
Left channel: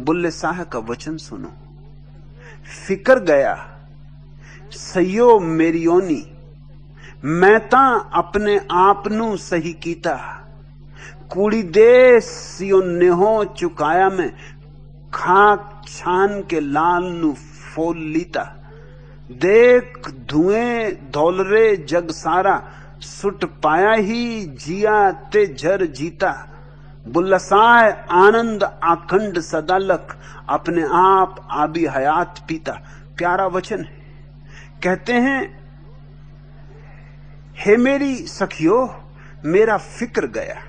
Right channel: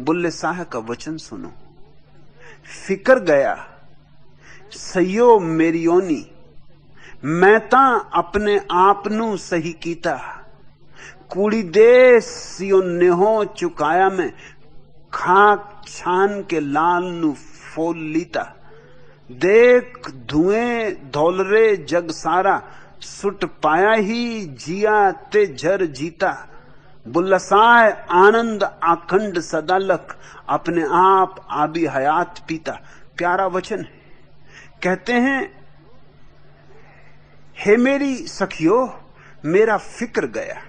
बुल्ले शाह का वचन सुनो। फिकर गया सयो मेरी ओनी, मैं ता अपने आप नू सही कीता। कूड़ी दे सियो नेहो चुकाया मैं, खाक छान के लाल नु फोल लीता। देख धुएं धौलरे जग सारा, सुट पाया ही जिया ते जर जीता। बुल्लसाए आनंद आखंड सदालक, अपने आप आबी हयात पीता। प्यारा वचन है। कहते हैं, हे मेरी सखियो, मेरा फिक्र गया,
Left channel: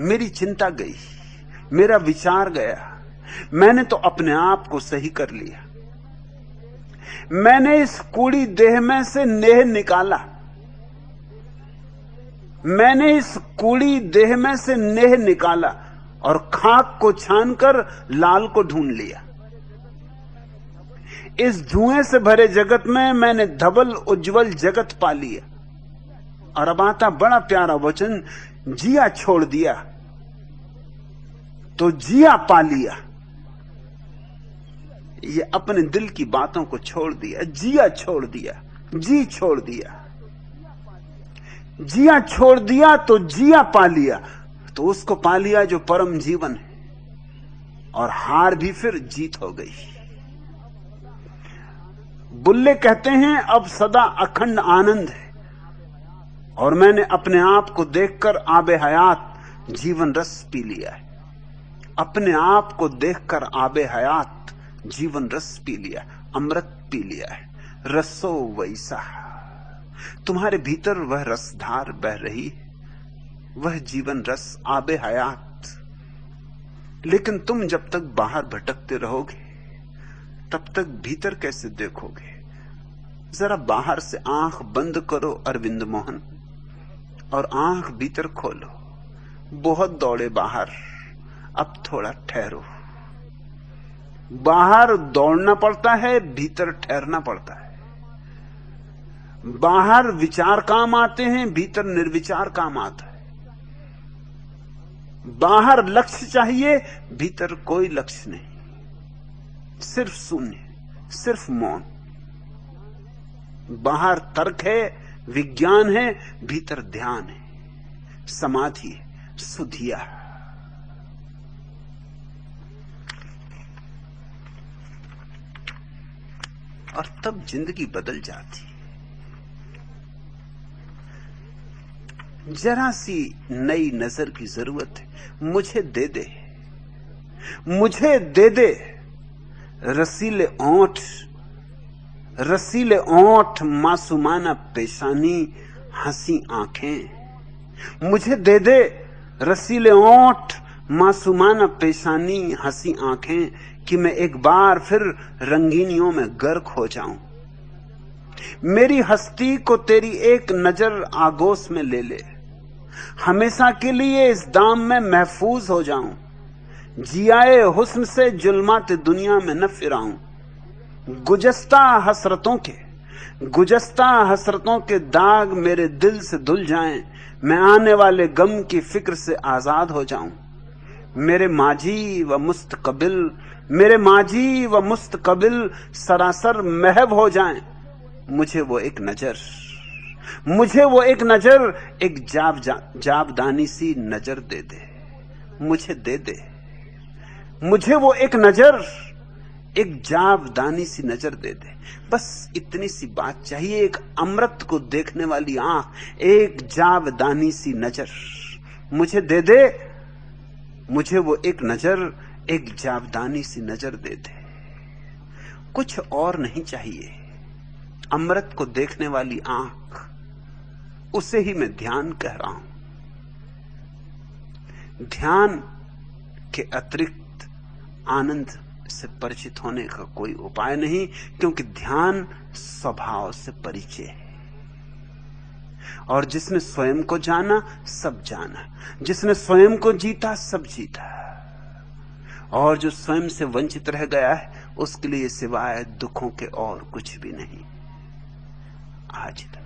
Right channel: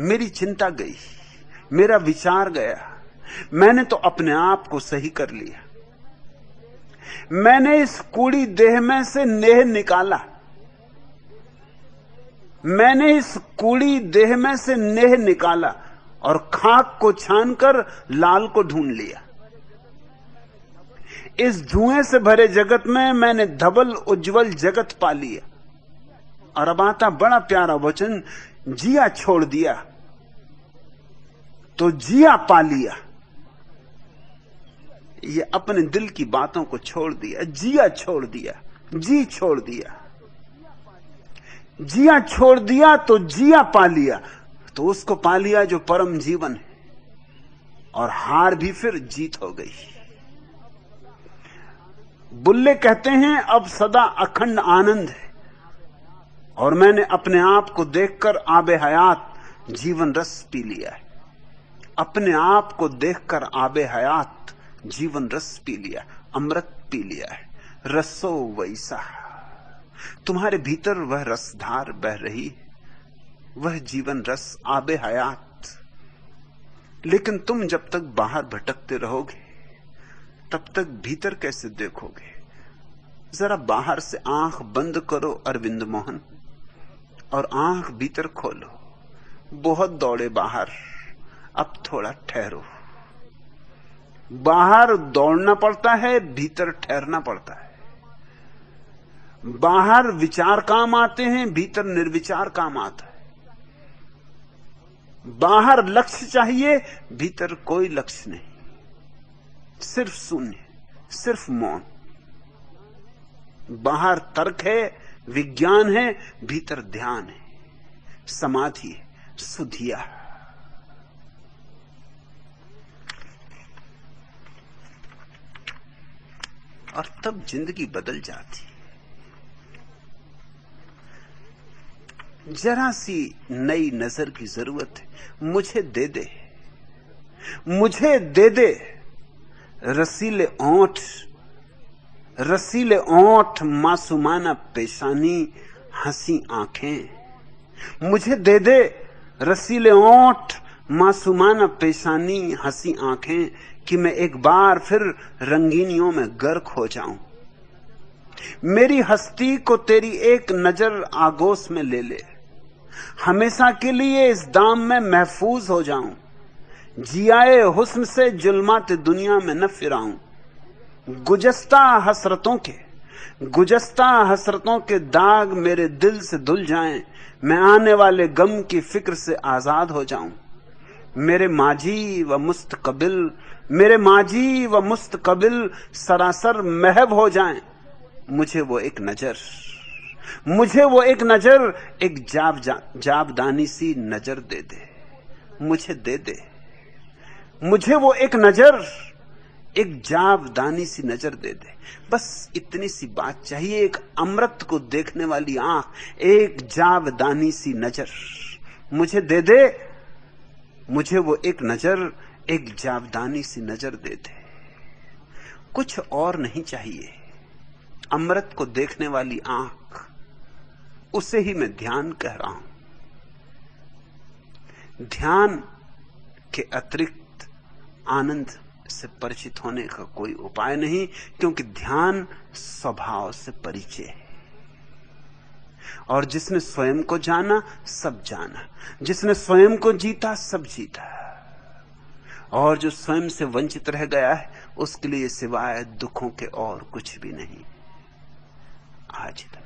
मेरी चिंता गई, मेरा विचार गया। मैंने तो अपने आप को सही कर लिया। मैंने इस कूड़ी देह में से नेह निकाला। मैंने इस कूड़ी देह में से नेह निकाला और खाक को छानकर लाल को ढूंढ लिया। इस धुएं से भरे जगत में मैंने धवल उज्जवल जगत पाली। और अब आता बड़ा प्यारा वचन, जिया छोड़ दिया तो जिया पा लिया। ये अपने दिल की बातों को छोड़ दिया, जिया छोड़ दिया, जी छोड़ दिया। जिया छोड़ दिया तो जिया पा लिया, तो उसको पा लिया जो परम जीवन है, और हार भी फिर जीत हो गई। बुल्ले कहते हैं अब सदा अखंड आनंद है, और मैंने अपने आप को देखकर आबे हयात जीवन रस पी लिया है। अपने आप को देखकर आबे हयात जीवन रस पी लिया, अमृत पी लिया है। रसो वैसा, तुम्हारे भीतर वह रसधार बह रही, वह जीवन रस आबे हयात। लेकिन तुम जब तक बाहर भटकते रहोगे तब तक भीतर कैसे देखोगे? जरा बाहर से आंख बंद करो अरविंद मोहन, और आंख भीतर खोलो। बहुत दौड़े बाहर, अब थोड़ा ठहरो। बाहर दौड़ना पड़ता है, भीतर ठहरना पड़ता है। बाहर विचार काम आते हैं, भीतर निर्विचार काम आता है। बाहर लक्ष्य चाहिए, भीतर कोई लक्ष्य नहीं, सिर्फ शून्य, सिर्फ मौन। बाहर तर्क है, विज्ञान है, भीतर ध्यान है, समाधि है, सुधिया। और तब जिंदगी बदल जाती। जरा सी नई नजर की जरूरत है, मुझे दे दे, मुझे दे दे। रसीले ओंठ, रसीले ओंठ, मासूमाना पेशानी, हंसी आंखें। मुझे दे दे रसीले ओंठ, मासूमाना पेशानी, हंसी आंखें, कि मैं एक बार फिर रंगीनियों में गर्क हो जाऊं। मेरी हस्ती को तेरी एक नजर आगोश में ले ले, हमेशा के लिए इस दाम में महफूज हो जाऊं। जियाए हुस्न से जुल्माते दुनिया में न फिराऊं। गुजस्ता हसरतों के दाग मेरे दिल से धुल जाएं, मैं आने वाले गम की फिक्र से आजाद हो जाऊं। मेरे माजी व मुस्तकबिल सरासर महव हो जाएं। मुझे वो एक नजर, एक जाबदानी सी नजर दे दे, मुझे दे दे। मुझे वो एक नजर, एक जाबदानी सी नजर दे दे। बस इतनी सी बात चाहिए, एक अमृत को देखने वाली आंख, एक जाबदानी सी नजर। मुझे दे दे, मुझे वो एक नजर, एक जाबदानी सी नजर दे दे। कुछ और नहीं चाहिए, अमृत को देखने वाली आंख, उसे ही मैं ध्यान कह रहा हूं। ध्यान के अतिरिक्त आनंद से परिचित होने का कोई उपाय नहीं, क्योंकि ध्यान स्वभाव से परिचय है। और जिसने स्वयं को जाना सब जाना, जिसने स्वयं को जीता सब जीता, और जो स्वयं से वंचित रह गया है उसके लिए सिवाय दुखों के और कुछ भी नहीं। आज इतना।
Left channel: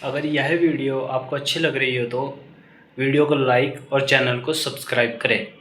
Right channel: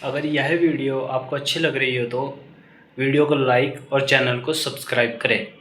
अगर यह वीडियो आपको अच्छी लग रही हो तो वीडियो को लाइक और चैनल को सब्सक्राइब करें।